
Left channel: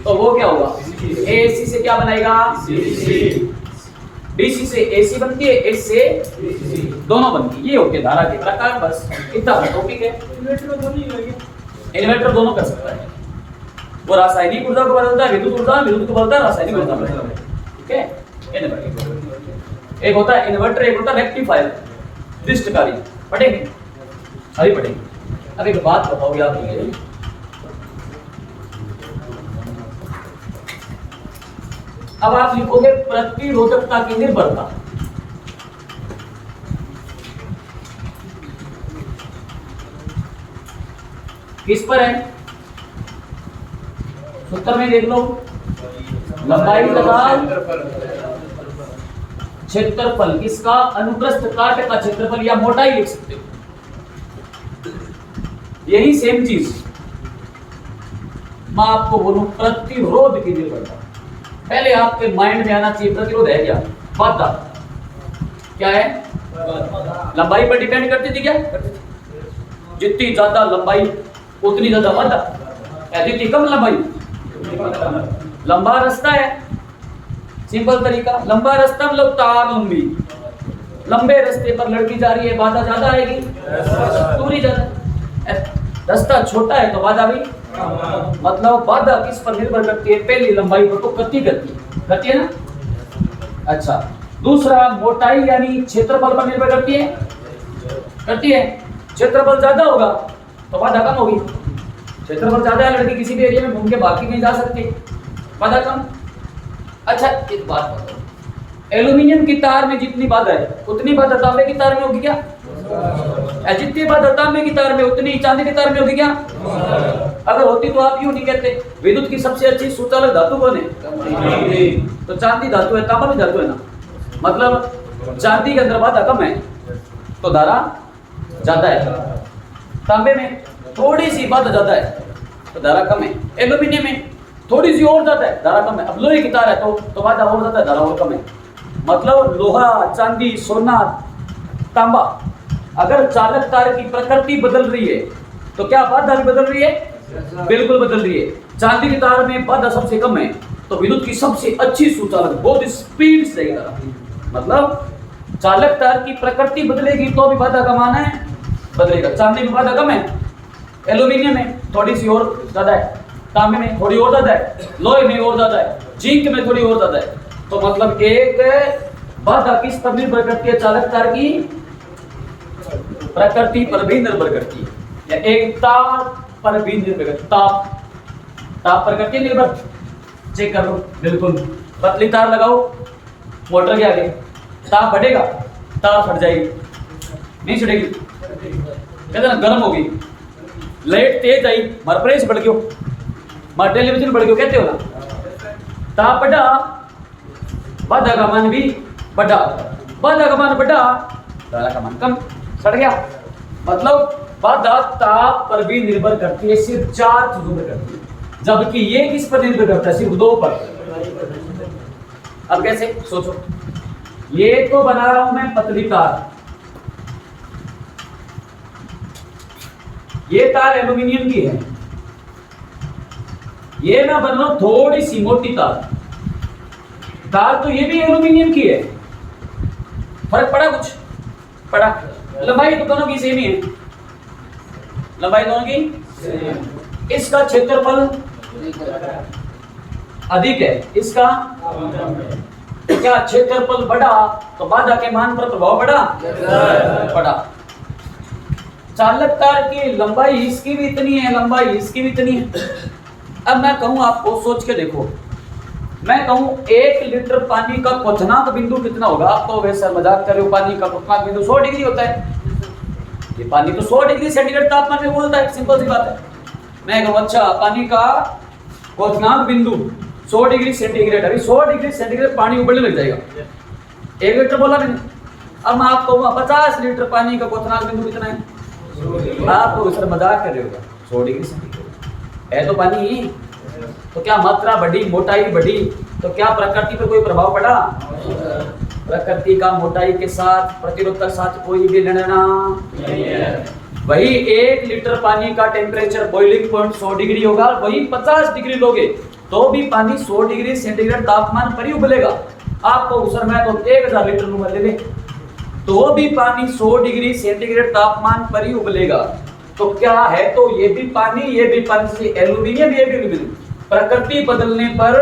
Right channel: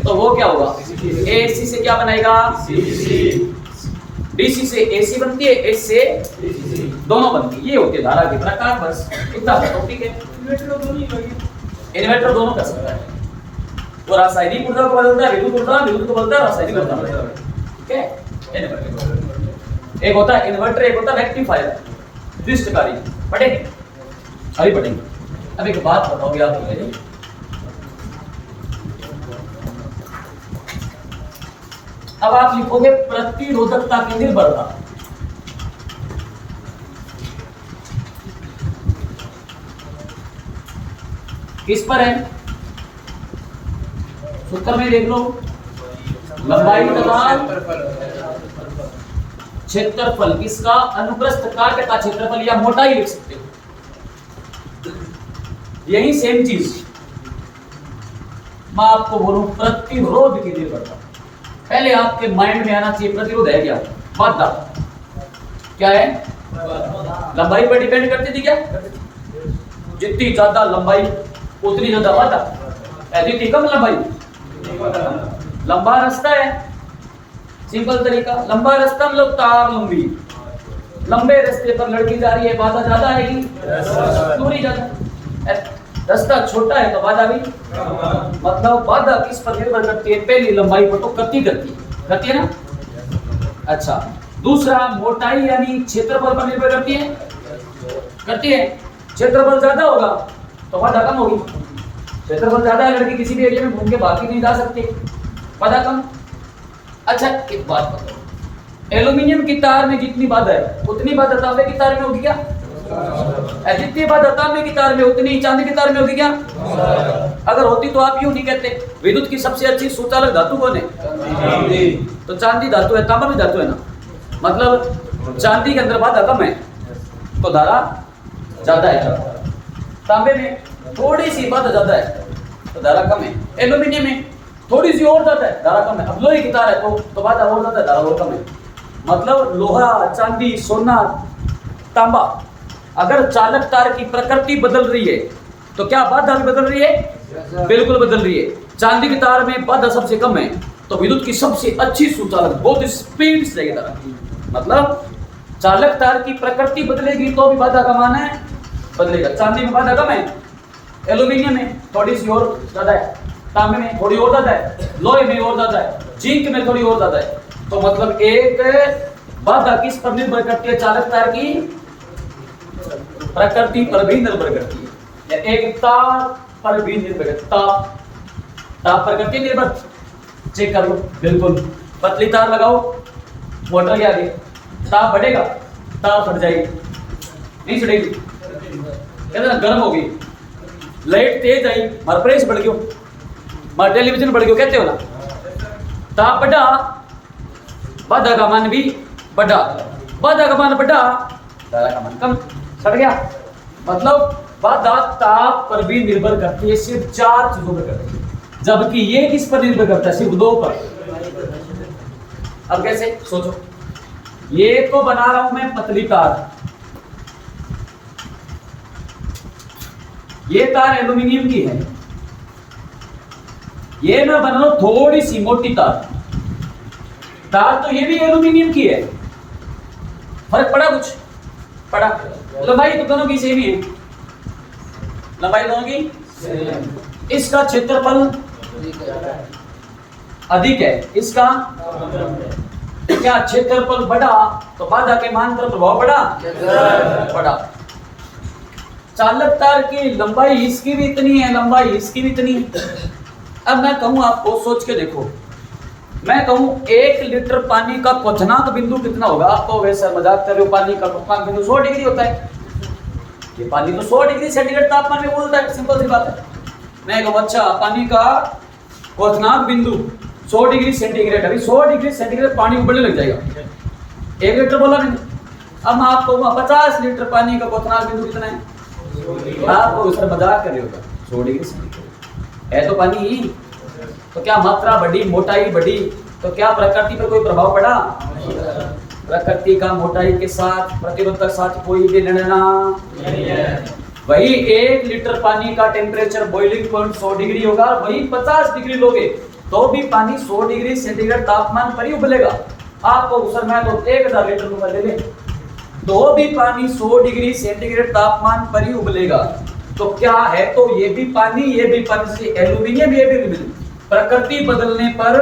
तो वो क्या होगा, AC से क्या बनाएगा, DC से AC बनती है, AC से दोनों बनती है। ये होती है धारा की प्रकार, बस इतना टॉपिक है। इन्वर्टर दोनों कर सकता है, वो रासायनिक ऊर्जा को बदलता है, विद्युत ऊर्जा, विद्युत को बदलता है रासायनिक ऊर्जा में। ठीक है, एक होता है इन्वर्टर, एक होता है रेक्टिफायर, दृष्टकारी। पढ़ेंगे, अभी पढ़ेंगे। अब एक बात बताओगे आप मुझे, अब आप लिखोगे प्रतिरोधकता की निर्भरता। किस पर है, सूत्र में देख लो, लंबाई तथा क्षेत्रफल, किसका, अनुप्रस्थ काट का क्षेत्रफल या मोटाई लिख सकते हो। यही सेम चीज मैं आपको बोलूं, प्रतिरोध की निर्भरता। पहले आपके माइंड में आना चाहिए प्रतिरोध है क्या, बाधा क्या है, लंबाई पर डिपेंड करती थी क्या, जितनी ज्यादा लंबाई उतनी ज्यादा बाधा, जितनी कम लंबाई लंबा रास्ता है, सिंपल तरीका, लंबा रास्ता मतलब तार लंबी, लंबे रास्ते पर लड़की जा रही है, बाधा ज्यादा आएगी, दूरी ज्यादा, रास्ता छोटा है तो बाधा भी, मतलब बाधा किस पर निर्भर करती है, पहली लंबाई पर तो गति करती है ना। अच्छा, दूसरा मोटाई यानी क्षेत्रफल पर निर्भर करती है, क्षेत्रफल ज्यादा होगा तो बाधा कम होगी, क्षेत्रफल ज्यादा है, लड़की किसी भी एरिया में घूम के बाकी नहीं जा सकती, बाधा कम। अच्छा एक बात बताओ, एल्यूमिनियम की तार में जितनी बाधा है उतनी बाधा तांबे की तार में होगी क्या, जितनी बाधा तांबे की तार में उतनी चांदी की तार में होगी क्या, अगर होती तो आप यूं नहीं कहते, विद्युत की सबसे अच्छी सुचालक धातु कौन है, तो चांदी धातु है, तांबा भी धातु है ना, मतलब चांदी के अंदर बाधा कम है तो धारा ज्यादा है, तांबे में थोड़ी सी बाधा ज्यादा है तो धारा कम है, एल्यूमिनियम में थोड़ी सी और ज्यादा है, धारा कम है। अब लोहे की तार है तो बाधा और ज्यादा है, धारा और कम है। मतलब लोहा, चांदी, सोना, तांबा, अगर चालक तार की प्रकृति बदल रही है तो क्या बाधा भी बदल रही है, बिल्कुल बदल रही है। चांदी की तार में बाधा सबसे कम है तो विद्युत की सबसे अच्छी सुचालक, बहुत स्पीड से लगेगा, मतलब चालक तार की प्रकृति बदलेगी तो भी बाधा का मान है बदलेगा। चांदी में बाधा कम है, एल्यूमिनियम में थोड़ी सी और ज्यादा है, तांबे में थोड़ी और ज्यादा है, लोहे में और ज्यादा है, जिंक में थोड़ी और ज्यादा है। तो मतलब एक बाधा किस पर निर्भर करती है, चालक तार की प्रकृति पर भी निर्भर करती है, या एक तार पर भी निर्भर करती है, ताप पर करती है निर्भर। चेक करो, बिल्कुल पतली तार लगाओ मोटर के आगे, ताप बढ़ेगा, तार फट जाएगी, नहीं छुटेगी, कहते ना गर्म होगी, लाइट तेज आई, हमारा प्रेस बढ़ गयो, हमारा टेलीविजन बढ़ गयो, कहते हो ना, ताप बढ़ा, बाधा का मान भी बढ़ा, बाधा का मान बढ़ा, धारा का मान कम, सड़ गया। मतलब बाधा ताप पर भी निर्भर करती है, सिर्फ 4 चीजों पर करती है, जबकि ये किस पर निर्भर करता है, सिर्फ 2 पर। अब कैसे, सोचो, ये तो बना रहा हूं मैं पतली तार, ये तार एल्यूमिनियम की है, ये मैं बना रहा हूं थोड़ी सी मोटी तार, तार तो ये भी एल्यूमिनियम की है, फर्क पड़ा, कुछ पड़ा, लंबाई तो दोनों की सेम ही है, लंबाई दोनों की, इसका क्षेत्रफल अधिक है, इसका क्या, क्षेत्रफल बढ़ा तो बाधा के मान पर प्रभाव बढ़ा। चालक तार की लंबाई इसकी भी इतनी है, लंबाई इसकी भी इतनी है। अब मैं कहूं आपको, सोच के देखो, मैं कहूं 1 लीटर पानी का क्वथनांक बिंदु कितना होगा, आप तो वैसे मजाक कर रहे हो, पानी का क्वथनांक बिंदु 100 डिग्री होता है, ये पानी तो 100 डिग्री सेंटीग्रेड तापमान में उबलता है, सिंपल सी बात है। मैं कहूं अच्छा पानी का क्वथनांक बिंदु 100 डिग्री सेंटीग्रेड, अभी 100 डिग्री सेंटीग्रेड पानी उबलने लग जाएगा, 1 लीटर बोला मैंने। अब मैं आपको 50 लीटर पानी का क्वथनांक बिंदु कितना है, आपको सर मजाक कर रहे होगा, 100 डिग्री सेंटीग्रेड है तो पानी ही, तो क्या मात्रा बढ़ी, मोटाई बढ़ी, तो क्या प्रकृति पर कोई प्रभाव पड़ा, प्रकृति का मोटाई के साथ, प्रतिरोध के साथ कोई भी लेना नहीं है। वही 1 लीटर पानी का टेम्परेचर बॉइलिंग पॉइंट 100 डिग्री होगा, वही 50 डिग्री लोगे तो भी पानी 100 डिग्री सेंटीग्रेड तापमान पर ही उबलेगा। आपको सर मैं तो 1000 लीटर दूंगा, ले ले, तो भी पानी 100 डिग्री सेंटीग्रेड तापमान पर ही उबलेगा। तो क्या है, तो ये भी पानी, ये भी पानी, से एल्यूमिनियम, ये भी एल्यूमिनियम। प्रकृति बदलने पर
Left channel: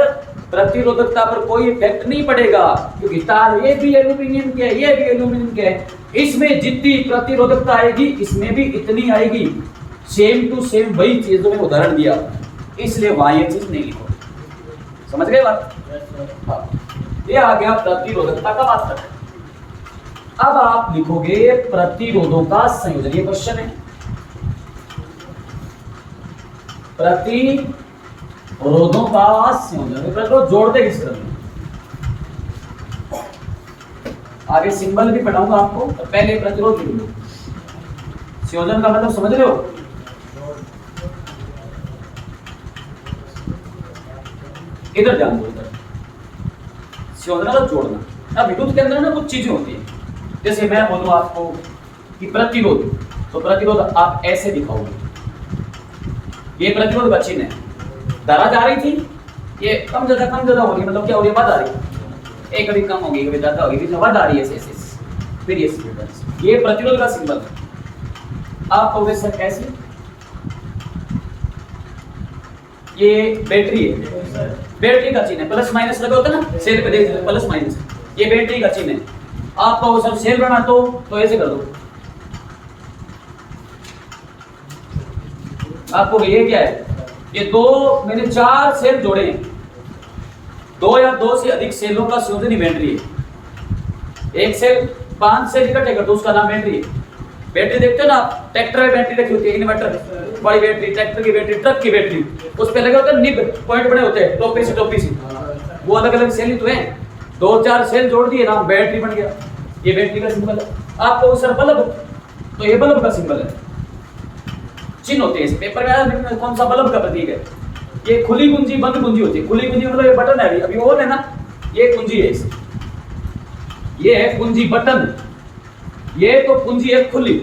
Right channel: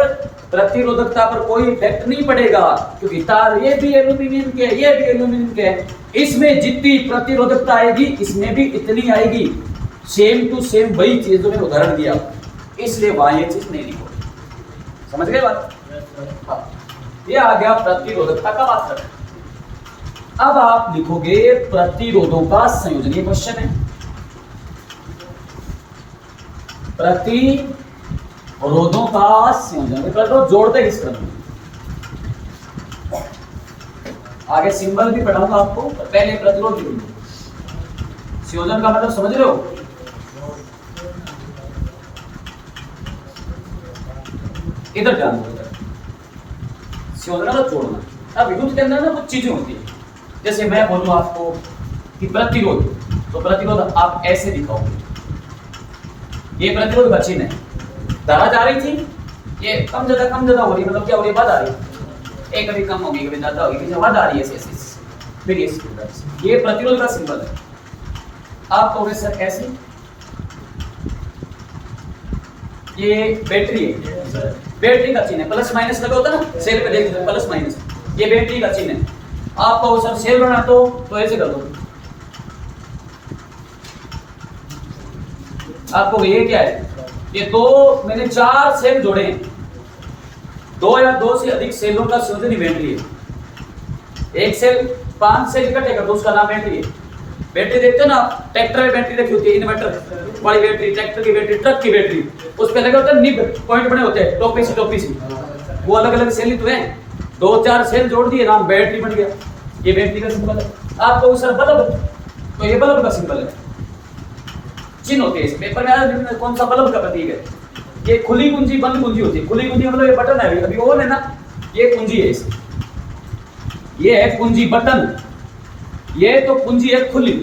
प्रतिरोधकता पर कोई इफेक्ट नहीं पड़ेगा, क्योंकि तार ये भी एल्यूमिनियम के है, ये भी एल्यूमिनियम के है। इसमें जितनी प्रतिरोधकता आएगी इसमें भी इतनी आएगी। सेम टू सेम वही चीज जो मैंने उदाहरण दिया, इसलिए वहां ये चीज नहीं लिखो। समझ गए बात? हाँ, ये आ गया प्रतिरोधकता का मात्रक। अब आप लिखोगे प्रतिरोधों का संयोजन। ये क्वेश्चन है, प्रतिरोधों का संयोजन। प्रतिरोध जोड़ते किस क्रम में? आगे सिंबल भी पढ़ाऊंगा आपको, तो पहले प्रतिरोध जोड़िए। संयोजन का मतलब समझ रहे हो? इधर ध्यान दो, इधर संयोजन का जोड़ना। अब विद्युत के अंदर ना कुछ चीजें होती है, जैसे मैं बोलूंगा आपको कि प्रतिरोध, तो प्रतिरोध आप ऐसे दिखाओगे। ये प्रतिरोध का चिन्ह है, धारा जा रही थी, ये कम ज्यादा हो रही, मतलब क्या हो रही है, बढ़ आ रही है, एक कभी कम होगी कभी ज्यादा होगी, फिर बढ़ आ रही है ऐसे, फिर ये प्रतिरोध का सिंबल है। आप कहोगे सर ऐसे, ये बैटरी है, बैटरी का चिन्ह है, प्लस माइनस लगा होता है ना सेल पे, देख प्लस माइनस, ये बैटरी का चिन्ह है। आप कहो सर सेल बना तो ऐसे कर दो। आपको ये क्या है, ये दो, मैंने 4 सेल जोड़े हैं, 2 या 2 से अधिक सेलों का संयोजन ही बैटरी है। एक सेल 5 सेल इकट्ठे कर दो, उसका नाम बैटरी है। बैटरी देखते हो ना आप, ट्रैक्टर में बैटरी रखी होती है, इन्वर्टर बड़ी बैटरी, ट्रैक्टर की बैटरी, ट्रक की बैटरी, उस पे लगे होते हैं निब पॉइंट बने होते हैं, टोपी सी, वो अलग अलग सेल ही तो है। 2-4 सेल जोड़ दिए, नाम बैटरी बन गया, ये बैटरी का सिंबल है। आपको सर बल्ब, तो ये बल्ब का सिंबल है, चिन्ह होते हैं इस पेपर में, कौन सा बल्ब का प्रतीक है। ये खुली कुंजी बंद कुंजी होती है, खुली कुंजी मतलब ये बटन है, अभी ऑन है ना, ये कुंजी है इसे, ये है कुंजी बटन, ये तो कुंजी है खुली,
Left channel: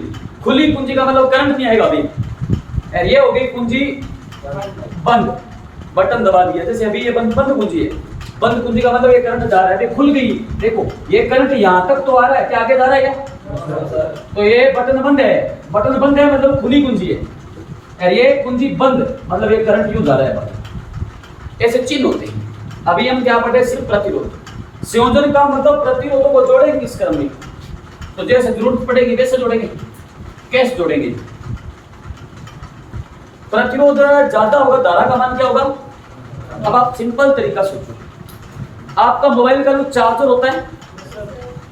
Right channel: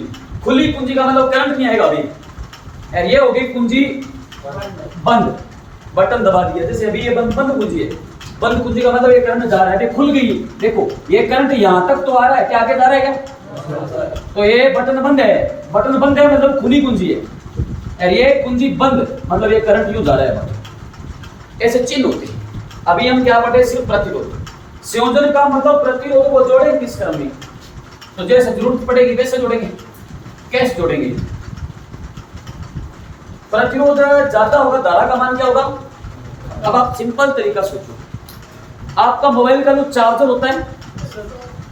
खुली कुंजी का मतलब करंट नहीं आएगा अभी, और ये हो गई कुंजी बंद, बटन दबा दिया, जैसे अभी ये बंद कुंजी है, बंद कुंजी का मतलब ये करंट जा रहा है, खुल गई, देखो ये करंट यहां तक तो आ रहा है, क्या आगे जा रहा है क्या, तो ये बटन बंद है, बटन बंद है मतलब खुली कुंजी है, और ये कुंजी बंद मतलब ये करंट यूं जा रहा है बाहर। ऐसे चिन्ह होते हैं। अभी हम क्या पढ़े, सिर्फ प्रतिरोध। संयोजन का मतलब प्रतिरोधों को जोड़ेंगे किस क्रम में, तो जैसे जरूरत पड़ेगी वैसे जोड़ेंगे, कैसे जोड़ेंगे। प्रतिरोध ज्यादा होगा, धारा का मान क्या होगा। अब आप सिंपल तरीका सोचो, आपका मोबाइल का जो चार्जर होता है,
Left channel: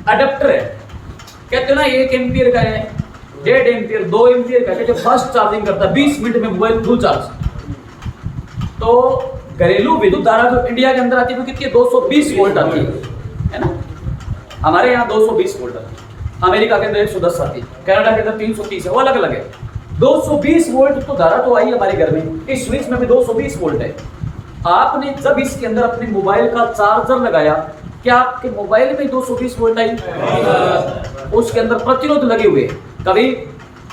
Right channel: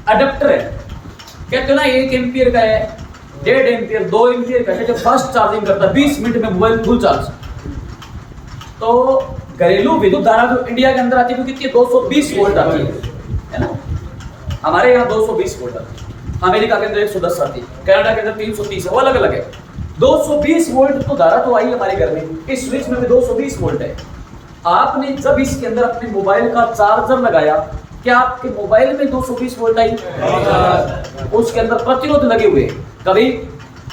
अडेप्टर है, कहते हो ना 1 एम्पियर का है, 1.5 एम्पियर, 2 एम्पियर का, जो फास्ट चार्जिंग करता है, 20 मिनट में मोबाइल फुल चार्ज। तो घरेलू विद्युत धारा जो इंडिया के अंदर आती है वो कितनी है, 220 वोल्ट आती है ना, हमारे यहाँ 220 वोल्ट आती है, अमेरिका के अंदर 110 आती है, कनाडा के अंदर 330 है, वो अलग अलग है। 220 वोल्ट तो धारा तो आई हमारे घर में, इस स्विच में भी 220 वोल्ट है। आपने जब इसके अंदर अपने मोबाइल का चार्जर लगाया, क्या आपके मोबाइल में 220 वोल्ट आई? उसके अंदर प्रतिरोध लगे हुए। कभी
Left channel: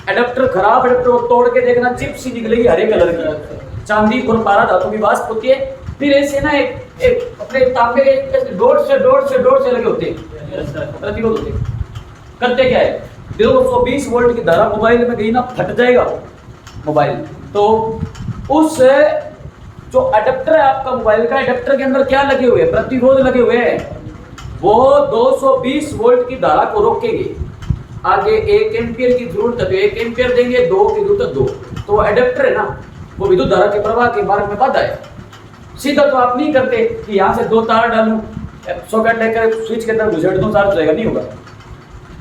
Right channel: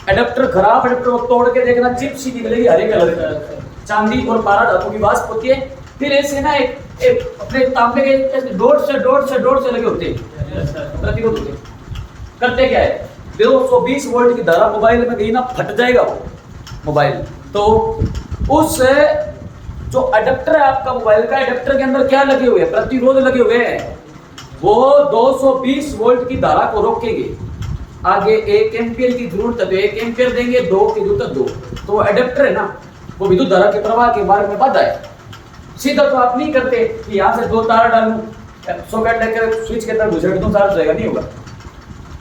एडेप्टर खराब एडेप्टर को तोड़ के देखना, चिप सी निकलेगी हरे कलर की, चांदी और पारा धातु की वाष्प होती है। फिर ऐसे ना एक अपने तांबे के डॉट से लगे होते हैं, प्रतिरोध होते हैं। करते क्या है, 220 वोल्ट की धारा मोबाइल में गई ना, फट जाएगा वो मोबाइल। तो उस जो अडेप्टर है आपका मोबाइल का, अडेप्टर के अंदर क्या लगे हुए हैं, प्रतिरोध लगे हुए हैं, वो 220 वोल्ट की धारा को रोकेंगे। आगे 1 एम्पियर की जरूरत है तो 1 एम्पियर देंगे, 2 की जरूरत है 2। तो अडेप्टर है ना, वो विद्युत धारा के प्रवाह के मार्ग में बाधा है। सीधा तो आप नहीं करते कि यहाँ से 2 तार डालूं, सॉकेट लेकर स्विच के अंदर घुसेड़ दूं, चार्ज हो जाएगा, नहीं होगा।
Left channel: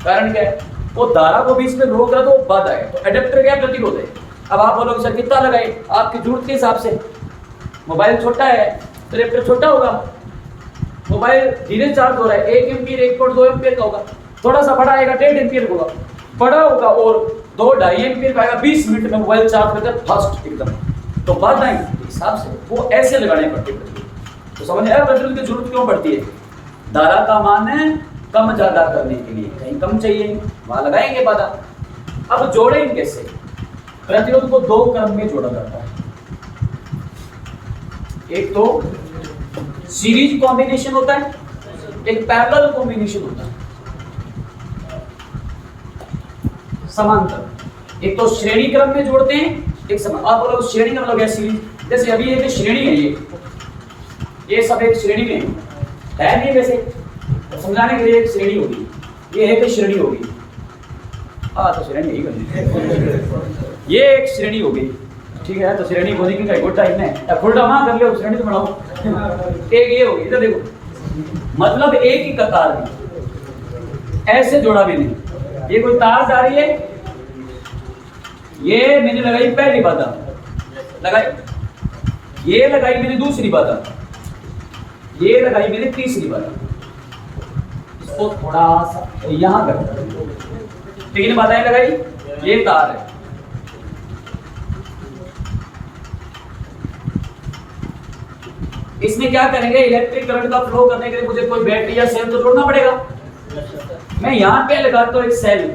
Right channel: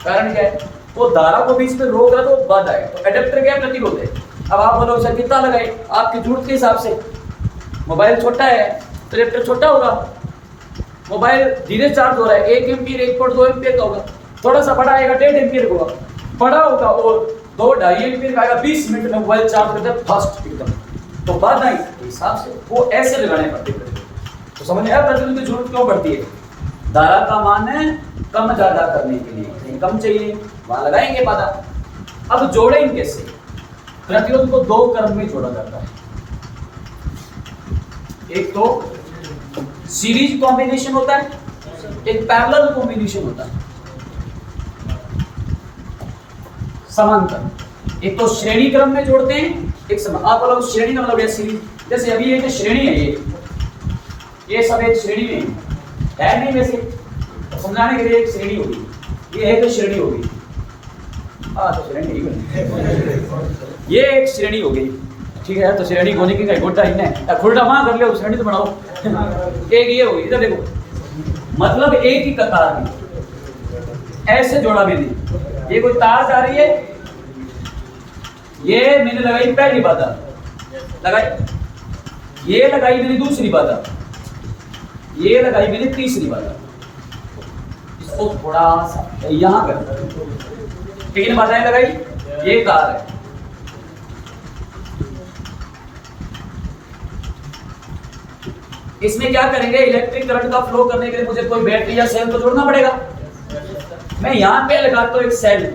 कारण क्या है, वो धारा को बीच में रोक रहा है तो बाधा है। तो अडेप्टर क्या प्रतिरोध है। अब आप बोलोगे सर कितना लगाए, आपकी जरूरत के हिसाब से। मोबाइल छोटा है तो अडेप्टर छोटा होगा, मोबाइल धीरे चार्ज हो रहा है, 1 एम्पियर 1.2 एम्पियर का होगा, थोड़ा सा बड़ा आएगा 1.5 एम्पियर होगा, बड़ा होगा, और 2-2.5 एम्पियर का आएगा। 20 मिनट में मोबाइल चार्ज हो जाए फास्ट एकदम। तो बाधा के हिसाब से वो ऐसे लगाने पड़ते हैं। तो समझ आया प्रतिरोध की जरूरत क्यों पड़ती है। धारा का मान कम ज्यादा करने के लिए, कहीं कम चाहिए वहां लगाएंगे बाधा। अब जोड़ेंगे कैसे, प्रतिरोध को 2 क्रम में जोड़ा जाता है। एक तो सीरीज कॉम्बिनेशन होता है, एक पैरेलल कॉम्बिनेशन होता है। समांतर एक तो श्रेणी क्रम में जोड़ते हैं, एक आप बोलो श्रेणी का मतलब है सीरीज। जैसे अभी एक श्रेणी है, ये सब एक श्रेणी में है नहीं, वैसे तो समझाने के लिए एक श्रेणी होगी, ये एक श्रेणी होगी। तो श्रेणी नहीं करनी, ये एक श्रेणी हो गई, ठीक है। तो श्रेणी होने की कहीं गोटा ही नहीं, फुलटा वहां कर ले, श्रेणी तो बनाओ। एक ये होगी, इधर देखो, मतलब एक ही कतार में ऐसे जोड़ा मैंने। ये कोई तार जा रही है, ये मैंने लगाई पहली बाधा, लगाई, ये लगाई मैंने दूसरी बाधा, ये लगाई मैंने तीसरी बाधा। इसको थोड़ा सा यहां कर, 3 बाधाएं लगाई, ये तार है। इसमें क्या करेंगे, इलेक्ट्रिक करंट का फ्लो करने के लिए मुझे कोई बैटरी या सेल तो जोड़ना पड़ेगा। मैं यहां पे लगाता हूं एक सेल,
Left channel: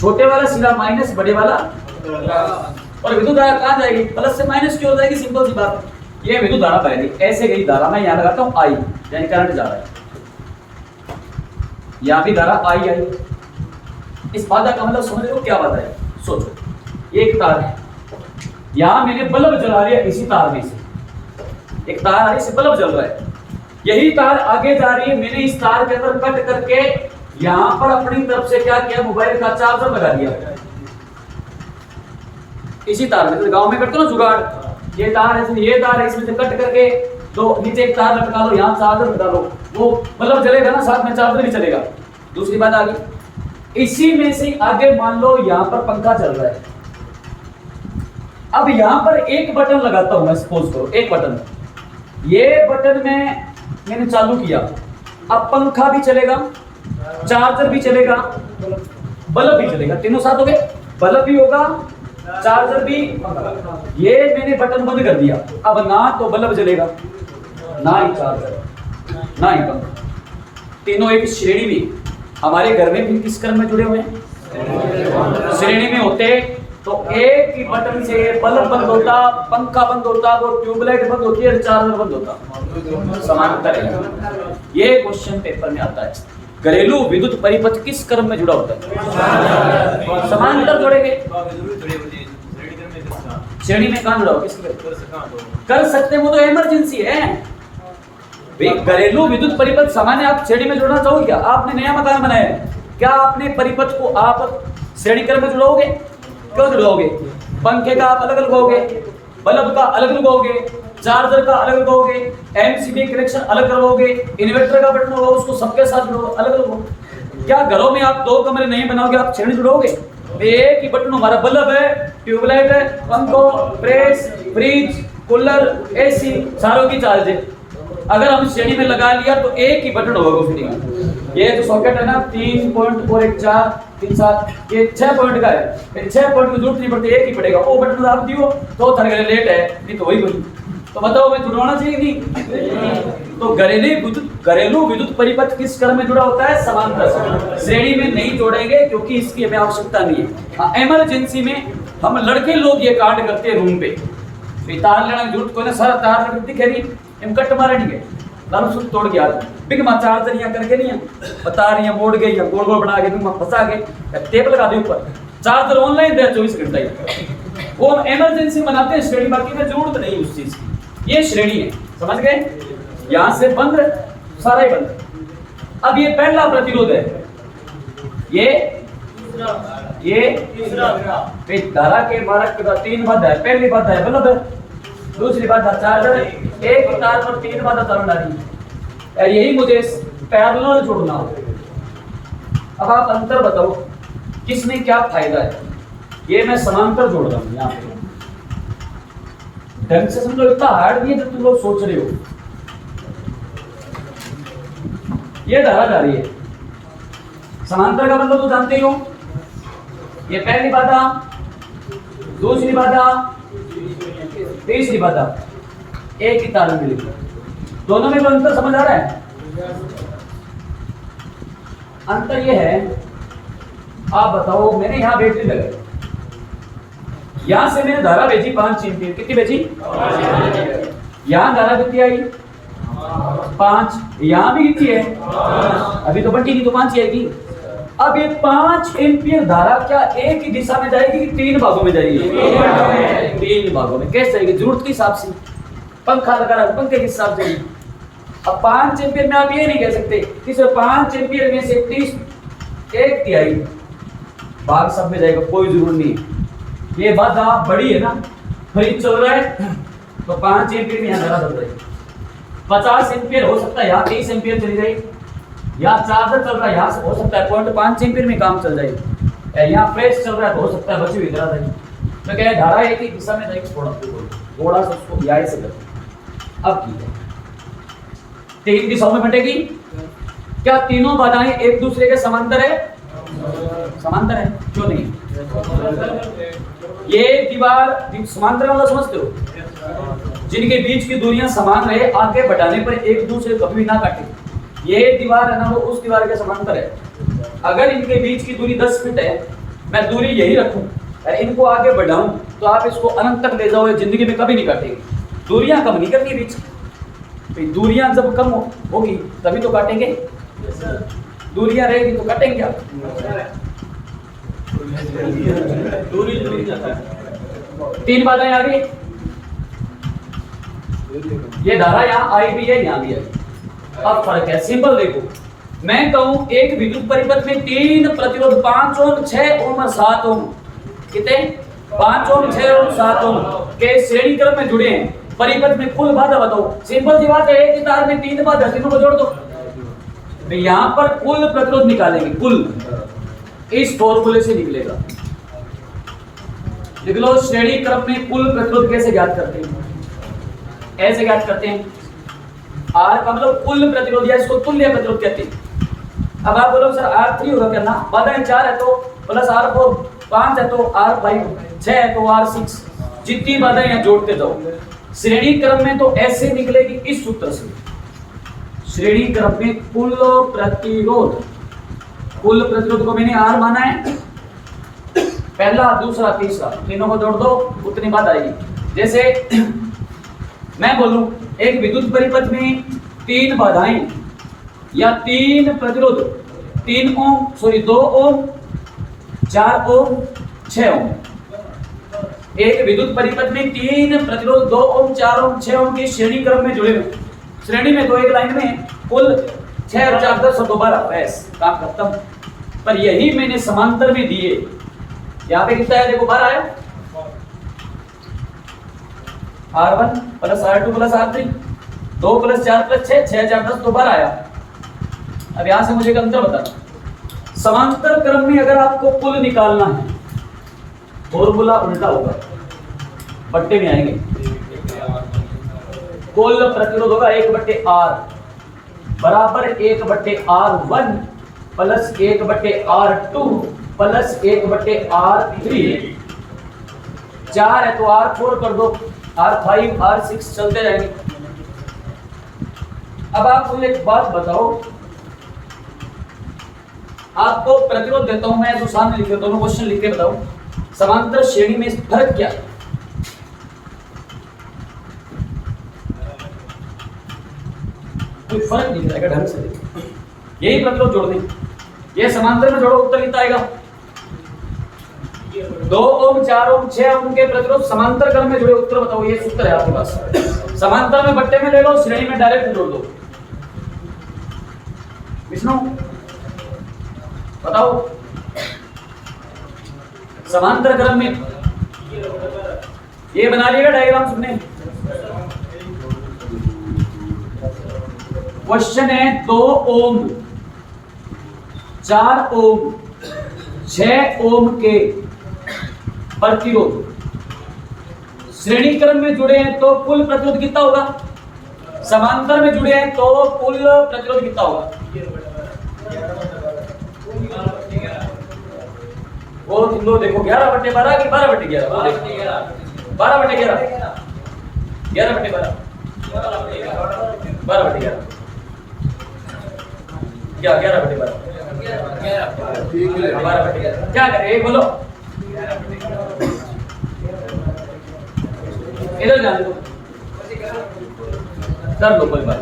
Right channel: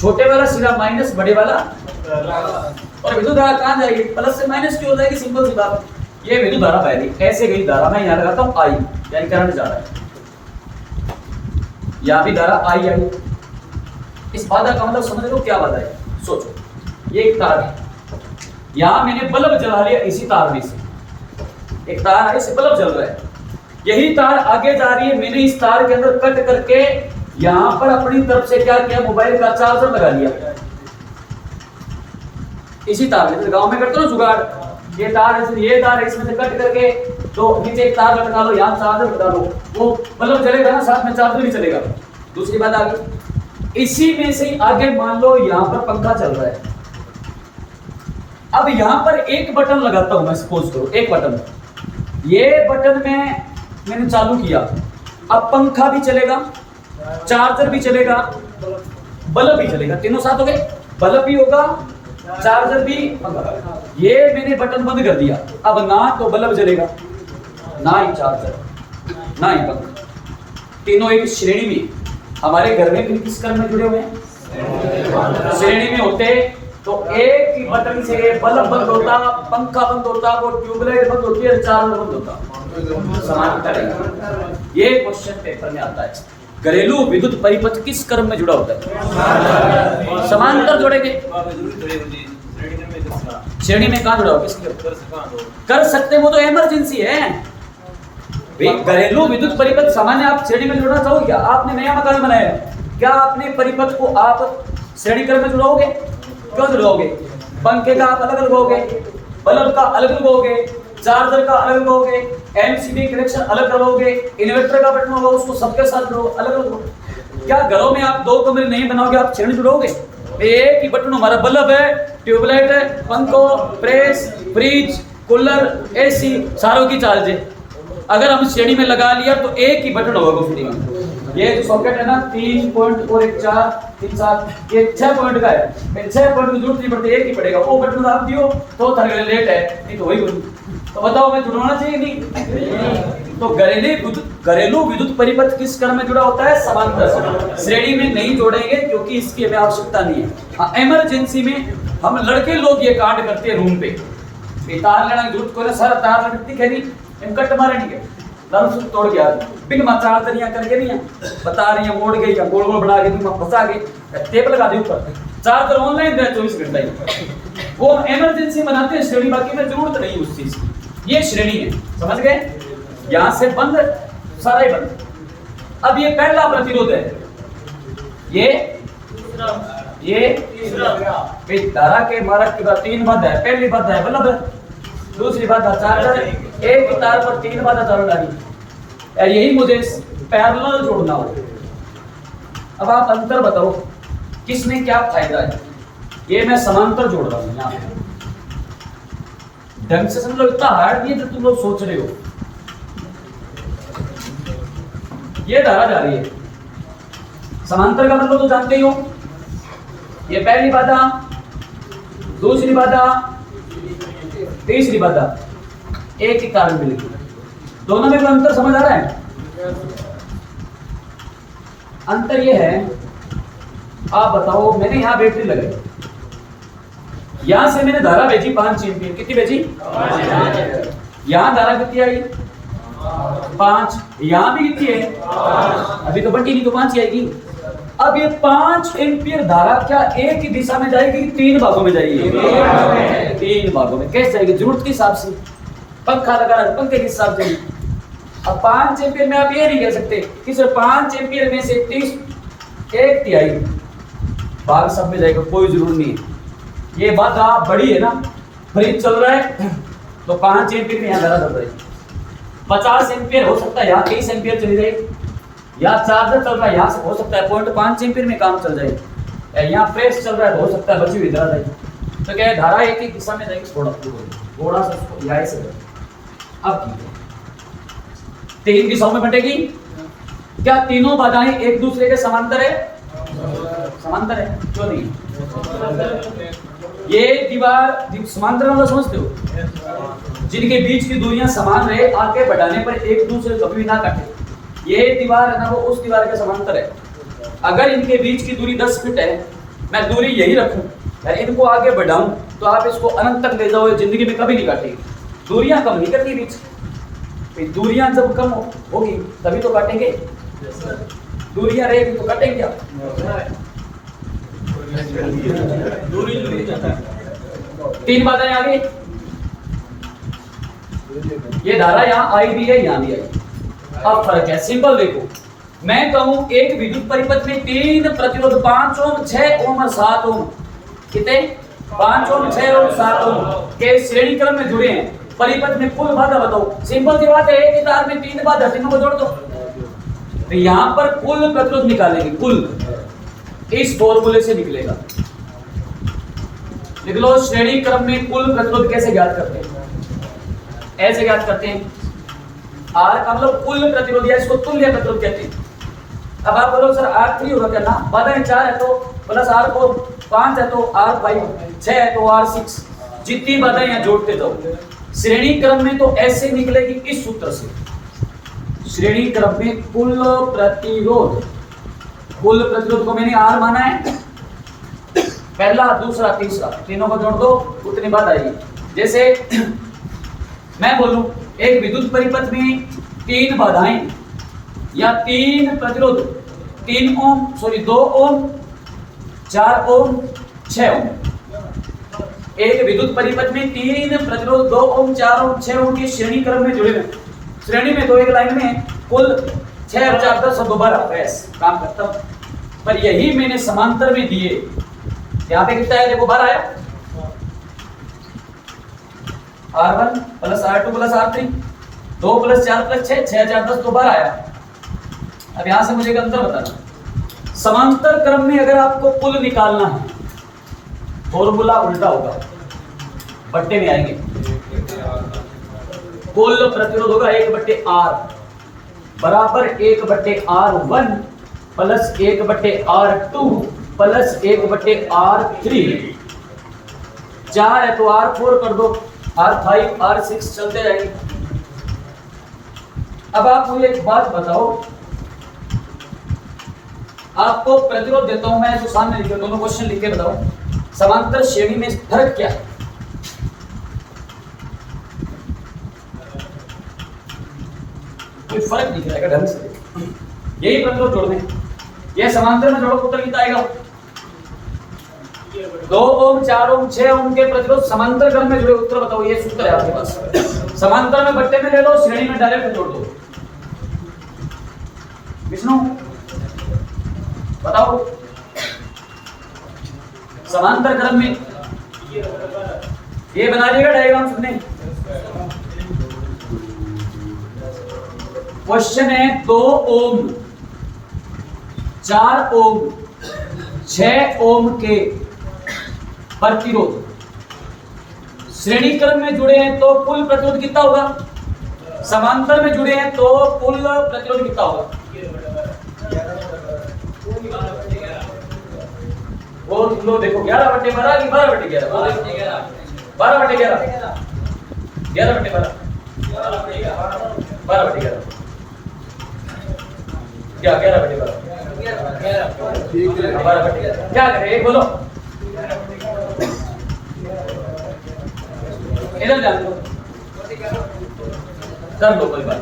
छोटे वाला सिरा माइनस, बड़े वाला, और विद्युत धारा कहां जाएगी, प्लस से माइनस क्यों हो जाएगी, सिंपल सी बात है। ये विद्युत धारा बहेगी, ऐसे गई धारा, मैं यहां लगाता हूं आई, यानी करंट जा रहा है, यहां भी धारा आई आई। इस बाधा का मतलब समझ लो क्या बाधा है, सोचो। ये एक तार है, यहां मैंने बल्ब जला लिया, इसी तार में से एक तार है, इसे बल्ब जल रहा है, यही तार आगे जा रही है, मैंने इस तार के अंदर कट करके यहां पर अपनी तरफ से क्या किया, मोबाइल का चार्जर लगा दिया इसी तार में। तो गांव में करते हो जुगाड़, ये तार है, ये तार है, इसमें से कट करके तो नीचे एक तार लटका लो, यहां चार्जर लगा लो, वो बल्ब जलेगा ना, साथ में चार्जर भी चलेगा। दूसरी बात आगे, इसी में से आगे मान लो यहां पर पंखा चल रहा है, अब यहां पर एक बटन लगाता हूं मैं, सपोज करो एक बटन, ये बटन में मैंने चालू किया, अब पंखा भी चलेगा, चार्जर भी चलेगा, बल्ब भी चलेगा, तीनों साथ हो गए, बल्ब भी होगा, चार्जर भी, पंखा। ये मैंने बटन बंद कर दिया, अब ना तो बल्ब जलेगा, ना ही चार्जर, ना ही पंखा, तीनों एक श्रेणी में। हमारे घर में भी किस क्रम में जुड़े हुए हैं, श्रेणी में होते। तो एक ही बटन से बल्ब बंद होता, पंखा बंद होता, वो ट्यूबलाइट बंद होती है, चार्जर बंद होता। समांतर है, ये क्वेश्चन पेपर में आता है। घरेलू विद्युत परिपथ किस क्रम में जुड़ा होता है, समांतर जुड़ेंगे। श्रेणी में कहां जुड़ा हो, किसके कर सकते हैं, वो तो इमरजेंसी है। घरेलू विद्युत परिपथ सामान्य आप श्रेणी में जुड़ना चाहोगे क्या, आपने नया मकान बनाया, क्या अपने परिपथ को आप श्रेणी क्रम में जुड़ाओगे, क्यों जुड़ाओगे, पंखे का आप अलग लगाओगे, बल्ब का अलग लगाओगे, चार्जर का अलग लगाओगे, एमसीबी कनेक्शन अलग लगाओगे, इन्वर्टर का बटन होगा उसको सबके साथ जुड़ोगे, अलग लगाओगे। क्या घरों में आप 2 कमरे नहीं बनाओगे, आप श्रेणी जुड़ोगे, एक ही बटन, हमारा बल्ब है, ट्यूबलाइट है, पंखो, प्रेस, फ्रिज, कूलर, एसी, सारों की चार्ज है। अगर हम श्रेणी में लगा लिया तो एक ही बटन होगा फ्री में। ये जो सॉकेट है ना 3 पॉइंट और 1 4 3 7, ये 6 पॉइंट का है, 6 पॉइंट की जरूरत नहीं पड़ती, एक ही पड़ेगा, वो बटन आप दियो तो थोड़ा लेट है, नहीं तो वही बटन। तो बताओ मैं जुड़वाना चाहिए नहीं। तो घरेलू विद्युत परिपथ किस क्रम में जुड़ा होता है, समांतर से। श्रेणी में नहीं जोड़ेंगे क्योंकि इसकी हमें आवश्यकता नहीं है। इमरजेंसी में हम लड़के लोग ये कांड करते हैं रूम पे, तार लेना जरूरत को ना, सारा तार दिखे नहीं, इन कट मारे नहीं है, दारू सूत्र तोड़ गया, बिग मा चार्जर यहाँ करके नहीं है, बता रही है मोड़ गई या गोल गोल बना के तुम फंसा के टेप लगा दे ऊपर, चार्जर ऑनलाइन दे 24 घंटा ही, वो हम इमरजेंसी बनाते हैं श्रेणी, बाकी में जरूरत नहीं उस चीज की। ये श्रेणी है, समझ गए, यहां से बंद, सारा ही बंद। अब ये पहला प्रतिरोध है, ये धारा के मारक के बाद 3 बाधा है, पहली बाधा है बल्ब है, दूसरी बाधा चार्जर, एक तार पर 3 बाधा चालू डाली, यही मुझे पैरेलल जोड़ना हो। अब आप अंतर बताओ किसमें क्या फायदा है, ये मैं समांतर जोड़ रहा हूं यहाँ पे, ढंग से समझो, इतना हार्ड नहीं है जो तुम लोग सोच रहे हो। ये धारा जा रही है, समांतर का मतलब तो जानते ही हो, ये पहली बाधा, दूसरी बाधा, तीसरी बाधा, एक ही तार में मिलेगी, दोनों में अंतर समझ आ रहा है। अंतर ये है, आप बताओ, मैंने यहां बैटरी लगाई, यहां से मैंने धारा भेजी 5 एम्पीयर, कितनी भेजी? यहां धारा कितनी आई? 5। यहां भी कितनी है? अभी तो बंटी नहीं, तो 5 ही आएगी। अब ये 5 एम्पीयर धारा क्या एक ही दिशा में जाएगी कि 3 भागों में जाएगी? 3 भागों में। कैसे जाएगी? जरूरत के हिसाब से। पंखा लगा रहा है, पंखे के हिसाब से। अब 5 एम्पीयर में आप ये नहीं कह सकते कि सिर्फ 5 एम्पीयर में से 1/3 भाग सब में जाएगा, कोई जरूरत नहीं है। ये बाधा बड़ी है ना, फ्रिज चल रहा है तो 5 एम्पीयर में यहाँ धारा चल जाएगी। 50 एम्पीयर हो सकता है यहाँ 23 एम्पीयर चली जाएगी। यहाँ चार्जर चल रहा है, यहाँ से हो सकता है 0.5 एम्पीयर में काम चल जाएगी। यहाँ प्रेस चल रहा है तो हो सकता है बची हुई धारा जाएगी। तो क्या है, धारा एक ही दिशा में जाएगी। थोड़ा सा उसको यहाँ से कर। अब ठीक है, 3 दिशाओं में बंटेगी। क्या तीनों बाधाएं एक दूसरे के समांतर है? समांतर है, क्यों नहीं? ये दीवार समांतर वाला समझते हो? जिनके बीच की दूरियां समान रहे, आगे बढ़ाने पर एक दूसरे कभी ना काटे। ये दीवार है ना, वो उस दीवार के समांतर है। अगर इनके बीच की दूरी 10 फीट है, मैं दूरी यही रखूं और इनको आगे बढ़ाऊं, तो आप इसको अनंत तक ले जाओ, जिंदगी में कभी नहीं काटेगी। दूरियां कम नहीं करती बीच, दूरियां जब कम होगी तभी तो काटेंगे। दूरियां रहेगी तो काटेंगे क्या? दूरी 3 बाधाएं आ गई। ये धारा यहाँ आई भी है, यहाँ भी आई। अब फर्क है, सिंपल देखो। मैं कहूं एक विद्युत परिपथ में 3 प्रतिरोध 5 ओम, 6 ओम और 7 ओम, कितने? 5 ओम, 6 ओम, 7 ओम के श्रेणी क्रम में जुड़े हैं। परिपथ में कुल बाधा बताओ। सिंपल सी बात है, एक ही तार में 3 बाधा, तीनों को जोड़ दो। तो यहां पर कुल प्रतिरोध निकालेंगे, कुल इस फॉर्मूले से निकलेगा। लिख लो, श्रेणी क्रम में कुल प्रतिरोध कैसे ज्ञात करते हैं? ऐसे ज्ञात करते हैं, आर का मतलब कुल प्रतिरोध, या इसको तुल्य प्रतिरोध कहते हैं। अब आप बोलो सर R3 होगा क्या? ना, बाधाएं 4 है तो प्लस R4, 5 है तो R5, 6 है तो R6, जितनी बाधाएं हैं जोड़ते जाओ। श्रेणी क्रम में तो ऐसे निकलेगी इस सूत्र से। श्रेणी क्रम में कुल प्रतिरोध को मैंने R माना है, पहला, दूसरा, तीसरा, तीनों को जोड़ दो, उतनी बात आएगी। जैसे मैं बोलूं एक विद्युत परिपथ में 3 बाधाएं या 3 प्रतिरोध, 2 ओम, 4 ओम, 6 ओम। एक विद्युत परिपथ में 3 प्रतिरोध 2 ओम, 4 ओम, 6 ओम की श्रेणी क्रम में जुड़े हुए। श्रेणी में तो एक लाइन में कुल 6 और 4 10 और 12, बस काम खत्म। पर यही मैंने समांतर में दिए। यहाँ पे कितना है देखो, 12 आया, R1 plus R2 plus R3, 2 plus 4 plus 6, 6 4 10 तो 12 आया। अब यहां से मुझे एक अंतर बताना। समांतर क्रम में अगर आपको कुल निकालना है, फॉर्मूला उल्टा होगा, बट्टे में आएंगे। कुल प्रतिरोध होगा 1/R बराबर 1/R1 plus 1/R2 plus 1/R3। 4 है तो R4 कर दो, R5, R6 चलते जाएंगे। अब आप मुझे एक बात बताओ, आपको प्रतिरोध देता हूं मैं, जो सामने लिखे दोनों क्वेश्चन लिख के बताओ, समांतर श्रेणी में फर्क क्या है? कोई फर्क दिख रहा है ढंग से? यही प्रतिरोध जोड़ दें, ये समांतर में जोड़ो, उत्तर कितना आएगा? 2 ओम, 4 ओम, 6 ओम के प्रतिरोध समांतर क्रम में जुड़े, उत्तर बताओ। ये सूत्र है आपके पास। समांतर में बट्टे में ले लो, श्रेणी में डायरेक्ट जोड़ दो। विष्णु बताओ, समांतर क्रम में ये बना लिएगा डायग्राम सबने। क्वेश्चन है 2 ओम, 4 ओम, 6 ओम के प्रतिरोध श्रेणी क्रम में जुड़े हैं तो कुल प्रतिरोध कितना होगा? समांतर में जुड़े हैं तो कुल प्रतिरोध कितना होगा? वो तुम लोग देखो 11/12 की 12/11, 12/11, 11/12, 12/11 क्या 11/12 क्या करें बोलो? इधर जाने दो, कर दो कोई बात।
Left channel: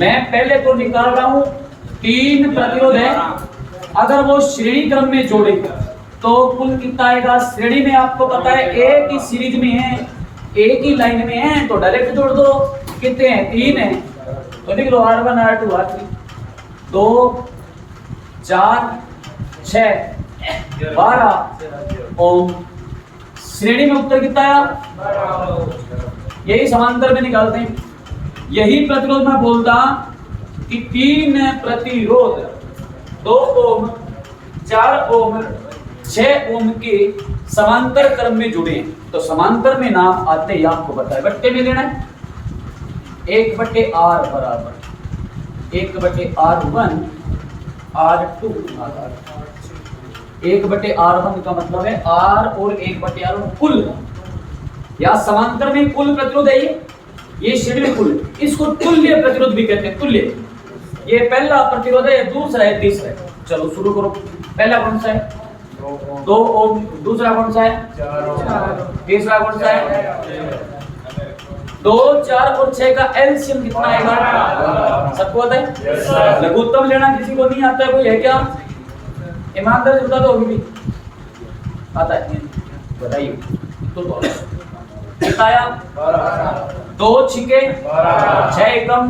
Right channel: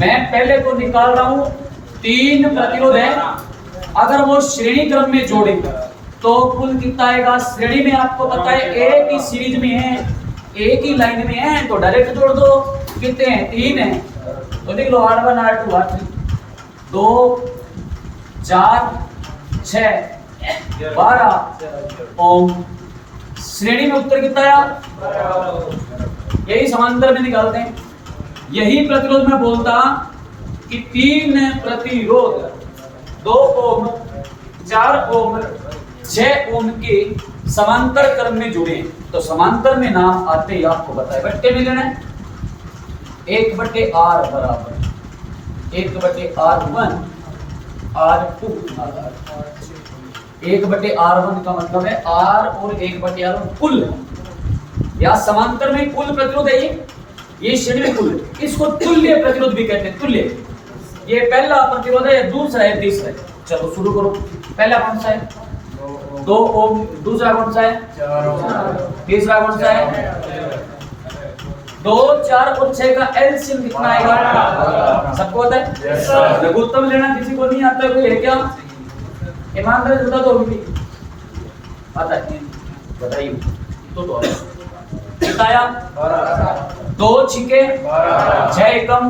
मैं पहले को निकाल रहा हूं, 3 प्रतिरोध है, अगर वो श्रेणी क्रम में जोड़े तो कुल कितना आएगा? श्रेणी में आपको पता है एक ही सीरीज में है, एक ही लाइन में है, तो डायरेक्ट जोड़ दो। कितने हैं? 3 है, तो लिख लो R1 R2 R3, 2 4 6 12 ओम। श्रेणी में उत्तर कितना आया? यही समांतर में निकालते हैं। यही प्रतिरोध में बोलता कि 3 प्रतिरोध 2 ओम 4 ओम 6 ओम के समांतर क्रम में जुड़े हैं, तो समांतर में नाम आते ही आपको बताए बट्टे में लेना है। 1/R बराबर 1/R1 R2, 1/R1 का मतलब है R और 1/R1 कुल, या समांतर में कुल प्रतिरोध है ये श्रेणी में कुल, इसको तुल्य प्रतिरोध भी कहते हैं। तुल्य, ये पहला प्रतिरोध है, दूसरा है, तीसरा है। चलो शुरू करो। पहला कौन सा है? 2 ओम। दूसरा कौन सा है? 4। तीसरा कौन सा है? 2 4 और 6 का एलसीएम कितना आएगा? सबको आता है? लघुत्तम लेना किसी को नहीं आता है? कोई है क्या? ईमानदार जुटा तो होगी, आता है? बताइए। तो किताया 2 छिके 6 एकम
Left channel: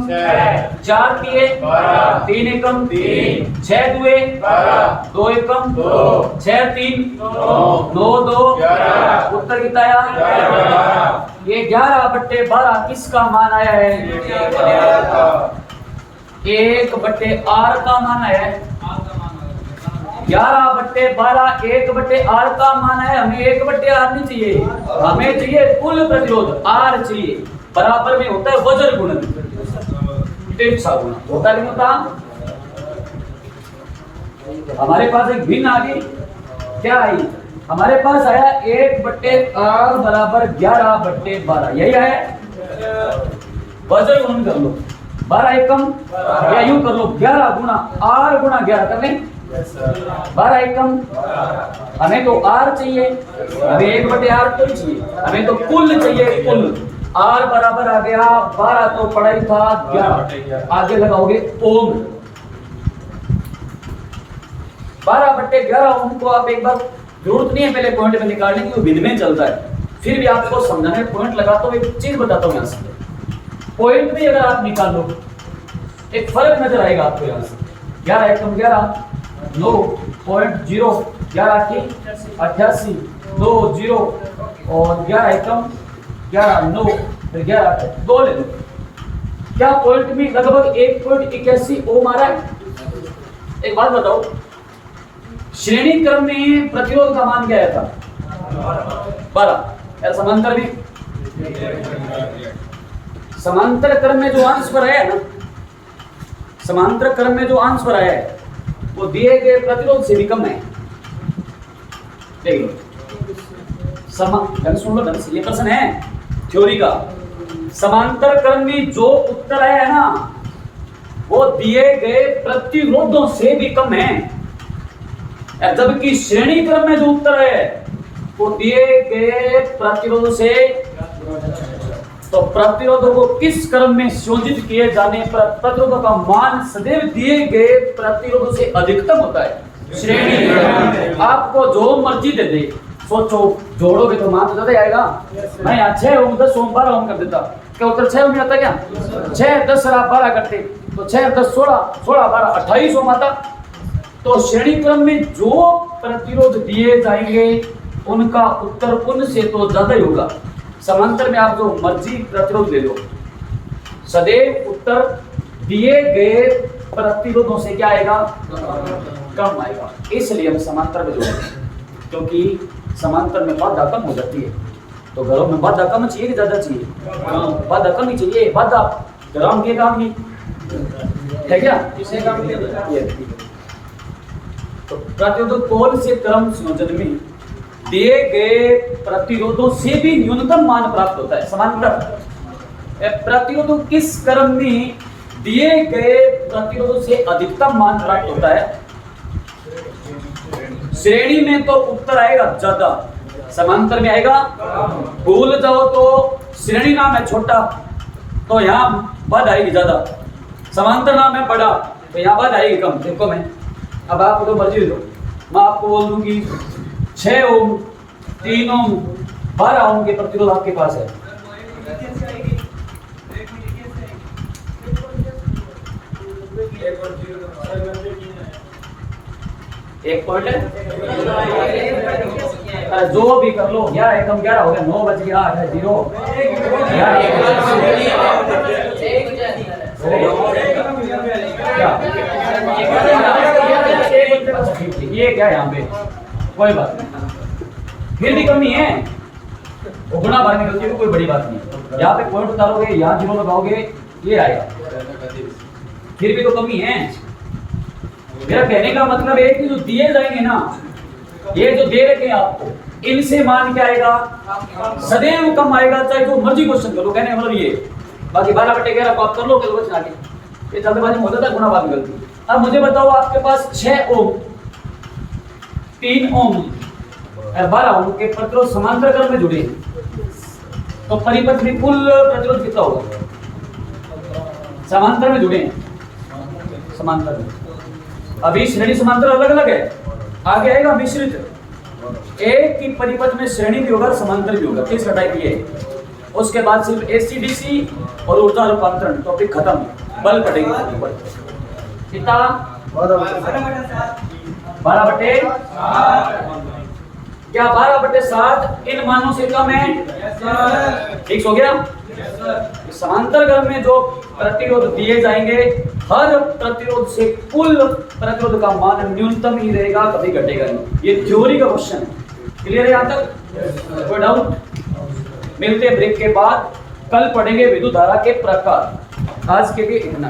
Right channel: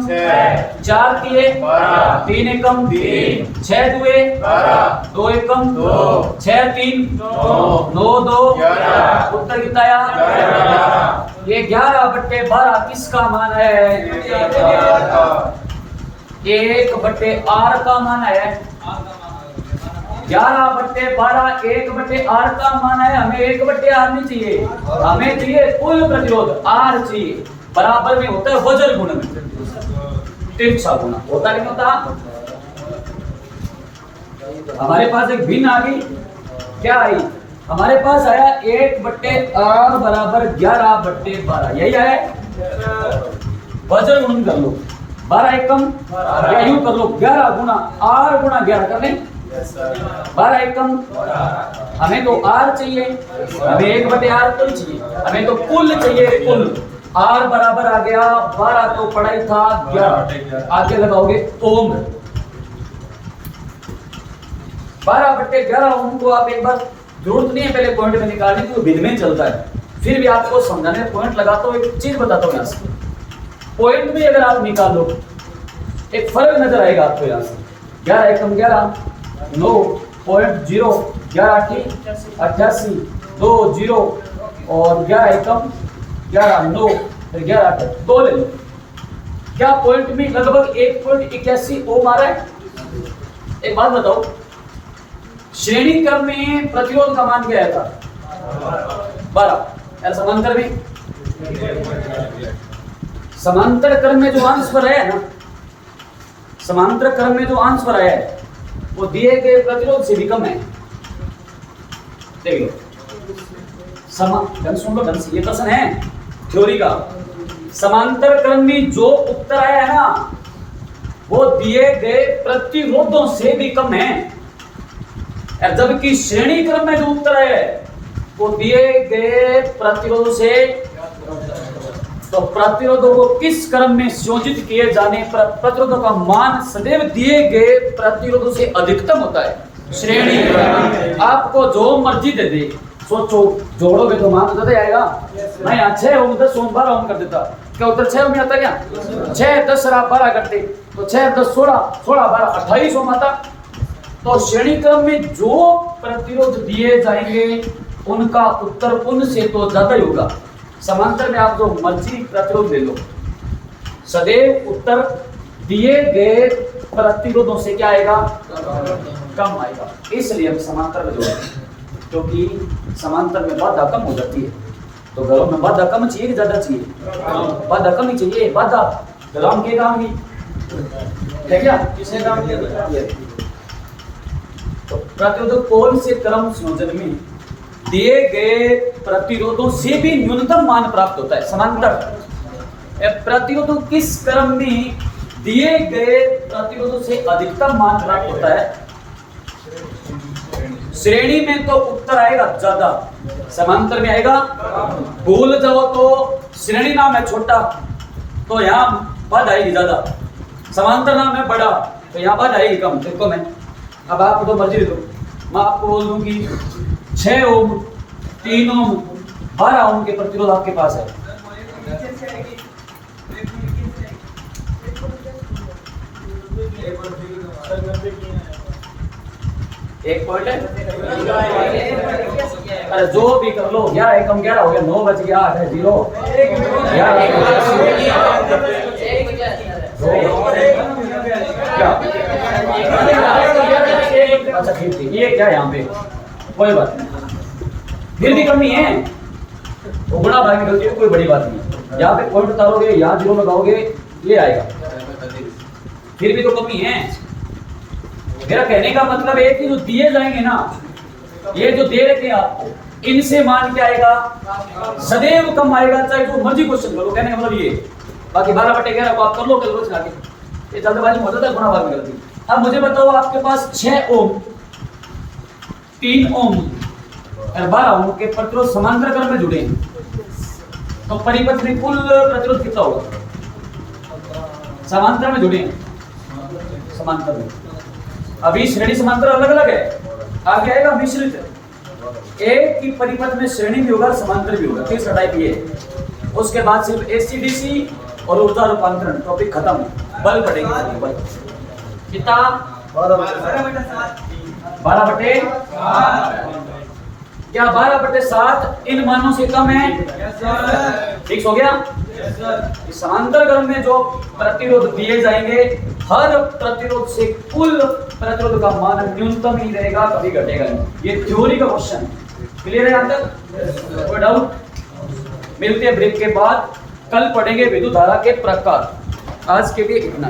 4 तिये 3 एकम 6 दुए 2 एकम 6 3 9 2 उत्तर किताया ये 11/12 किसका मान आया है? 1/R का मान आया है। 11/12 1/R का मान है। हमें 1/R नहीं चाहिए, हमें चाहिए कुल प्रतिरोध R चाहिए। बराबर में होता है वज्र गुणन, तिरछा गुणा होता नहीं होता? हमारे पास एक भिन्न आ गई, क्या आई? हमारे पास आया 1/R बराबर 11/12, यही आया। वज्र गुणन कर लो, 12 एकम, या यूं कर लो 11 गुणा R गुणा 11 कर लें। 12 एकम, हमें तो R चाहिए, हमें 1/R कुल चाहिए, हमें तो कुल चाहिए कुल। R बराबर आ गया 12, तो पढ़ाई था 11, आगे लगाओगे ओम। 12/11 ओम को आप एक बार, जरूरत नहीं है पहले पॉइंट में निकालने की, वो विध में चलता है, फिर भी आपको समझाने पॉइंट लगाता हूं। एक चीज बताता हूं, यहाँ से पॉइंट में अगर आप निकाल लो एक फर्क नजर आएगा आपको। यहाँ से 11 एकम 11 9.0 11 88 2 0 और 11 एकम 11 9 फिर 11 2 ले लो। क्या पॉइंट में लगभग 1.81 ओम आ रहा है? एक बात बताओ, श्रेणी क्रम में प्रतिरोध का मान क्या था? 12। समांतर में, समांतर क्रम में जो अंश पर है ना, समांतर क्रम में जो अंश पर आया है वो दिए गए प्रतिरोध से भी कम है। देख लो, सुन लो ढंग से, ये प्रश्न है थ्योरी का। समांतर क्रम में जो उत्तर आया है ना वो दिए गए प्रतिरोधों से भी कम है, जबकि श्रेणी क्रम में जो उत्तर है वो दिए गए प्रतिरोधों से। तो प्रतिरोधों को किस क्रम में संयोजित किए जाने पर प्रतिरोधों का मान सदैव दिए गए प्रतिरोधों से अधिकतम होता है? श्रेणी। आपको जो मर्जी दे दे, सोचो जोड़ोगे तो मान ज्यादा आएगा। मैं यहाँ 6 ओम 10 ओम 12 ओम कर देता, क्या उत्तर 6 ओम में आता? क्या 6 10 आप 12 करते तो 6 10 16 16 12 28 ओम आता। तो श्रेणी क्रम में जो प्रतिरोध दिए जाएंगे उनका उत्तर उनसे तो ज्यादा ही होगा। समांतर में आप जो मर्जी प्रतिरोध ले लो, सदैव उत्तर दिए गए प्रतिरोधों से क्या आएगा? कम आएगा। इसलिए हम समांतर में जोड़ते हैं, क्योंकि समांतर में बाधा कम हो जाती है। तो घरों में बाधा कम चाहिए कि ज्यादा चाहिए? बाधा कम ही चाहिए। बाधा ग्राम के काम नहीं है क्या? तो प्रतिरोध कौन से क्रम संयोजन में दिए गए प्रतिरोधों से भी न्यूनतम मान प्राप्त होता है? समांतर प्रतिरोधों किस क्रम में दिए गए प्रतिरोधों से अधिकतम मान प्राप्त होता है? श्रेणी में तो उत्तर आएगा ज्यादा, समांतर में आएगा। भूल जाओ तो श्रेणी नाम है छोटा, तो यहाँ बद आएगी ज्यादा। समांतर नाम है बड़ा, तो यहाँ बद आएगी कम। देखो मैं अब आपको तो मर्जी दो, मैं आपको बोल दूं कि 6 ओम 3 ओम 12 ओम के प्रतिरोध आपके पास है। एक पॉइंट है, अरे जो भी कर लो, 11 एकम 11 हो गया, 9 बज गया, 8 है 0, 11 अच्छा ठीक है, ये क्या है यहाँ पे, कोई बात नहीं, फिर भी कमी है, गुणा भाग निकलती है, कोई बड़ी बात नहीं। यहाँ पे पॉइंट उतारोगे, यहाँ 0 लगाओगे, ये आएगा, फिर भी तो कमी है। मेरा कहने का मतलब है कि जो दिए जाएंगे ना, ये जो दे रखे हैं आपको, इनसे मान क्या आएगा, सदैव कम आएगा, चाहे जो मर्जी क्वेश्चन करो। कहने का मतलब ये, बाकी 12/11 को आप कर लो कैलकुलेशन आके, ये जल्दबाजी में हो जाता है, गुणा भाग निकलती है। अब मुझे बताओ, आपके पास 6 ओम 3 ओम और 12 ओम के प्रतिरोध समांतर क्रम में जुड़े हैं, तो परिपथ में कुल प्रतिरोध कितना होगा? समांतर में जुड़े हैं, समांतर में। अभी श्रेणी समांतर अलग अलग है, आगे आएगा मिश्रित, एक ही परिपथ में श्रेणी भी होगा, समांतर भी होगा। तीसरा टाइप ये है। उसके बाद सिर्फ एसी-डीसी और ऊर्जा रूपांतरण, टॉपिक खत्म। बल पड़ेगी, बल कितना? 12/7। क्या 12/7 इन मानों से कम है? ठीक हो गया। समांतर क्रम में जो प्रतिरोध दिए जाएंगे, हर प्रतिरोध से कुल प्रतिरोध का मान न्यूनतम ही रहेगा, कभी घटेगा नहीं। ये थ्योरी का क्वेश्चन है। क्लियर है यहाँ तक? कोई डाउट? मिलते हैं ब्रेक के बाद, कल पढ़ेंगे विद्युत धारा के प्रकार। आज के लिए इतना।